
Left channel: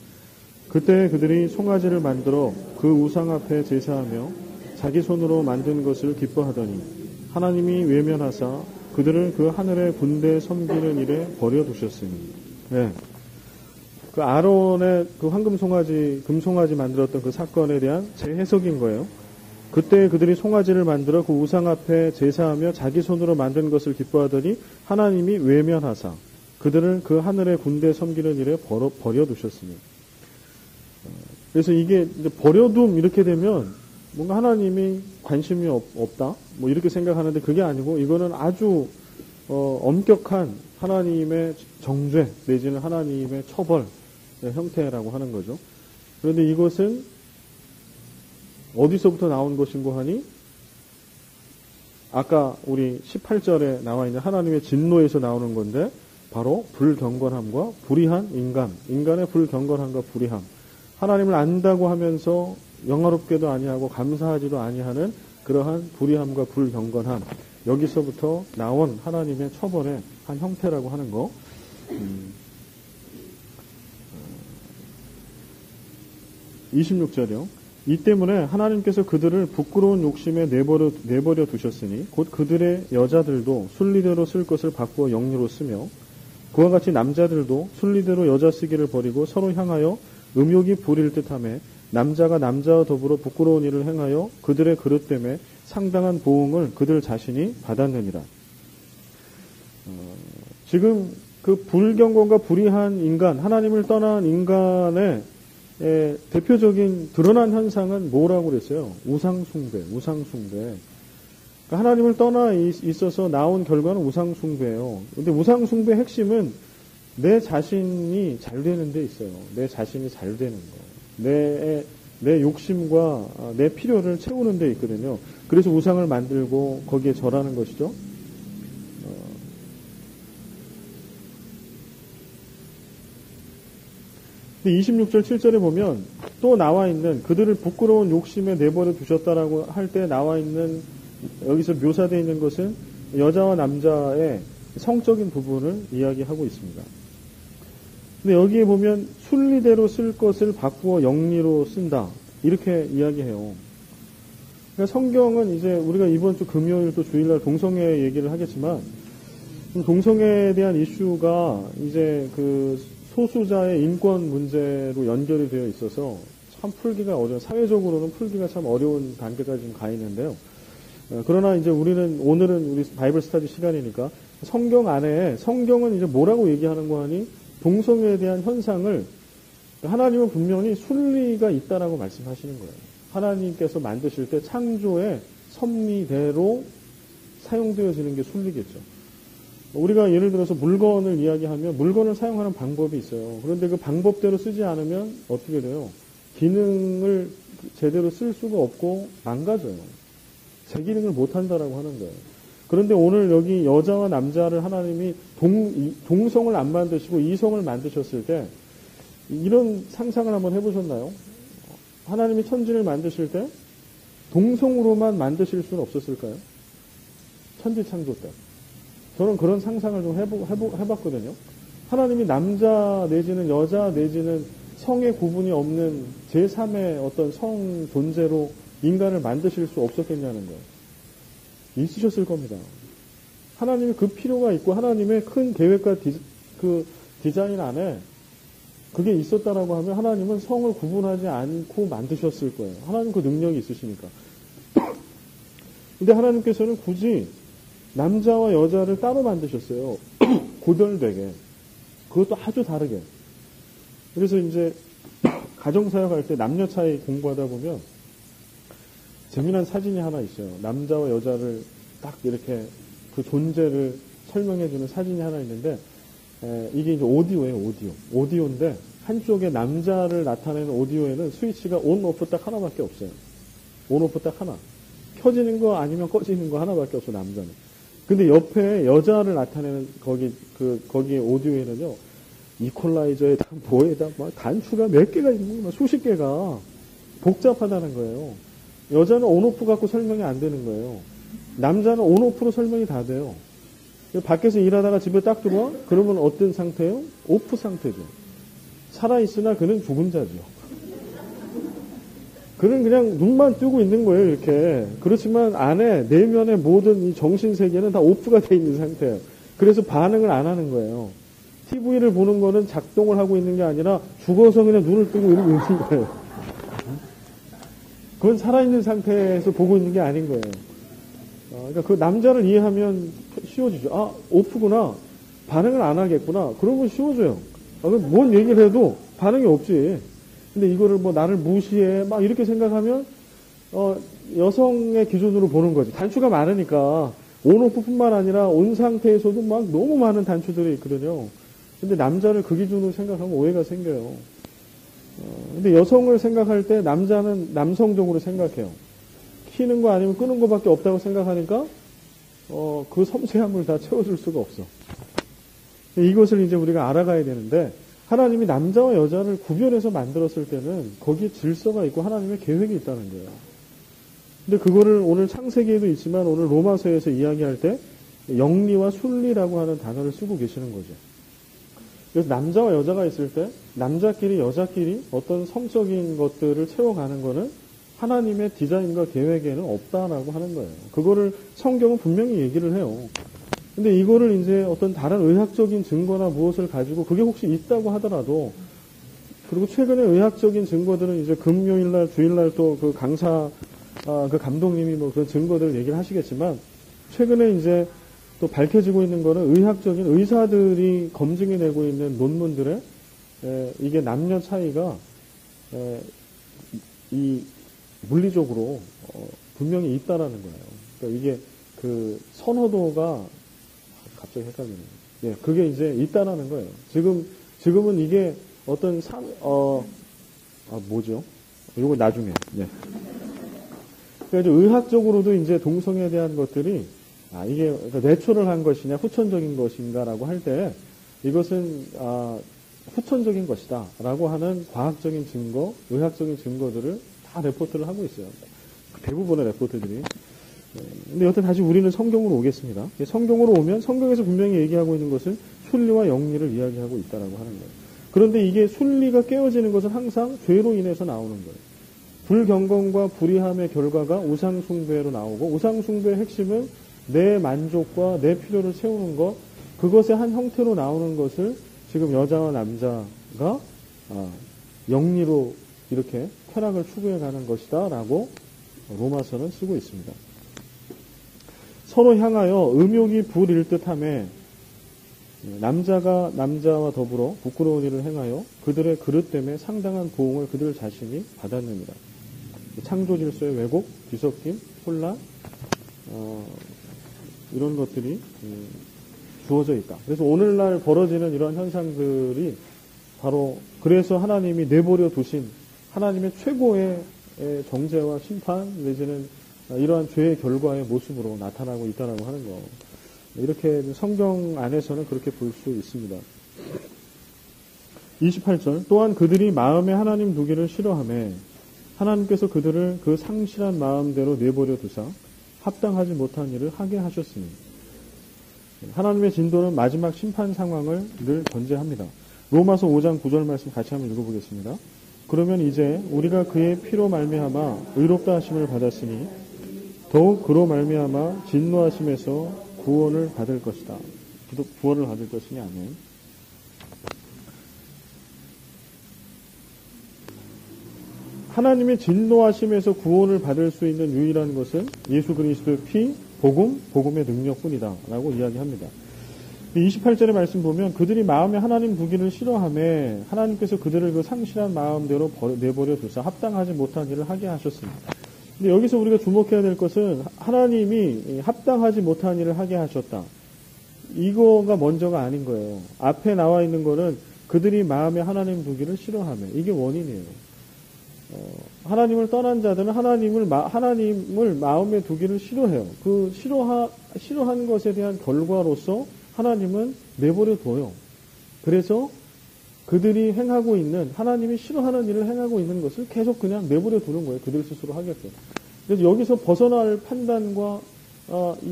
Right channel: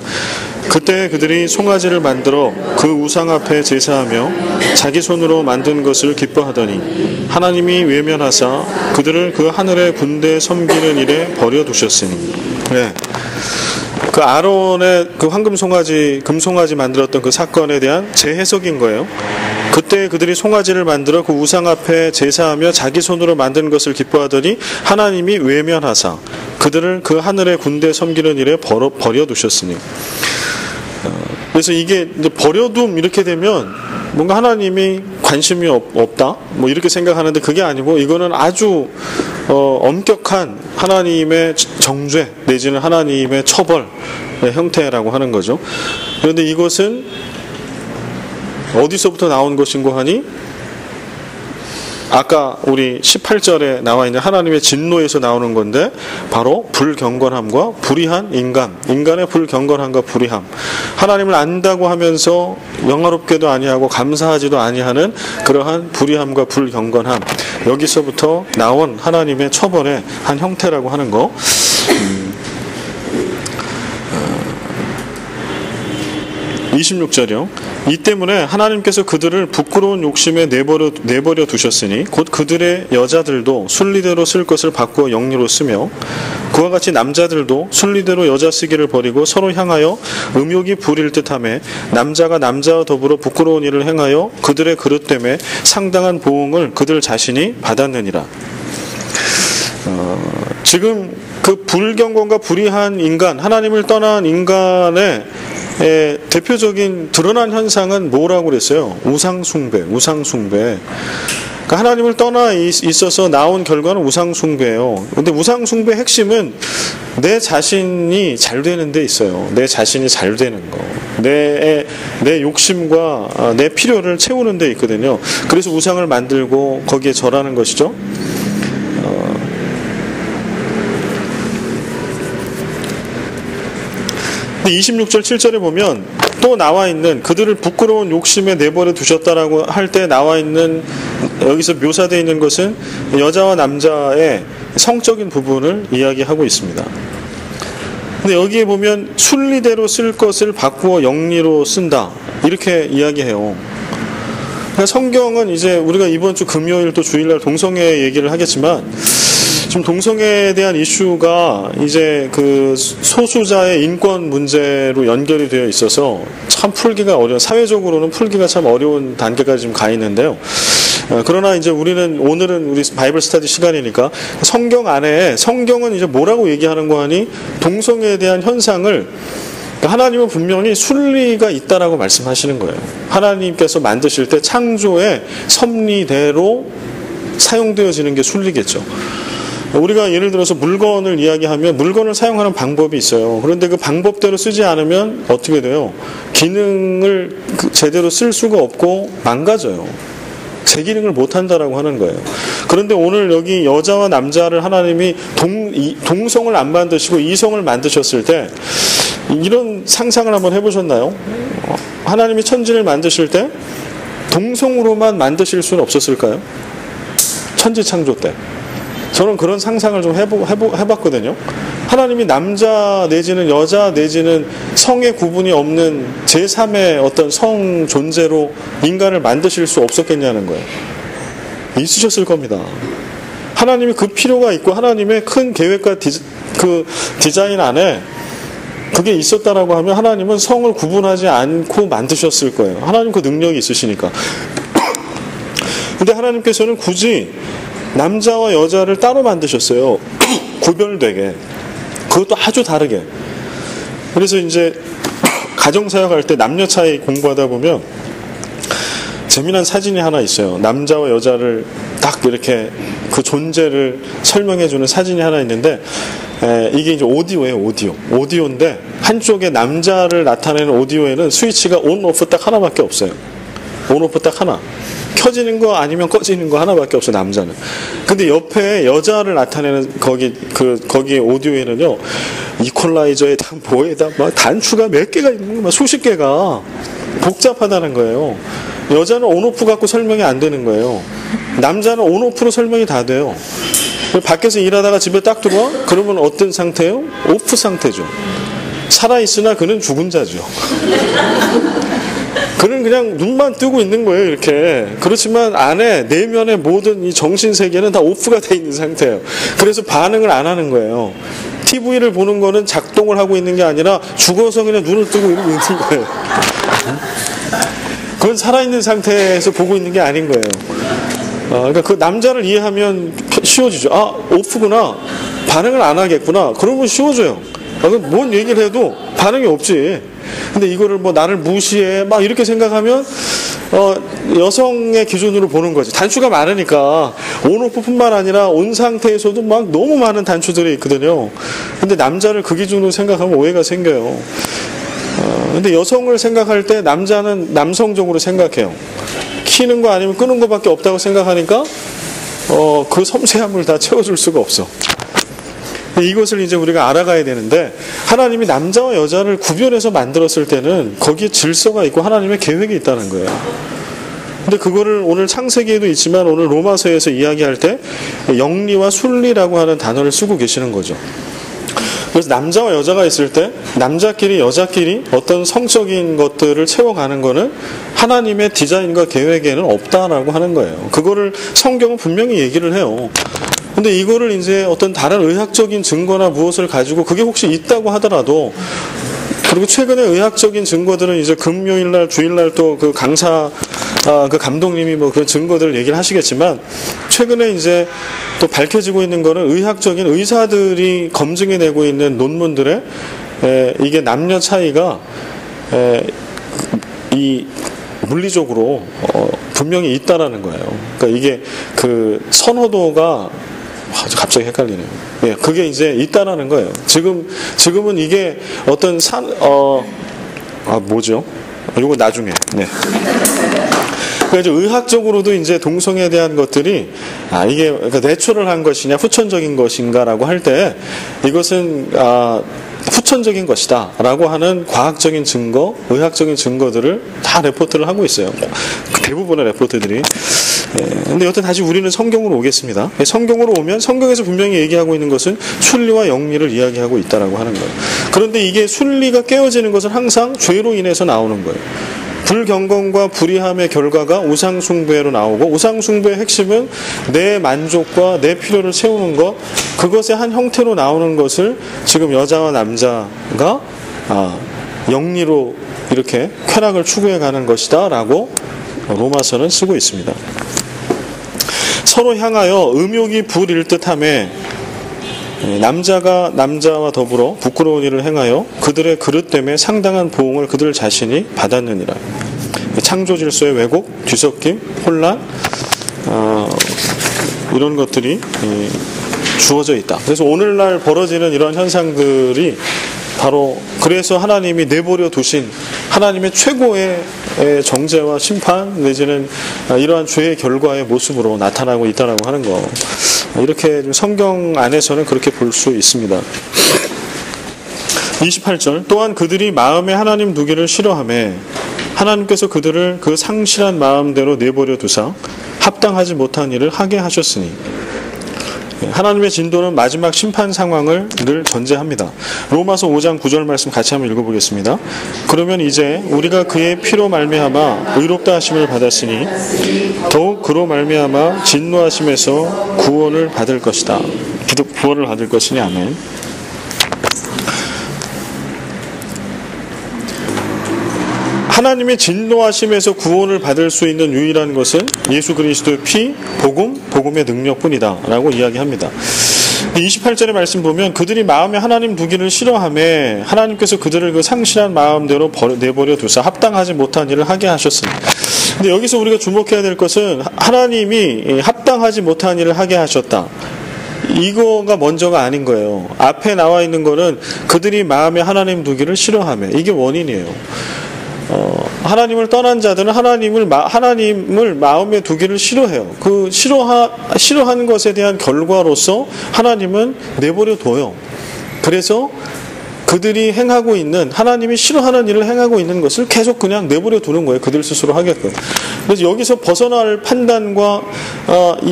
그때 그들이 송아지를 만들어 그 우상 앞에 제사하며 자기 손으로 만든 것을 기뻐하더니 하나님이 외면하사 그들을 그 하늘의 군대에 섬기는 일에 버려두셨으니. 네. 그 아론의 그 황금 송아지, 금송아지 만들었던 그 사건에 대한 재해석인 거예요. 그때 그들이 송아지를 만들어 그 우상 앞에 제사하며 자기 손으로 만든 것을 기뻐하더니 하나님이 외면하사 그들을 그 하늘의 군대에 섬기는 일에 버려두셨으니. 그래서 이게 이제 버려둠 이렇게 되면 뭔가 하나님이 관심이 없다 뭐 이렇게 생각하는데 그게 아니고 이거는 아주 엄격한 하나님의 정죄 내지는 하나님의 처벌의 형태라고 하는 거죠. 그런데 이것은 어디서부터 나온 것인고 하니 아까 우리 18절에 나와 있는 하나님의 진노에서 나오는 건데 바로 불경건함과 불의한 인간의 불경건함과 불의함, 하나님을 안다고 하면서 영화롭게도 아니하고 감사하지도 아니하는 그러한 불의함과 불경건함, 여기서부터 나온 하나님의 처벌의 한 형태라고 하는 거. 26절이요. 이 때문에 하나님께서 그들을 부끄러운 욕심에 내버려 두셨으니 곧 그들의 여자들도 순리대로 쓸 것을 바꾸어 영리로 쓰며 그와 같이 남자들도 순리대로 여자 쓰기를 버리고 서로 향하여 음욕이 부릴 듯하며 남자가 남자와 더불어 부끄러운 일을 행하여 그들의 그릇 때문에 상당한 보응을 그들 자신이 받았느니라. 지금 그 불경건과 불의한 인간, 하나님을 떠난 인간의 대표적인 드러난 현상은 뭐라고 그랬어요? 우상숭배. 그러니까 하나님을 떠나 있어서 나온 결과는 우상숭배예요. 근데 우상숭배의 핵심은 내 자신이 잘 되는 데 있어요. 내 자신이 잘 되는 거. 내 욕심과 내 필요를 채우는 데 있거든요. 그래서 우상을 만들고 거기에 절하는 것이죠. 26절 7절에 보면 또 나와 있는 그들을 부끄러운 욕심에 내버려 두셨다라고 할 때 나와 있는 여기서 묘사되어 있는 것은 여자와 남자의 성적인 부분을 이야기하고 있습니다. 근데 여기에 보면 순리대로 쓸 것을 바꾸어 영리로 쓴다 이렇게 이야기해요. 그러니까 성경은 이제 우리가 이번 주 금요일 또 주일날 동성애 얘기를 하겠지만 지금 동성애에 대한 이슈가 이제 그 소수자의 인권 문제로 연결이 되어 있어서 참 풀기가 어려운, 사회적으로는 풀기가 참 어려운 단계까지 지금 가 있는데요. 그러나 이제 오늘은 우리 바이블 스터디 시간이니까 성경 안에 성경은 이제 뭐라고 얘기하는 거 하니 동성애에 대한 현상을 하나님은 분명히 순리가 있다라고 말씀하시는 거예요. 하나님께서 만드실 때 창조의 섭리대로 사용되어지는 게 순리겠죠. 우리가 예를 들어서 물건을 이야기하면 물건을 사용하는 방법이 있어요. 그런데 그 방법대로 쓰지 않으면 어떻게 돼요? 기능을 제대로 쓸 수가 없고 망가져요. 제 기능을 못한다라고 하는 거예요. 그런데 오늘 여기 여자와 남자를 하나님이 동성을 안 만드시고 이성을 만드셨을 때 이런 상상을 한번 해보셨나요? 하나님이 천지를 만드실 때 동성으로만 만드실 수는 없었을까요? 천지 창조 때. 저는 그런 상상을 좀 해봤거든요. 하나님이 남자 내지는 여자 내지는 성의 구분이 없는 제3의 어떤 성 존재로 인간을 만드실 수 없었겠냐는 거예요. 있으셨을 겁니다. 하나님이 그 필요가 있고 하나님의 큰 계획과 그 디자인 안에 그게 있었다라고 하면 하나님은 성을 구분하지 않고 만드셨을 거예요. 하나님 그 능력이 있으시니까. 근데 하나님께서는 굳이 남자와 여자를 따로 만드셨어요. 구별되게. 그것도 아주 다르게. 그래서 이제 가정사역 할 때 남녀 차이 공부하다 보면 재미난 사진이 하나 있어요. 남자와 여자를 딱 이렇게 그 존재를 설명해주는 사진이 하나 있는데 이게 이제 오디오예요. 오디오인데 한쪽에 남자를 나타내는 오디오에는 스위치가 온, 오프 딱 하나밖에 없어요. 온, 오프 딱 하나. 켜지는 거 아니면 꺼지는 거 하나밖에 없어요. 남자는. 근데 옆에 여자를 나타내는 거기 오디오에는요, 이퀄라이저에다 뭐에다 막 단추가 몇 개가 있는 거, 막 수십 개가 복잡하다는 거예요. 여자는 온오프 갖고 설명이 안 되는 거예요. 남자는 온오프로 설명이 다 돼요. 밖에서 일하다가 집에 딱 들어와? 그러면 어떤 상태예요? 오프 상태죠. 살아있으나 그는 죽은 자죠. 그는 그냥 눈만 뜨고 있는 거예요, 이렇게. 그렇지만 안에, 내면의 모든 이 정신세계는 다 오프가 돼 있는 상태예요. 그래서 반응을 안 하는 거예요. TV를 보는 거는 작동을 하고 있는 게 아니라 죽어서 그냥 눈을 뜨고 이러고 있는 거예요. 그건 살아있는 상태에서 보고 있는 게 아닌 거예요. 그러니까 그 남자를 이해하면 쉬워지죠. 아, 오프구나. 반응을 안 하겠구나. 그러면 쉬워져요. 뭔 얘기를 해도 반응이 없지. 근데 이거를 뭐 나를 무시해 막 이렇게 생각하면 여성의 기준으로 보는 거지. 단추가 많으니까 온오프뿐만 아니라 온 상태에서도 막 너무 많은 단추들이 있거든요. 근데 남자를 그 기준으로 생각하면 오해가 생겨요. 근데 여성을 생각할 때 남자는 남성적으로 생각해요. 키는 거 아니면 끄는 거밖에 없다고 생각하니까 그 섬세함을 다 채워줄 수가 없어. 이것을 이제 우리가 알아가야 되는데, 하나님이 남자와 여자를 구별해서 만들었을 때는 거기에 질서가 있고 하나님의 계획이 있다는 거예요. 근데 그거를 오늘 창세기에도 있지만 오늘 로마서에서 이야기할 때 영리와 순리라고 하는 단어를 쓰고 계시는 거죠. 그래서 남자와 여자가 있을 때 남자끼리 여자끼리 어떤 성적인 것들을 채워가는 거는 하나님의 디자인과 계획에는 없다라고 하는 거예요. 그거를 성경은 분명히 얘기를 해요. 근데 이거를 이제 어떤 다른 의학적인 증거나 무엇을 가지고 그게 혹시 있다고 하더라도, 그리고 최근에 의학적인 증거들은 이제 금요일날, 주일날 또 그 강사, 그 감독님이 뭐 그런 증거들을 얘기를 하시겠지만, 최근에 이제 또 밝혀지고 있는 거는 의학적인 의사들이 검증해내고 있는 논문들에 이게 남녀 차이가 이 물리적으로 분명히 있다라는 거예요. 그러니까 이게 그 선호도가 갑자기 헷갈리네요. 예, 그게 이제 있다라는 거예요. 지금은 이게 어떤 뭐죠? 이거 나중에. 네. 그래서 의학적으로도 이제 동성애에 대한 것들이 이게 그러니까 내추럴한 것이냐 후천적인 것인가라고 할 때 이것은 후천적인 것이다 라고 하는 과학적인 증거, 의학적인 증거들을 다 레포트를 하고 있어요. 대부분의 레포트들이. 근데 여튼 다시 우리는 성경으로 오겠습니다. 성경으로 오면 성경에서 분명히 얘기하고 있는 것은 순리와 영리를 이야기하고 있다라고 하는 거예요. 그런데 이게 순리가 깨어지는 것은 항상 죄로 인해서 나오는 거예요. 불경건과 불의함의 결과가 우상숭배로 나오고, 우상숭배의 핵심은 내 만족과 내 필요를 채우는 것, 그것의 한 형태로 나오는 것을 지금 여자와 남자가 영리로 이렇게 쾌락을 추구해 가는 것이다 라고 로마서는 쓰고 있습니다. 서로 향하여 음욕이 불일 듯하며 남자가 남자와 더불어 부끄러운 일을 행하여 그들의 그릇 때문에 상당한 보응을 그들 자신이 받았느니라. 창조 질서의 왜곡, 뒤섞임, 혼란, 이런 것들이 주어져 있다. 그래서 오늘날 벌어지는 이런 현상들이 바로 그래서 하나님이 내버려 두신 하나님의 최고의 정죄와 심판 내지는 이러한 죄의 결과의 모습으로 나타나고 있다라고 하는 거, 이렇게 성경 안에서는 그렇게 볼 수 있습니다. 28절 또한 그들이 마음에 하나님 두기를 싫어하매 하나님께서 그들을 그 상실한 마음대로 내버려 두사 합당하지 못한 일을 하게 하셨으니. 하나님의 진도는 마지막 심판 상황을 늘 전제합니다. 로마서 5장 9절 말씀 같이 한번 읽어보겠습니다. 그러면 이제 우리가 그의 피로 말미암아 의롭다 하심을 받았으니 더욱 그로 말미암아 진노하심에서 구원을 받을 것이다. 구원을 받을 것이니. 아멘. 하나님의 진노하심에서 구원을 받을 수 있는 유일한 것은 예수 그리스도의 피, 복음의 능력뿐이다 라고 이야기합니다. 28절의 말씀 보면 그들이 마음에 하나님 두기를 싫어하며 하나님께서 그들을 그 상실한 마음대로 내버려 두사 합당하지 못한 일을 하게 하셨습니다. 근데 여기서 우리가 주목해야 될 것은 하나님이 합당하지 못한 일을 하게 하셨다. 이거가 먼저가 아닌 거예요. 앞에 나와 있는 거는 그들이 마음에 하나님 두기를 싫어하며, 이게 원인이에요. 하나님을 떠난 자들은 하나님을 마음에 두기를 싫어해요. 그 싫어하는 것에 대한 결과로서 하나님은 내버려 둬요. 그래서 그들이 행하고 있는, 하나님이 싫어하는 일을 행하고 있는 것을 계속 그냥 내버려 두는 거예요. 그들 스스로 하게끔. 그래서 여기서 벗어날 판단과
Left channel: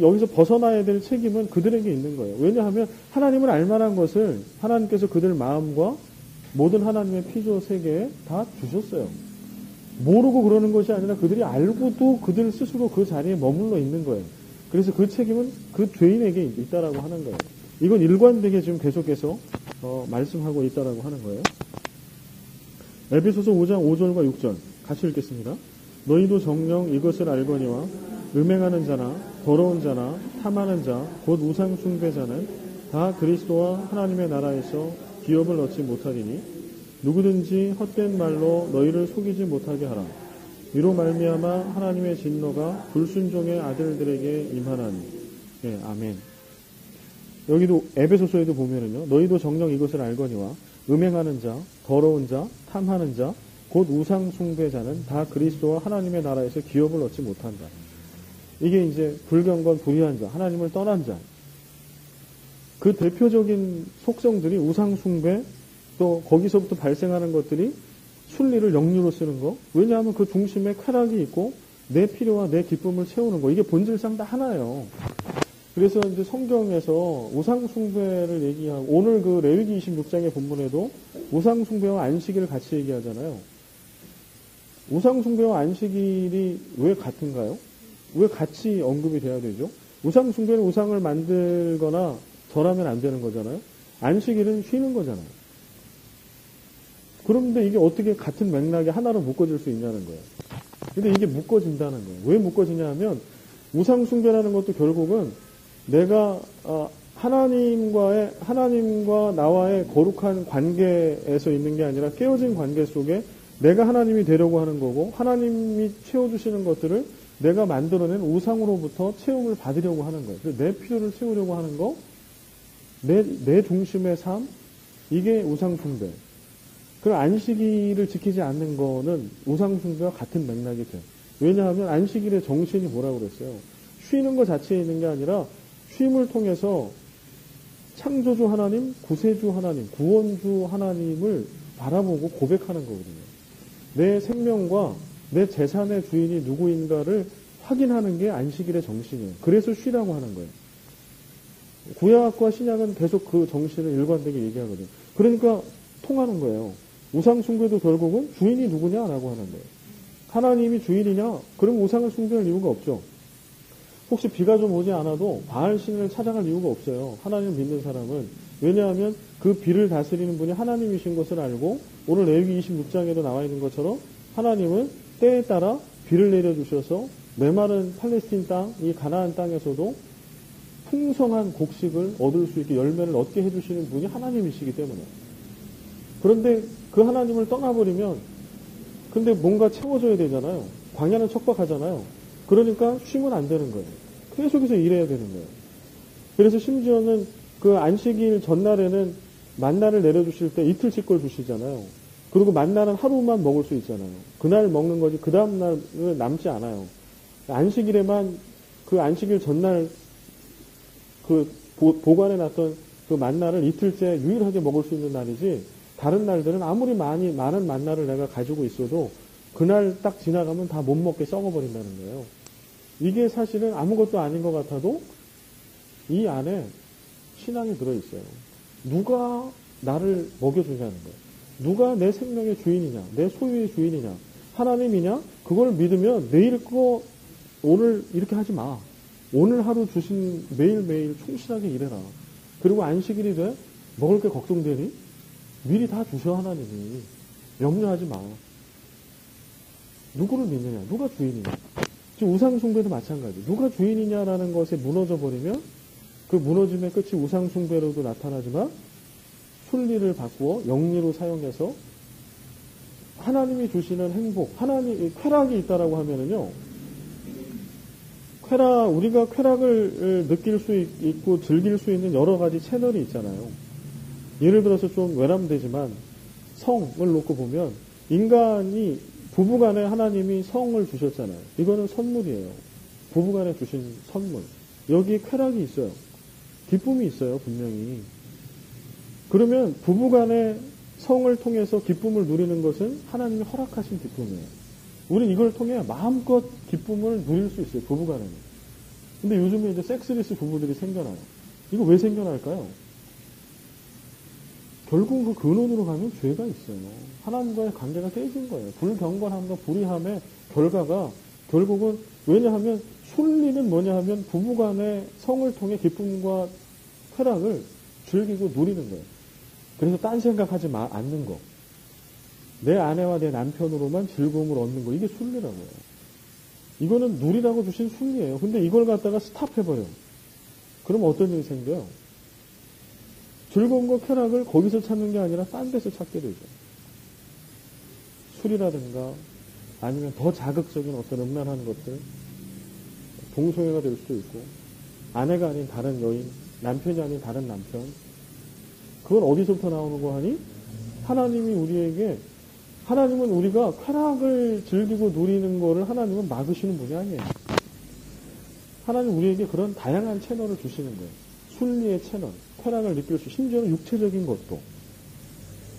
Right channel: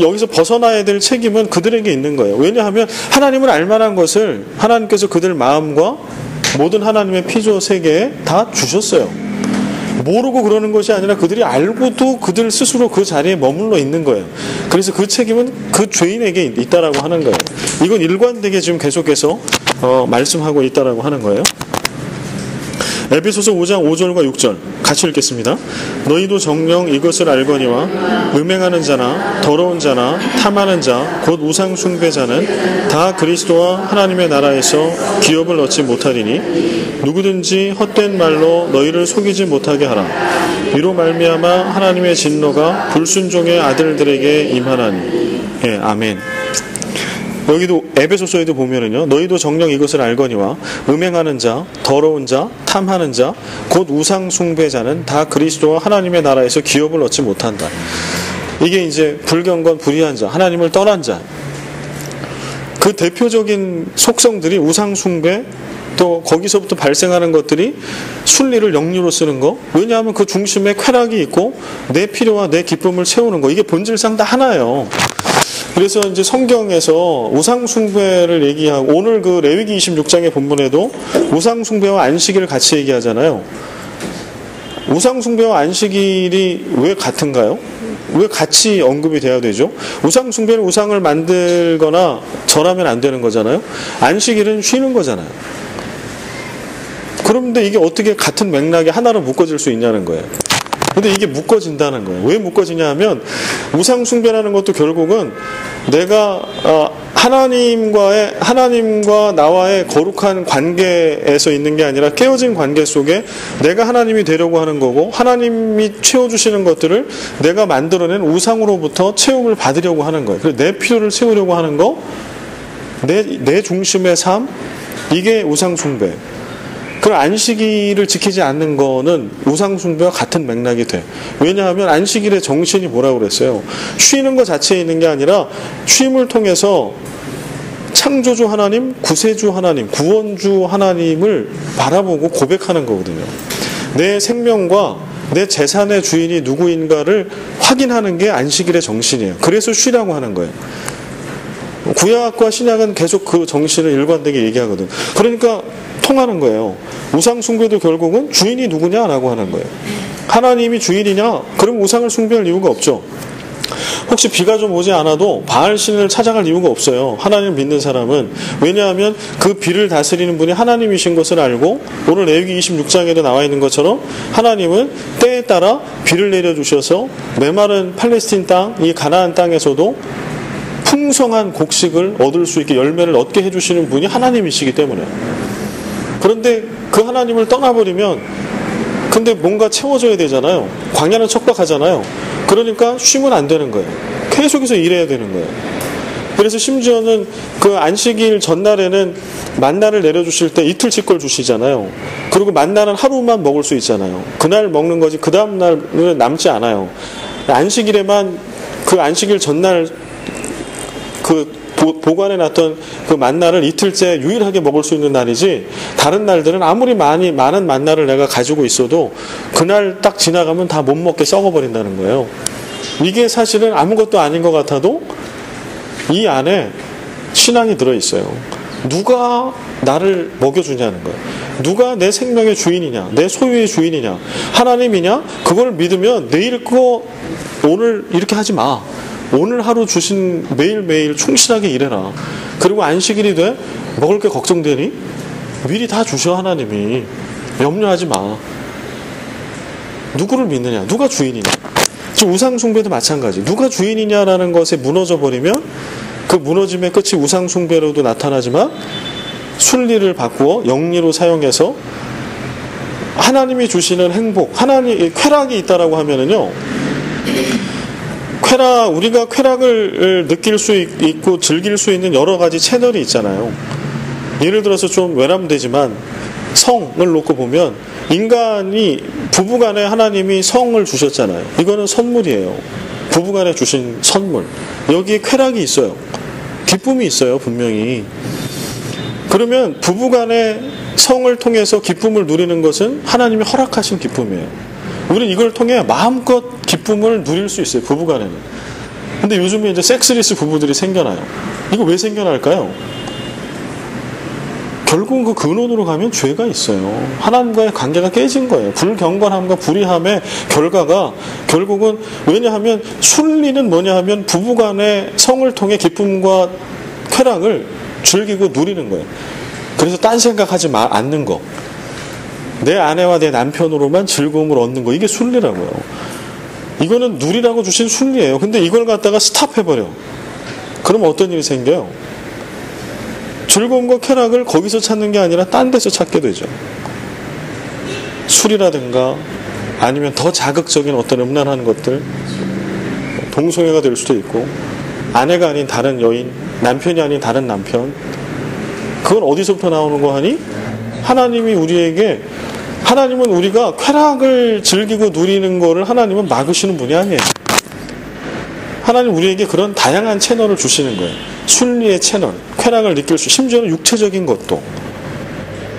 여기서 벗어나야 될 책임은 그들에게 있는 거예요. 왜냐하면 하나님을 알만한 것을 하나님께서 그들 마음과 모든 하나님의 피조 세계에 다 주셨어요. 모르고 그러는 것이 아니라 그들이 알고도 그들 스스로 그 자리에 머물러 있는 거예요. 그래서 그 책임은 그 죄인에게 있다라고 하는 거예요. 이건 일관되게 지금 계속해서 말씀하고 있다라고 하는 거예요. 에베소서 5장 5절과 6절 같이 읽겠습니다. 너희도 정녕 이것을 알거니와 음행하는 자나 더러운 자나 탐하는 자 곧 우상 숭배자는 다 그리스도와 하나님의 나라에서 기업을 얻지 못하리니 누구든지 헛된 말로 너희를 속이지 못하게 하라. 이로 말미암아 하나님의 진노가 불순종의 아들들에게 임하나니. 예, 아멘. 여기도 에베소서에도 보면은요, 너희도 정녕 이것을 알거니와 음행하는 자, 더러운 자, 탐하는 자, 곧 우상 숭배자는 다 그리스도와 하나님의 나라에서 기업을 얻지 못한다. 이게 이제 불경건 불의한 자, 하나님을 떠난 자. 그 대표적인 속성들이 우상 숭배, 또 거기서부터 발생하는 것들이 순리를 영리로 쓰는 거. 왜냐하면 그 중심에 쾌락이 있고 내 필요와 내 기쁨을 채우는 거. 이게 본질상 다 하나예요. 그래서 이제 성경에서 우상숭배를 얘기하고, 오늘 그 레위기 26장의 본문에도 우상숭배와 안식일을 같이 얘기하잖아요. 우상숭배와 안식일이 왜 같은가요? 왜 같이 언급이 돼야 되죠? 우상숭배는 우상을 만들거나 절하면 안 되는 거잖아요. 안식일은 쉬는 거잖아요. 그런데 이게 어떻게 같은 맥락에 하나로 묶어질 수 있냐는 거예요. 근데 이게 묶어진다는 거예요. 왜 묶어지냐 하면 우상숭배라는 것도 결국은 내가 하나님과 나와의 거룩한 관계에서 있는 게 아니라 깨어진 관계 속에 내가 하나님이 되려고 하는 거고, 하나님이 채워주시는 것들을 내가 만들어낸 우상으로부터 채움을 받으려고 하는 거예요. 그래서 내 필요를 채우려고 하는 거, 내 중심의 삶, 이게 우상숭배. 그 안식일을 지키지 않는 거는 우상숭배와 같은 맥락이 돼. 왜냐하면 안식일의 정신이 뭐라고 그랬어요? 쉬는 것 자체에 있는 게 아니라 쉼을 통해서 창조주 하나님, 구세주 하나님, 구원주 하나님을 바라보고 고백하는 거거든요. 내 생명과 내 재산의 주인이 누구인가를 확인하는 게 안식일의 정신이에요. 그래서 쉬라고 하는 거예요. 구약과 신약은 계속 그 정신을 일관되게 얘기하거든. 그러니까 통하는 거예요. 우상 숭배도 결국은 주인이 누구냐라고 하는 거예요. 하나님이 주인이냐? 그럼 우상을 숭배할 이유가 없죠. 혹시 비가 좀 오지 않아도 바알 신을 찾아갈 이유가 없어요. 하나님을 믿는 사람은. 왜냐하면 그 비를 다스리는 분이 하나님이신 것을 알고, 오늘 레위기 26장에도 나와 있는 것처럼 하나님은 때에 따라 비를 내려주셔서 메마른 팔레스틴 땅, 이 가나안 땅에서도 풍성한 곡식을 얻을 수 있게, 열매를 얻게 해주시는 분이 하나님이시기 때문에. 그런데 그 하나님을 떠나버리면, 근데 뭔가 채워줘야 되잖아요. 광야는 척박하잖아요. 그러니까 쉬면 안 되는 거예요. 계속해서 일해야 되는 거예요. 그래서 심지어는 그 안식일 전날에는 만나를 내려주실 때 이틀치 걸 주시잖아요. 그리고 만나는 하루만 먹을 수 있잖아요. 그날 먹는 거지 그 다음 날은 남지 않아요. 안식일에만, 그 안식일 전날 그 보관해 놨던 그 만나를 이틀째 유일하게 먹을 수 있는 날이지, 다른 날들은 아무리 많은 만나를 내가 가지고 있어도 그날 딱 지나가면 다 못 먹게 썩어버린다는 거예요. 이게 사실은 아무것도 아닌 것 같아도 이 안에 신앙이 들어있어요. 누가 나를 먹여주냐는 거예요. 누가 내 생명의 주인이냐, 내 소유의 주인이냐, 하나님이냐. 그걸 믿으면 내일 거 오늘 이렇게 하지 마. 오늘 하루 주신 매일매일 충실하게 일해라. 그리고 안식일이 돼? 먹을 게 걱정되니? 미리 다 주셔. 하나님이. 염려하지 마. 누구를 믿느냐, 누가 주인이냐. 지금 우상숭배도 마찬가지. 누가 주인이냐라는 것에 무너져 버리면 그 무너짐의 끝이 우상숭배로도 나타나지만, 순리를 바꾸어 영리로 사용해서 하나님이 주시는 행복, 쾌락이 있다라고 하면은요, 우리가 쾌락을 느낄 수 있고 즐길 수 있는 여러 가지 채널이 있잖아요. 예를 들어서 좀 외람되지만 성을 놓고 보면, 인간이 부부간에 하나님이 성을 주셨잖아요. 이거는 선물이에요. 부부간에 주신 선물. 여기에 쾌락이 있어요. 기쁨이 있어요, 분명히. 그러면 부부간의 성을 통해서 기쁨을 누리는 것은 하나님이 허락하신 기쁨이에요. 우리는 이걸 통해 마음껏 기쁨을 누릴 수 있어요, 부부간에는. 근데 요즘에 이제 섹스리스 부부들이 생겨나요. 이거 왜 생겨날까요? 결국은 그 근원으로 가면 죄가 있어요. 하나님과의 관계가 깨진 거예요. 불경건함과 불의함의 결과가 결국은, 왜냐하면 순리는 뭐냐 하면 부부간의 성을 통해 기쁨과 쾌락을 즐기고 누리는 거예요. 그래서 딴 생각하지 않는 거. 내 아내와 내 남편으로만 즐거움을 얻는 거. 이게 순리라고요. 이거는 누리라고 주신 순리예요. 근데 이걸 갖다가 스탑해버려. 그러면 어떤 일이 생겨요? 즐거움과 쾌락을 거기서 찾는 게 아니라 딴 데서 찾게 되죠. 술이라든가 아니면 더 자극적인 어떤 음란한 것들, 동성애가 될 수도 있고, 아내가 아닌 다른 여인, 남편이 아닌 다른 남편. 그건 어디서부터 나오는 거 하니? 하나님은 우리가 쾌락을 즐기고 누리는 거를 하나님은 막으시는 분이 아니에요. 하나님 우리에게 그런 다양한 채널을 주시는 거예요. 순리의 채널, 쾌락을 느낄 수, 심지어는 육체적인 것도.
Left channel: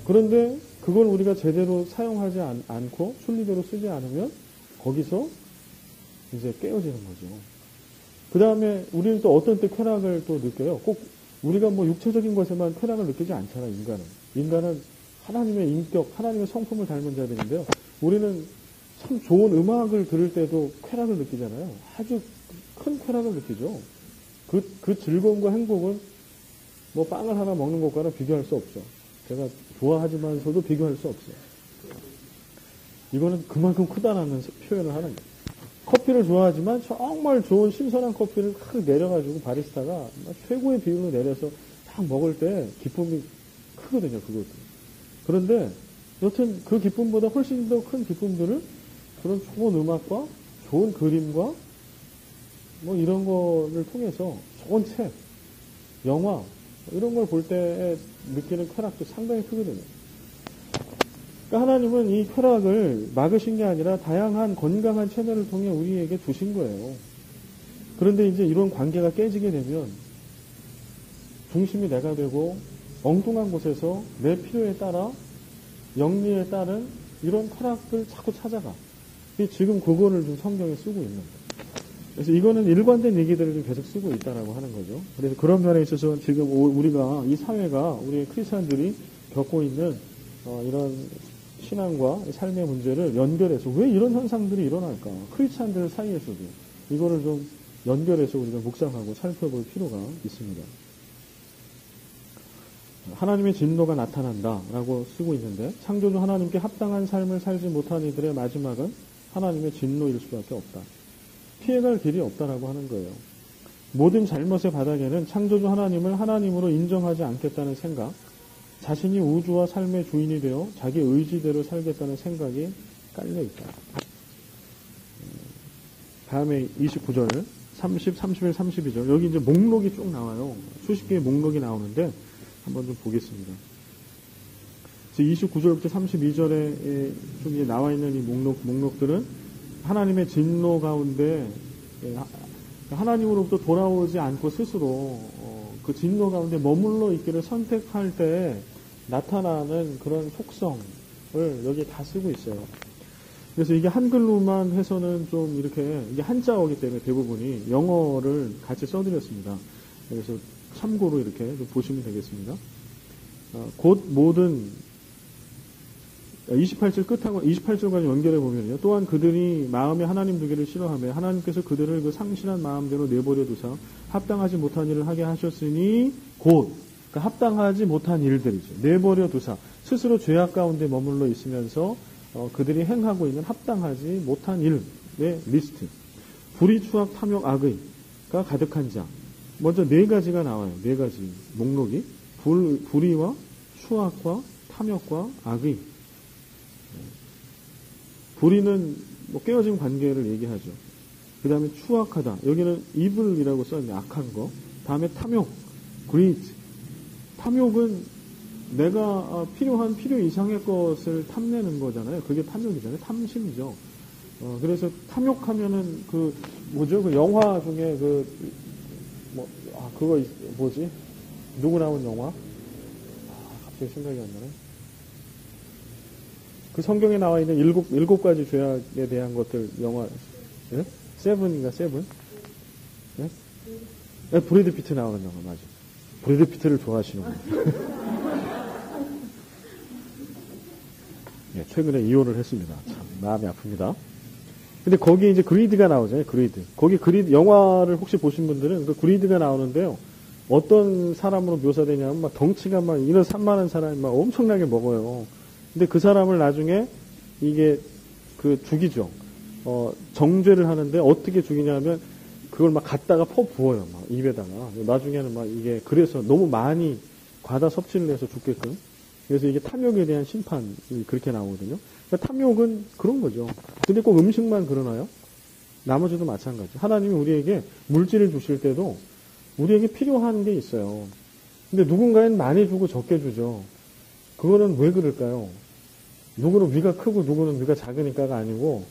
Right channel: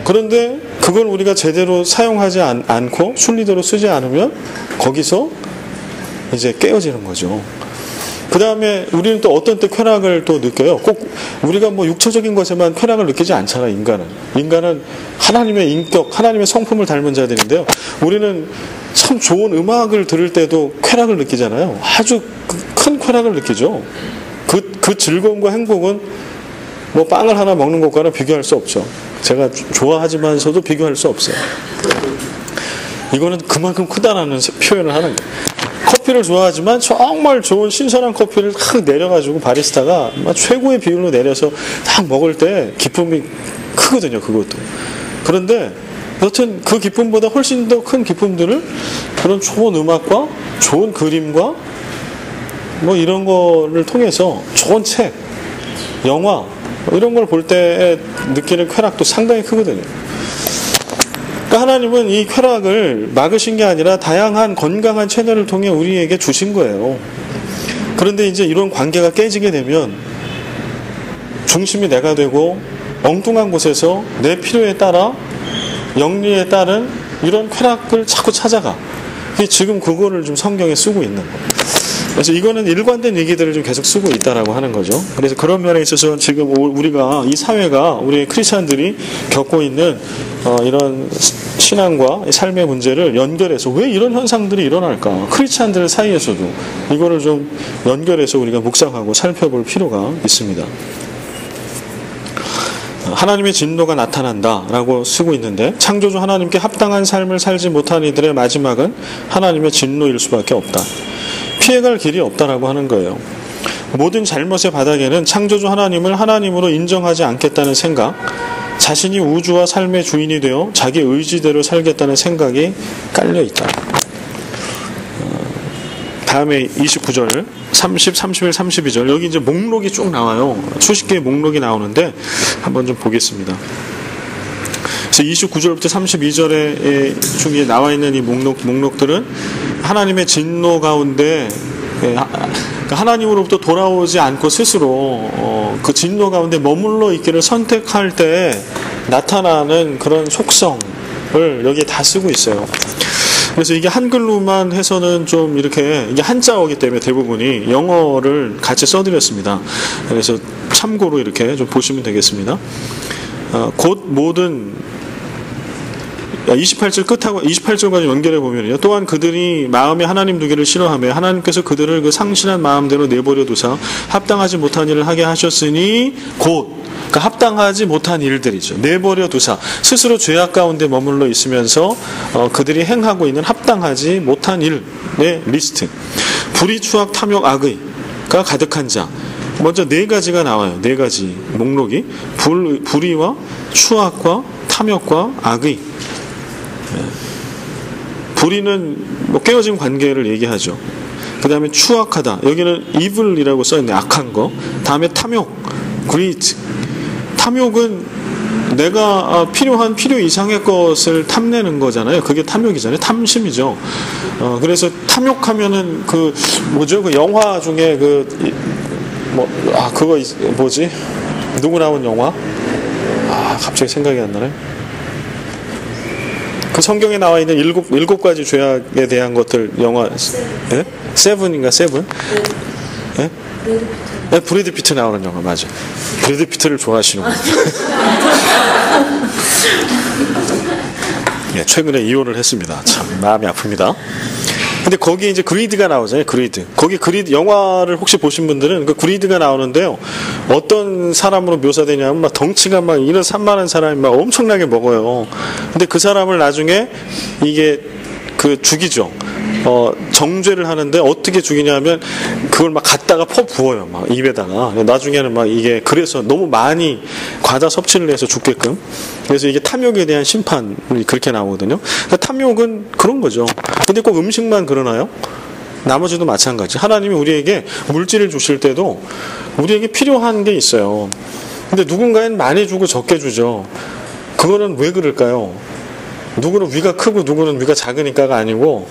그런데 그걸 우리가 제대로 사용하지 않고 순리대로 쓰지 않으면 거기서 이제 깨어지는 거죠. 그 다음에 우리는 또 어떤 때 쾌락을 또 느껴요? 꼭 우리가 뭐 육체적인 것에만 쾌락을 느끼지 않잖아, 인간은 하나님의 인격, 하나님의 성품을 닮은 자들인데요. 우리는 참 좋은 음악을 들을 때도 쾌락을 느끼잖아요. 아주 큰 쾌락을 느끼죠. 그 즐거움과 행복은 뭐 빵을 하나 먹는 것과는 비교할 수 없죠. 제가 좋아하지만서도 비교할 수 없어요. 이거는 그만큼 크다라는 표현을 하는 거예요. 커피를 좋아하지만 정말 좋은 신선한 커피를 탁 내려가지고 바리스타가 최고의 비율로 내려서 딱 먹을 때 기쁨이 크거든요, 그것도. 그런데 여튼 그 기쁨보다 훨씬 더 큰 기쁨들을 그런 좋은 음악과 좋은 그림과 뭐 이런 거를 통해서, 좋은 책, 영화 이런 걸 볼 때 느끼는 쾌락도 상당히 크거든요. 그러니까 하나님은 이 쾌락을 막으신 게 아니라 다양한 건강한 채널을 통해 우리에게 주신 거예요. 그런데 이제 이런 관계가 깨지게 되면 중심이 내가 되고 엉뚱한 곳에서 내 필요에 따라, 영리에 따른 이런 쾌락을 자꾸 찾아가. 지금 그거를 좀 성경에 쓰고 있는 거예요. 그래서 이거는 일관된 얘기들을 좀 계속 쓰고 있다라고 하는 거죠. 그래서 그런 면에 있어서 지금 우리가, 이 사회가, 우리 크리스찬들이 겪고 있는 이런 신앙과 삶의 문제를 연결해서 왜 이런 현상들이 일어날까? 크리스찬들 사이에서도 이거를 좀 연결해서 우리가 묵상하고 살펴볼 필요가 있습니다. 하나님의 진노가 나타난다라고 쓰고 있는데, 창조주 하나님께 합당한 삶을 살지 못한 이들의 마지막은 하나님의 진노일 수밖에 없다. 피해갈 길이 없다라고 하는 거예요. 모든 잘못의 바닥에는 창조주 하나님을 하나님으로 인정하지 않겠다는 생각, 자신이 우주와 삶의 주인이 되어 자기 의지대로 살겠다는 생각이 깔려 있다. 다음에 29절, 30, 31, 32절, 여기 이제 목록이 쭉 나와요. 수십 개의 목록이 나오는데 한번 좀 보겠습니다. 그래서 29절부터 32절에 중에 나와 있는 이 목록들은 하나님의 진노 가운데 그러니까 하나님으로부터 돌아오지 않고 스스로 그 진노 가운데 머물러 있기를 선택할 때 나타나는 그런 속성을 여기에 다 쓰고 있어요. 그래서 이게 한글로만 해서는 좀 이렇게, 이게 한자어기 때문에 대부분이 영어를 같이 써드렸습니다. 그래서 참고로 이렇게 좀 보시면 되겠습니다. 곧 모든 28절 끝하고 28절까지 연결해 보면요. 또한 그들이 마음에 하나님 두기를 싫어하며 하나님께서 그들을 그 상실한 마음대로 내버려 두사 합당하지 못한 일을 하게 하셨으니 곧, 그러니까 합당하지 못한 일들이죠. 내버려 두사 스스로 죄악 가운데 머물러 있으면서 그들이 행하고 있는 합당하지 못한 일의 리스트. 불의, 추악, 탐욕, 악의가 가득한 자. 먼저 네 가지가 나와요. 네 가지 목록이 불의와 추악과 탐욕과 악의. 불의는 뭐 깨어진 관계를 얘기하죠. 그 다음에 추악하다. 여기는 evil이라고 써있네. 악한 거. 다음에 탐욕, greed. 탐욕은 내가 필요한 필요 이상의 것을 탐내는 거잖아요. 그게 탐욕이잖아요. 탐심이죠. 그래서 탐욕하면은 그 뭐죠? 그 영화 중에 그거 뭐지? 누구 나온 영화? 갑자기 생각이 안 나네. 그 성경에 나와 있는 일곱 가지 죄악에 대한 것들 영화 예? 세븐인가 세븐? 예? 네, 브래드 피트 나오는 영화 맞아. 브래드 피트를 좋아하시는군요. 예, 최근에 이혼을 했습니다. 참 마음이 아픕니다. 근데 거기 이제 그리드가 나오잖아요. 그리드. 거기 그리드 영화를 혹시 보신 분들은 그 그리드가 나오는데요. 어떤 사람으로 묘사되냐면 막 덩치가 막 이런 산만한 사람이 막 엄청나게 먹어요. 근데 그 사람을 나중에 이게 그 죽이죠. 정죄를 하는데 어떻게 죽이냐면 그걸 막 갖다가 부어요. 막 입에다가. 나중에는 막 이게 그래서 너무 많이 과다 섭취를 해서 죽게끔. 그래서 이게 탐욕에 대한 심판이 그렇게 나오거든요. 그러니까 탐욕은 그런 거죠. 근데 꼭 음식만 그러나요? 나머지도 마찬가지. 하나님이 우리에게 물질을 주실 때도 우리에게 필요한 게 있어요. 근데 누군가는 많이 주고 적게 주죠. 그거는 왜 그럴까요? 누구는 위가 크고 누구는 위가 작으니까가 아니고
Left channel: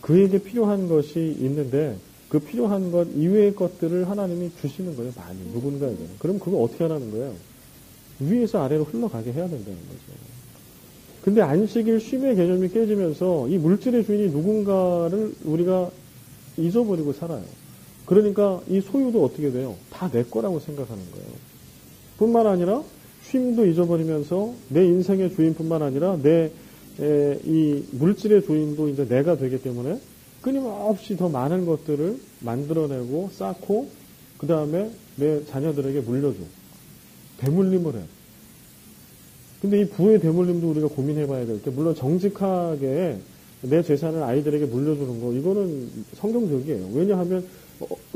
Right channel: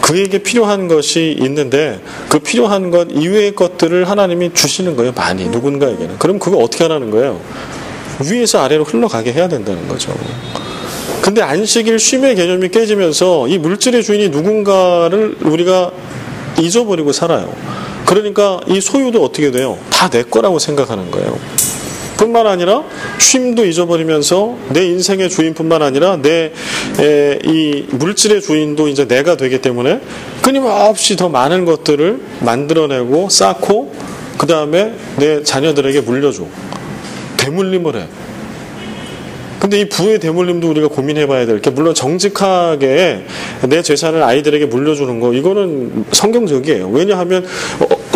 그에게 필요한 것이 있는데 그 필요한 것 이외의 것들을 하나님이 주시는 거예요. 많이 누군가에게는. 그럼 그거 어떻게 하라는 거예요? 위에서 아래로 흘러가게 해야 된다는 거죠. 근데 안식일 쉼의 개념이 깨지면서 이 물질의 주인이 누군가를 우리가 잊어버리고 살아요. 그러니까 이 소유도 어떻게 돼요? 다 내 거라고 생각하는 거예요. 뿐만 아니라 쉼도 잊어버리면서 내 인생의 주인뿐만 아니라 이 물질의 주인도 이제 내가 되기 때문에 끊임없이 더 많은 것들을 만들어내고 쌓고 그 다음에 내 자녀들에게 물려줘. 대물림을 해. 근데 이 부의 대물림도 우리가 고민해봐야 될 게 물론 정직하게 내 재산을 아이들에게 물려주는 거 이거는 성경적이에요. 왜냐하면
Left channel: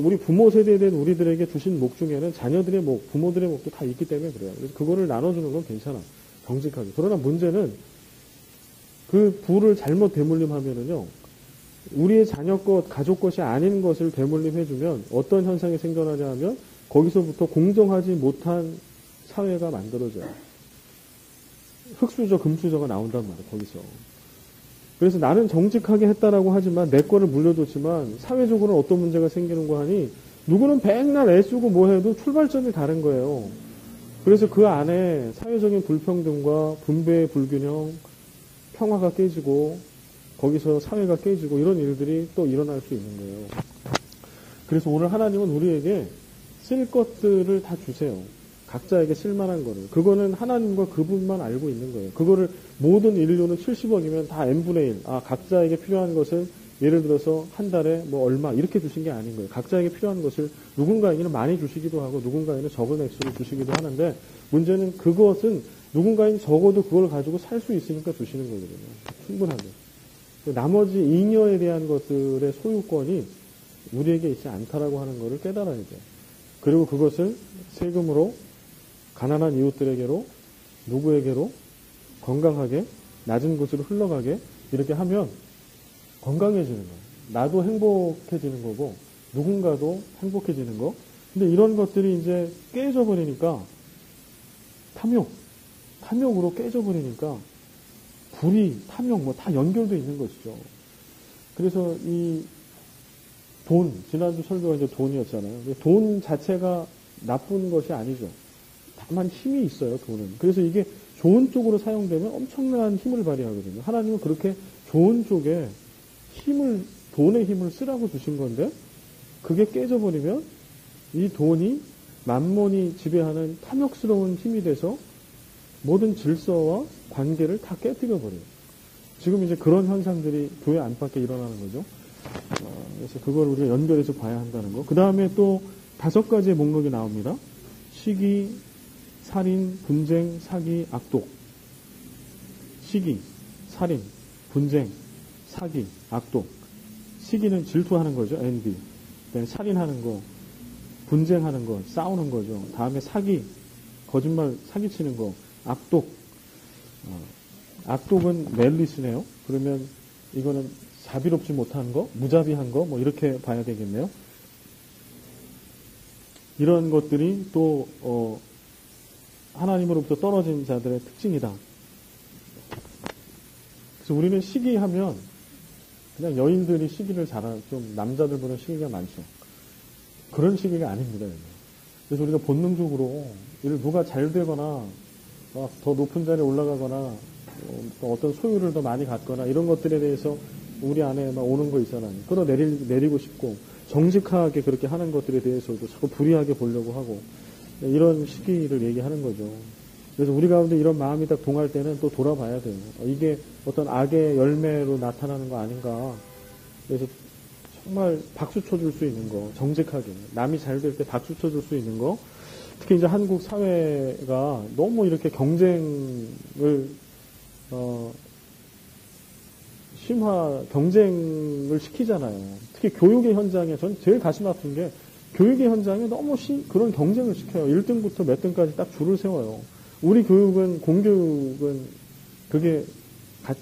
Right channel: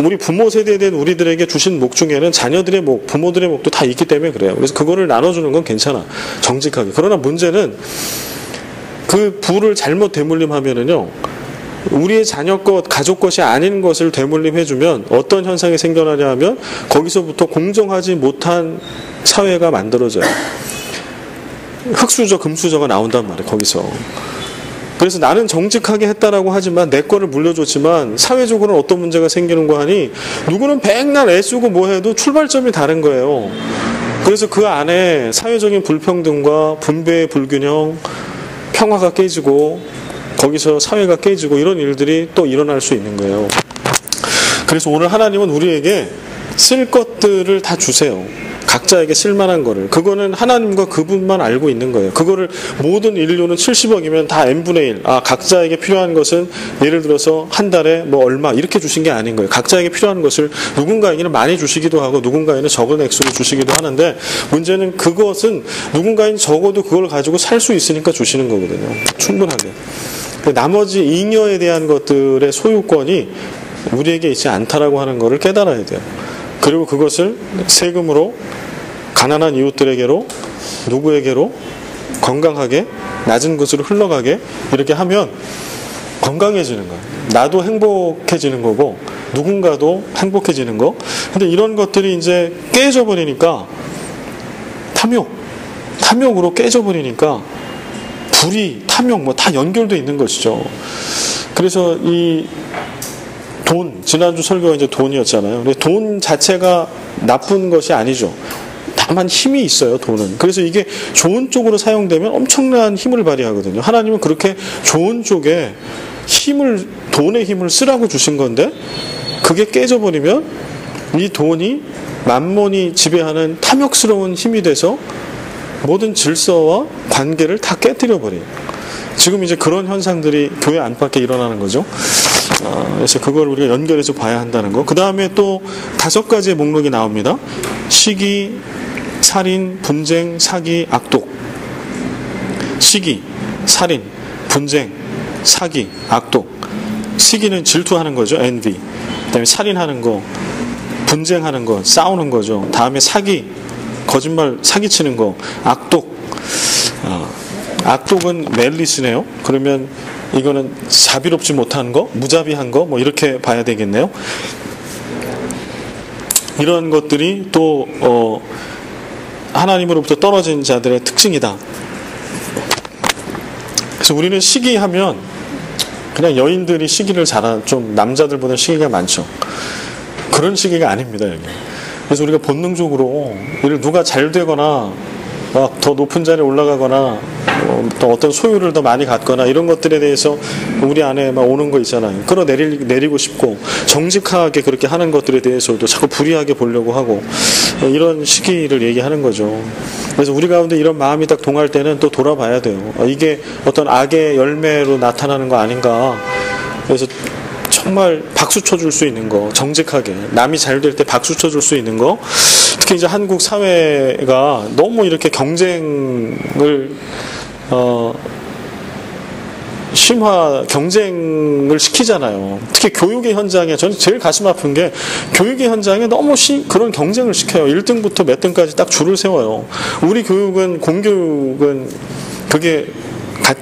우리 부모 세대에 대한 우리들에게 주신 목 중에는 자녀들의 목, 부모들의 목도 다 있기 때문에 그래요. 그래서 그거를 나눠주는 건 괜찮아. 정직하게. 그러나 문제는 그 부를 잘못 대물림하면은요. 우리의 자녀 것, 가족 것이 아닌 것을 대물림해주면 어떤 현상이 생겨나냐 하면 거기서부터 공정하지 못한 사회가 만들어져요. 흑수저, 금수저가 나온단 말이에요. 거기서. 그래서 나는 정직하게 했다라고 하지만 내 거를 물려줬지만 사회적으로는 어떤 문제가 생기는 거 하니 누구는 백날 애쓰고 뭐 해도 출발점이 다른 거예요. 그래서 그 안에 사회적인 불평등과 분배의 불균형, 평화가 깨지고 거기서 사회가 깨지고 이런 일들이 또 일어날 수 있는 거예요. 그래서 오늘 하나님은 우리에게 쓸 것들을 다 주세요. 각자에게 쓸만한 거를. 그거는 하나님과 그분만 알고 있는 거예요. 그거를 모든 인류는 70억이면 다 n분의 1. 각자에게 필요한 것은 예를 들어서 한 달에 뭐 얼마 이렇게 주신 게 아닌 거예요. 각자에게 필요한 것을 누군가에게는 많이 주시기도 하고 누군가에는 적은 액수로 주시기도 하는데 문제는 그것은 누군가에는 적어도 그걸 가지고 살 수 있으니까 주시는 거거든요. 충분하게. 나머지 잉여에 대한 것들의 소유권이 우리에게 있지 않다라고 하는 것을 깨달아야 돼요. 그리고 그것을 세금으로 가난한 이웃들에게로 누구에게로 건강하게 낮은 곳으로 흘러가게 이렇게 하면 건강해지는 거예요. 나도 행복해지는 거고 누군가도 행복해지는 거. 근데 이런 것들이 이제 깨져버리니까 탐욕으로 깨져버리니까 불의, 탐욕 뭐 다 연결돼 있는 것이죠. 그래서 이 돈, 지난주 설교가 이제 돈이었잖아요. 근데 돈 자체가 나쁜 것이 아니죠. 다만 힘이 있어요, 돈은. 그래서 이게 좋은 쪽으로 사용되면 엄청난 힘을 발휘하거든요. 하나님은 그렇게 좋은 쪽에 돈의 힘을 쓰라고 주신 건데, 그게 깨져버리면 이 돈이 만몬이 지배하는 탐욕스러운 힘이 돼서 모든 질서와 관계를 다 깨뜨려버려요. 지금 이제 그런 현상들이 교회 안팎에 일어나는 거죠. 그래서 그걸 우리가 연결해서 봐야 한다는 거. 그 다음에 또 5가지의 목록이 나옵니다. 시기, 살인, 분쟁, 사기, 악독. 시기, 살인, 분쟁, 사기, 악독. 시기는 질투하는 거죠. envy. 그 다음에 살인하는 거, 분쟁하는 거, 싸우는 거죠. 다음에 사기, 거짓말 사기치는 거, 악독. 악독은 멜리스네요. 그러면 이거는 자비롭지 못한 거, 무자비한 거, 뭐 이렇게 봐야 되겠네요. 이런 것들이 또 하나님으로부터 떨어진 자들의 특징이다. 그래서 우리는 시기하면 그냥 여인들이 시기를 좀 남자들보다 시기가 많죠. 그런 시기가 아닙니다, 여기. 그래서 우리가 본능적으로 누가 잘 되거나 막 더 높은 자리에 올라가거나 또 어떤 소유를 더 많이 갖거나 이런 것들에 대해서 우리 안에 막 오는 거 있잖아요. 끌어내리고 싶고 정직하게 그렇게 하는 것들에 대해서도 자꾸 불이하게 보려고 하고 이런 시기를 얘기하는 거죠. 그래서 우리 가운데 이런 마음이 딱 동할 때는 또 돌아봐야 돼요. 이게 어떤 악의 열매로 나타나는 거 아닌가. 그래서 정말 박수 쳐줄 수 있는 거, 정직하게 남이 잘 될 때 박수 쳐줄 수 있는 거. 특히 이제 한국 사회가 너무 이렇게 경쟁을 경쟁을 시키잖아요. 특히 교육의 현장에 저는 제일 가슴 아픈 게 교육의 현장에 너무 그런 경쟁을 시켜요. 1등부터 몇 등까지 딱 줄을 세워요. 우리 교육은 공교육은 그게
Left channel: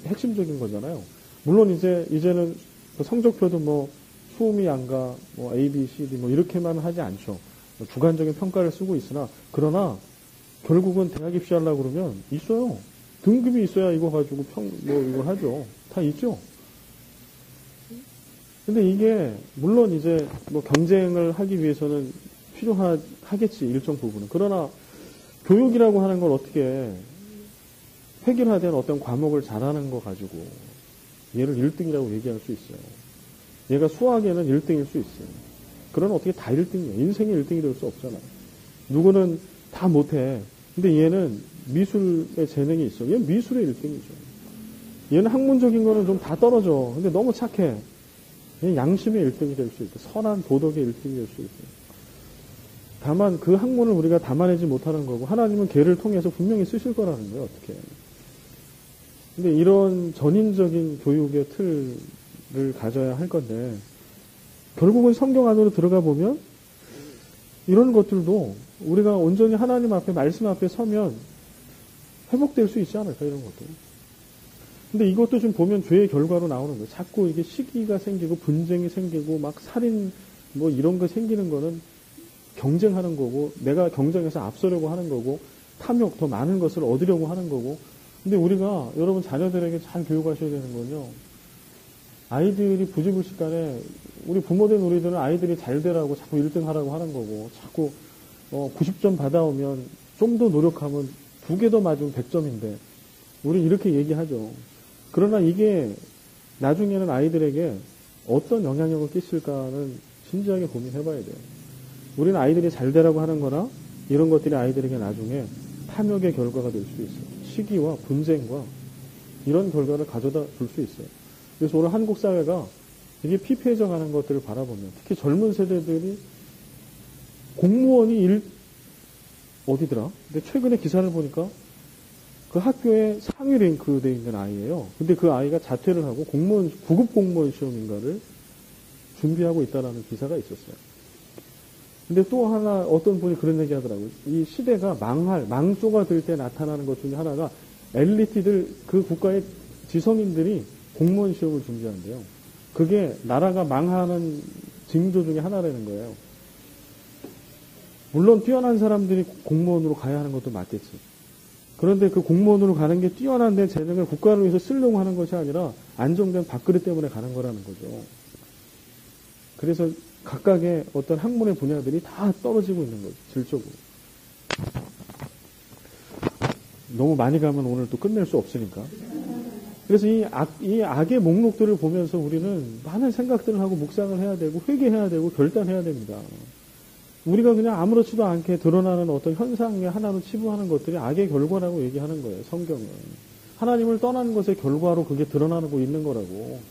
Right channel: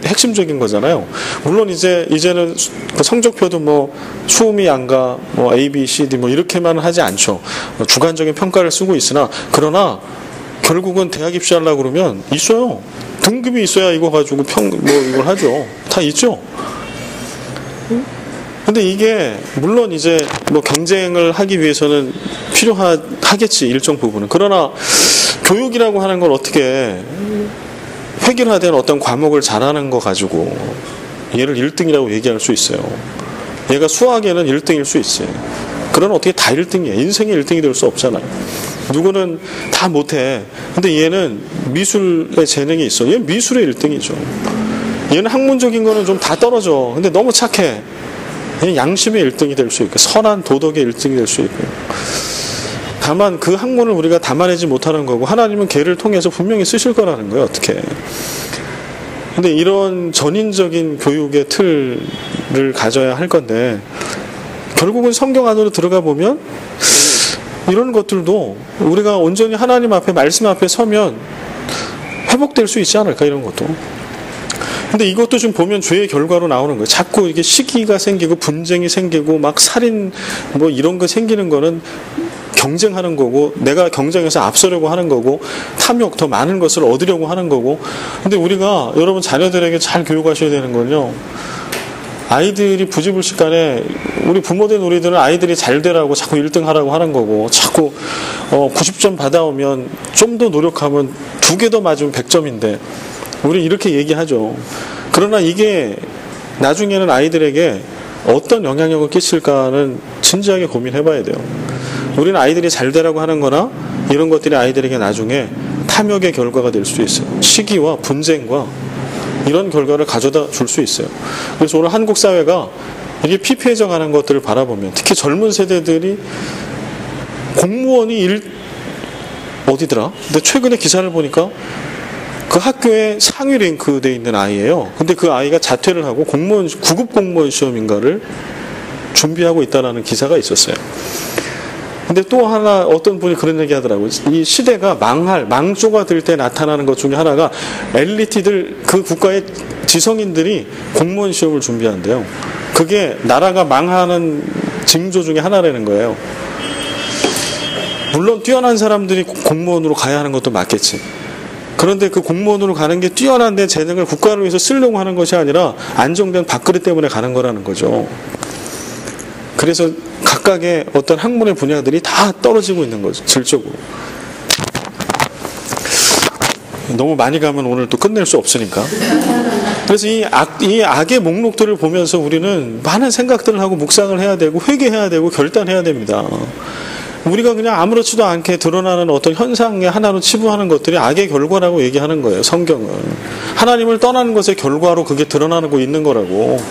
핵심적인 거잖아요. 물론 이제는 성적표도 뭐 수음이 양가 뭐 A, B, C, D 뭐 이렇게만 하지 않죠. 주관적인 평가를 쓰고 있으나 그러나 결국은 대학 입시하려고 그러면 있어요. 등급이 있어야 이거 가지고 이걸 하죠. 다 있죠. 근데 이게 물론 이제 뭐 경쟁을 하기 위해서는 필요하겠지, 일정 부분은. 그러나 교육이라고 하는 걸 어떻게 획일화된 어떤 과목을 잘하는 거 가지고 얘를 1등이라고 얘기할 수 있어요. 얘가 수학에는 1등일 수 있어요. 그러나 어떻게 다 1등이야. 인생의 1등이 될 수 없잖아요. 누구는 다 못해. 근데 얘는 미술의 재능이 있어. 얘는 미술의 1등이죠. 얘는 학문적인 거는 좀 다 떨어져. 근데 너무 착해. 얘는 양심의 1등이 될 수 있고 선한 도덕의 1등이 될 수 있고. 다만 그 학문을 우리가 담아내지 못하는 거고 하나님은 걔를 통해서 분명히 쓰실 거라는 거예요. 어떻게. 근데 이런 전인적인 교육의 틀을 가져야 할 건데 결국은 성경 안으로 들어가 보면 이런 것들도 우리가 온전히 하나님 앞에 말씀 앞에 서면 회복될 수 있지 않을까, 이런 것도. 근데 이것도 좀 보면 죄의 결과로 나오는 거예요. 자꾸 이게 시기가 생기고 분쟁이 생기고 막 살인 뭐 이런 거 생기는 거는 경쟁하는 거고 내가 경쟁해서 앞서려고 하는 거고 탐욕 더 많은 것을 얻으려고 하는 거고. 근데 우리가 여러분 자녀들에게 잘 교육하셔야 되는 건요, 아이들이 부지불식간에 우리 부모된 우리들은 아이들이 잘 되라고 자꾸 1등 하라고 하는 거고 자꾸 90점 받아오면 좀 더 노력하면 2개 더 맞으면 100점인데 우리 이렇게 얘기하죠. 그러나 이게 나중에는 아이들에게 어떤 영향력을 끼칠까는 진지하게 고민해봐야 돼요. 우리는 아이들이 잘 되라고 하는 거나 이런 것들이 아이들에게 나중에 탐욕의 결과가 될 수 있어요. 시기와 분쟁과 이런 결과를 가져다 줄 수 있어요. 그래서 오늘 한국 사회가 이게 피폐해져 가는 것들을 바라보면 특히 젊은 세대들이 공무원이 어디더라? 근데 최근에 기사를 보니까 그 학교에 상위 랭크되어 있는 아이예요. 근데 그 아이가 자퇴를 하고 구급 공무원 시험인가를 준비하고 있다는 기사가 있었어요. 근데 또 하나 어떤 분이 그런 얘기 하더라고요. 이 시대가 망조가 될 때 나타나는 것 중에 하나가 엘리트들, 그 국가의 지성인들이 공무원 시험을 준비한대요. 그게 나라가 망하는 징조 중에 하나라는 거예요. 물론 뛰어난 사람들이 공무원으로 가야 하는 것도 맞겠지. 그런데 그 공무원으로 가는 게 뛰어난 내 재능을 국가를 위해서 쓰려고 하는 것이 아니라 안정된 밥그릇 때문에 가는 거라는 거죠. 그래서 각각의 어떤 학문의 분야들이 다 떨어지고 있는 거죠. 질적으로. 너무 많이 가면 오늘 또 끝낼 수 없으니까. 그래서 이 악의 목록들을 보면서 우리는 많은 생각들을 하고 묵상을 해야 되고 회개해야 되고 결단해야 됩니다. 우리가 그냥 아무렇지도 않게 드러나는 어떤 현상의 하나로 치부하는 것들이 악의 결과라고 얘기하는 거예요. 성경은. 하나님을 떠나는 것의 결과로 그게 드러나고 있는 거라고.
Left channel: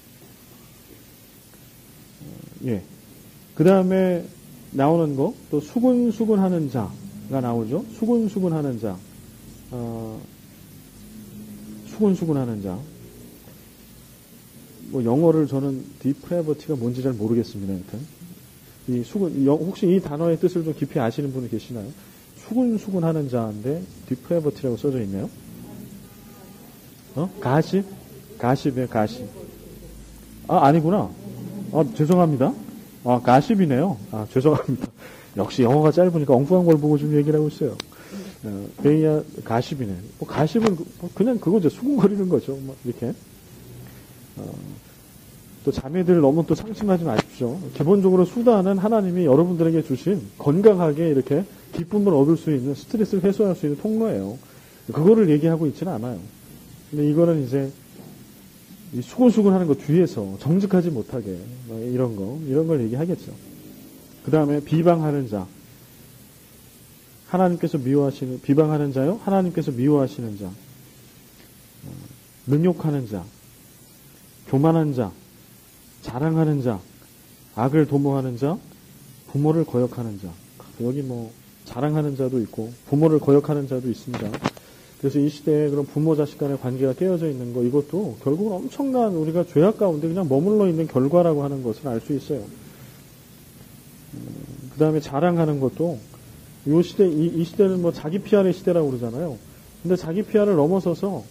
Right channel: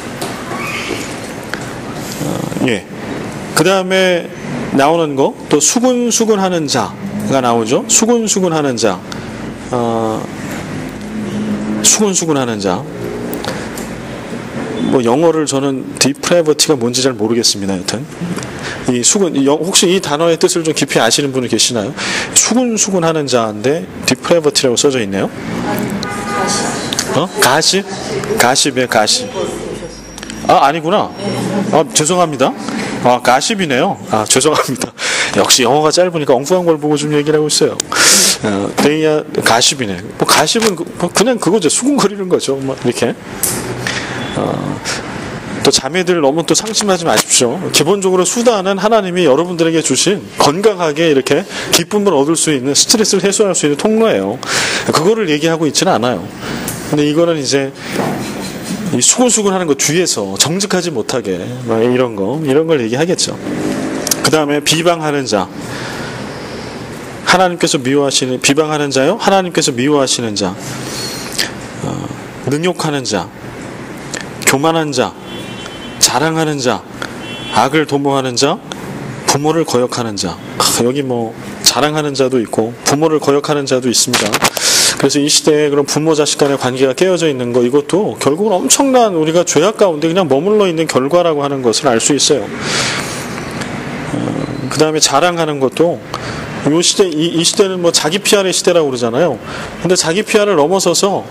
예. 그 다음에 나오는 거, 또 수군수군하는 자가 나오죠. 수군수군하는 자. 수군수군하는 자. 뭐 영어를 저는 depravity가 뭔지 잘 모르겠습니다. 여튼 이 혹시 이 단어의 뜻을 좀 깊이 아시는 분이 계시나요? 수군수군하는 자인데 depravity라고 써져 있네요. 가십? 가십이에요. 가십. 아니구나. 죄송합니다. 가십이네요. 죄송합니다. 역시 영어가 짧으니까 엉뚱한 걸 보고 좀 얘기를 하고 있어요. 데이야 가십이네. 뭐 가십은 그냥 그거죠. 수군거리는 거죠. 뭐 이렇게. 또 자매들 너무 또 상심하지 마십시오. 기본적으로 수단은 하나님이 여러분들에게 주신 건강하게 이렇게 기쁨을 얻을 수 있는, 스트레스를 해소할 수 있는 통로예요. 그거를 얘기하고 있지는 않아요. 근데 이거는 이제 이 수군수군하는 것 뒤에서 정직하지 못하게 이런 걸 얘기하겠죠. 그 다음에 비방하는 자. 하나님께서 미워하시는, 비방하는 자요? 하나님께서 미워하시는 자. 능욕하는 자. 교만한 자. 자랑하는 자. 악을 도모하는 자. 부모를 거역하는 자. 여기 뭐 자랑하는 자도 있고 부모를 거역하는 자도 있습니다. 그래서 이 시대에 그런 부모 자식 간의 관계가 깨어져 있는 거, 이것도 결국은 엄청난 우리가 죄악 가운데 그냥 머물러 있는 결과라고 하는 것을 알 수 있어요. 그 다음에 자랑하는 것도 이 시대는 뭐 자기 PR의 시대라고 그러잖아요. 근데 자기 PR을 넘어서서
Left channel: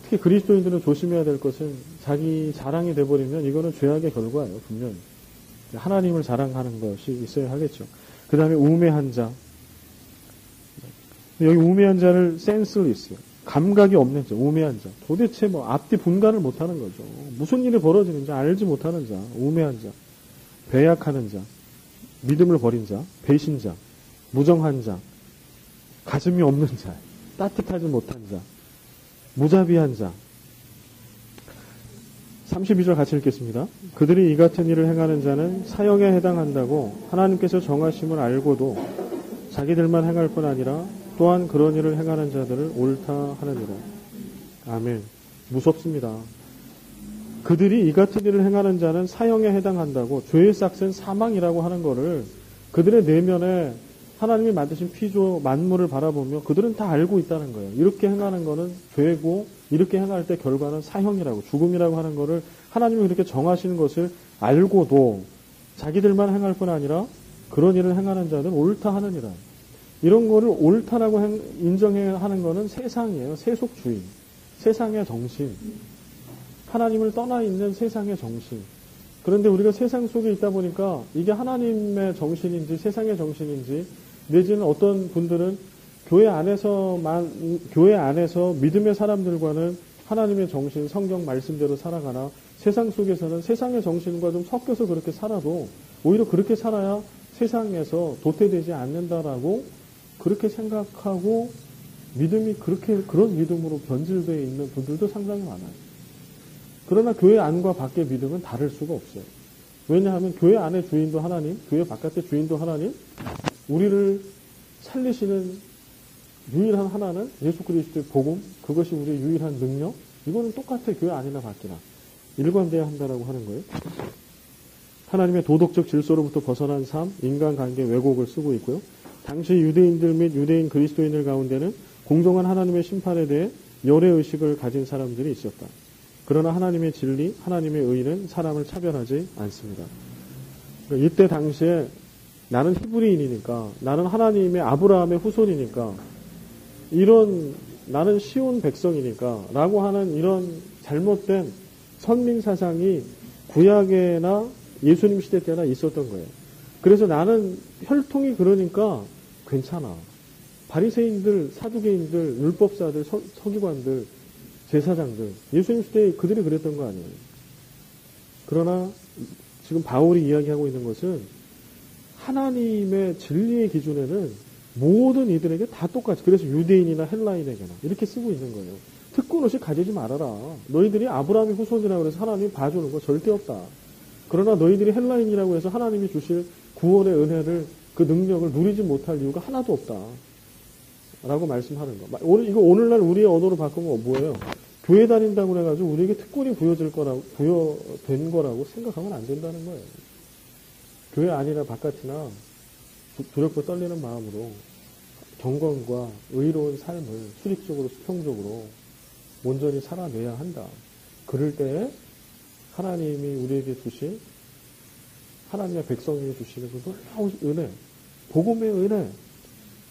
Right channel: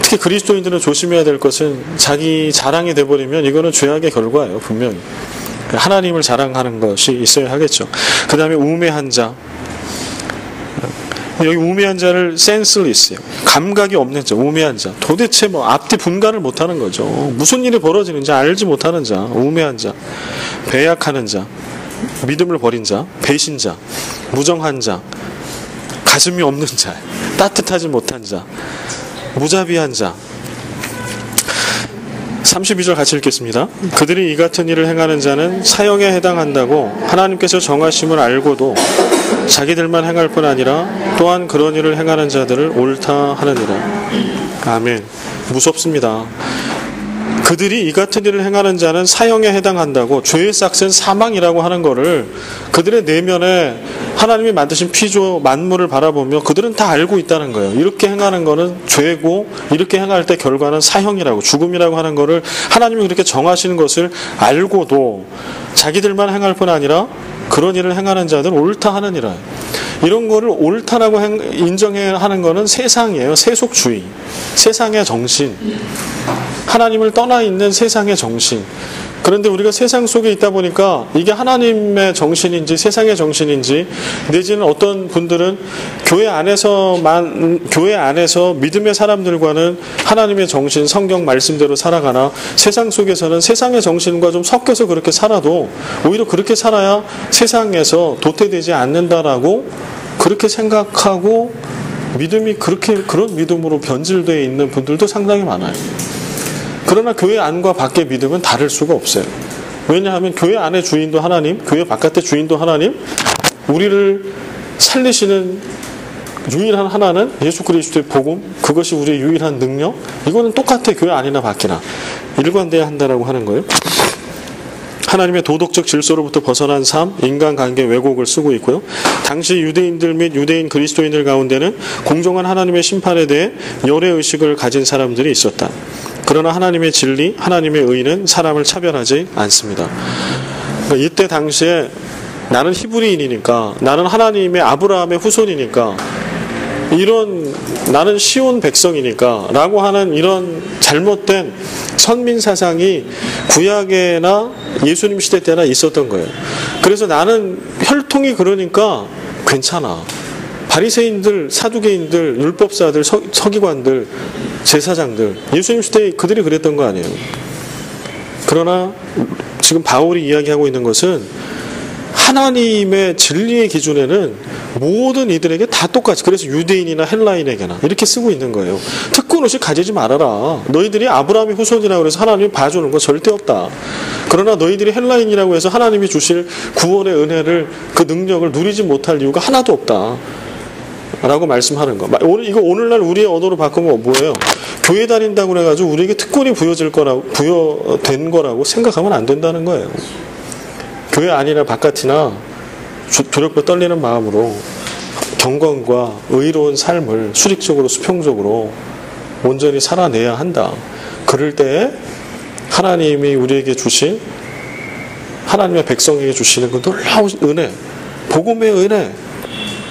특히 그리스도인들은 조심해야 될 것은 자기 자랑이 돼버리면 이거는 죄악의 결과예요. 분명히. 하나님을 자랑하는 것이 있어야 하겠죠. 그 다음에 우매한 자. 여기 우매한 자를 senseless요. 감각이 없는 자, 우매한 자. 도대체 뭐 앞뒤 분간을 못하는 거죠. 무슨 일이 벌어지는지 알지 못하는 자, 우매한 자. 배약하는 자, 믿음을 버린 자, 배신자, 무정한 자, 가슴이 없는 자, 따뜻하지 못한 자, 무자비한 자. 32절 같이 읽겠습니다. 그들이 이 같은 일을 행하는 자는 사형에 해당한다고 하나님께서 정하심을 알고도 자기들만 행할 뿐 아니라 또한 그런 일을 행하는 자들을 옳다 하느니라. 아멘. 무섭습니다. 그들이 이 같은 일을 행하는 자는 사형에 해당한다고, 죄의 삭은 사망이라고 하는 거를 그들의 내면에 하나님이 만드신 피조 만물을 바라보며 그들은 다 알고 있다는 거예요. 이렇게 행하는 거는 죄고 이렇게 행할 때 결과는 사형이라고, 죽음이라고 하는 거를 하나님이 그렇게 정하시는 것을 알고도 자기들만 행할 뿐 아니라 그런 일을 행하는 자들 옳다 하느니라. 이런 거를 옳다라고 인정해야 하는 거는 세상이에요. 세속주의, 세상의 정신, 하나님을 떠나 있는 세상의 정신. 그런데 우리가 세상 속에 있다 보니까 이게 하나님의 정신인지 세상의 정신인지, 내지는 어떤 분들은 교회 안에서 믿음의 사람들과는 하나님의 정신, 성경 말씀대로 살아가나, 세상 속에서는 세상의 정신과 좀 섞여서 그렇게 살아도 오히려 그렇게 살아야 세상에서 도태되지 않는다라고 그렇게 생각하고 믿음이 그런 믿음으로 변질되어 있는 분들도 상당히 많아요. 그러나 교회 안과 밖의 믿음은 다를 수가 없어요. 왜냐하면 교회 안의 주인도 하나님, 교회 바깥의 주인도 하나님, 우리를 살리시는 유일한 하나는 예수 그리스도의 복음, 그것이 우리의 유일한 능력. 이거는 똑같아, 교회 안이나 밖이나. 일관돼야 한다라고 하는 거예요. 하나님의 도덕적 질서로부터 벗어난 삶, 인간관계 왜곡을 쓰고 있고요. 당시 유대인들 및 유대인 그리스도인들 가운데는 공정한 하나님의 심판에 대해 열애의식을 가진 사람들이 있었다. 그러나 하나님의 진리, 하나님의 의는 사람을 차별하지 않습니다. 그러니까 이때 당시에 나는 히브리인이니까, 나는 하나님의 아브라함의 후손이니까, 나는 시온 백성이니까 라고 하는 이런 잘못된 선민 사상이 구약에나 예수님 시대 때나 있었던 거예요. 그래서 나는 혈통이 그러니까 괜찮아. 바리새인들, 사두개인들, 율법사들, 서기관들, 제사장들, 예수님 시대에 그들이 그랬던 거 아니에요. 그러나 지금 바울이 이야기하고 있는 것은 하나님의 진리의 기준에는 모든 이들에게 다 똑같이, 그래서 유대인이나 헬라인에게나 이렇게 쓰고 있는 거예요. 특권의식 가지지 말아라. 너희들이 아브라함의 후손이라고 해서 하나님이 봐주는 거 절대 없다. 그러나 너희들이 헬라인이라고 해서 하나님이 주실 구원의 은혜를, 그 능력을 누리지 못할 이유가 하나도 없다 라고 말씀하는 거. 이거 오늘날 우리의 언어로 바꾸면 뭐예요? 교회 다닌다고 해가지고 우리에게 특권이 부여된 거라고 생각하면 안 된다는 거예요. 교회 안이나 바깥이나 조력과 떨리는 마음으로 경건과 의로운 삶을 수직적으로 수평적으로 온전히 살아내야 한다. 그럴 때에 하나님이 우리에게 주신, 하나님의 백성에게 주시는 그 놀라운 은혜, 복음의 은혜,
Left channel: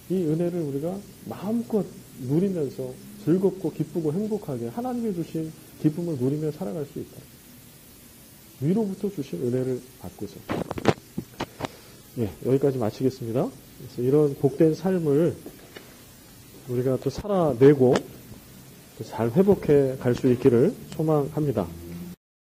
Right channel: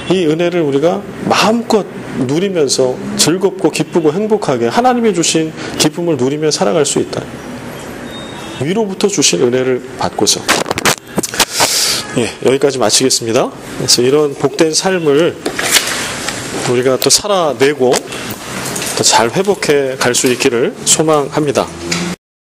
이 은혜를 우리가 마음껏 누리면서 즐겁고 기쁘고 행복하게 하나님이 주신 기쁨을 누리며 살아갈 수 있다. 위로부터 주신 은혜를 받고서. 여기까지 마치겠습니다. 그래서 이런 복된 삶을 우리가 또 살아내고 또 잘 회복해 갈 수 있기를 소망합니다.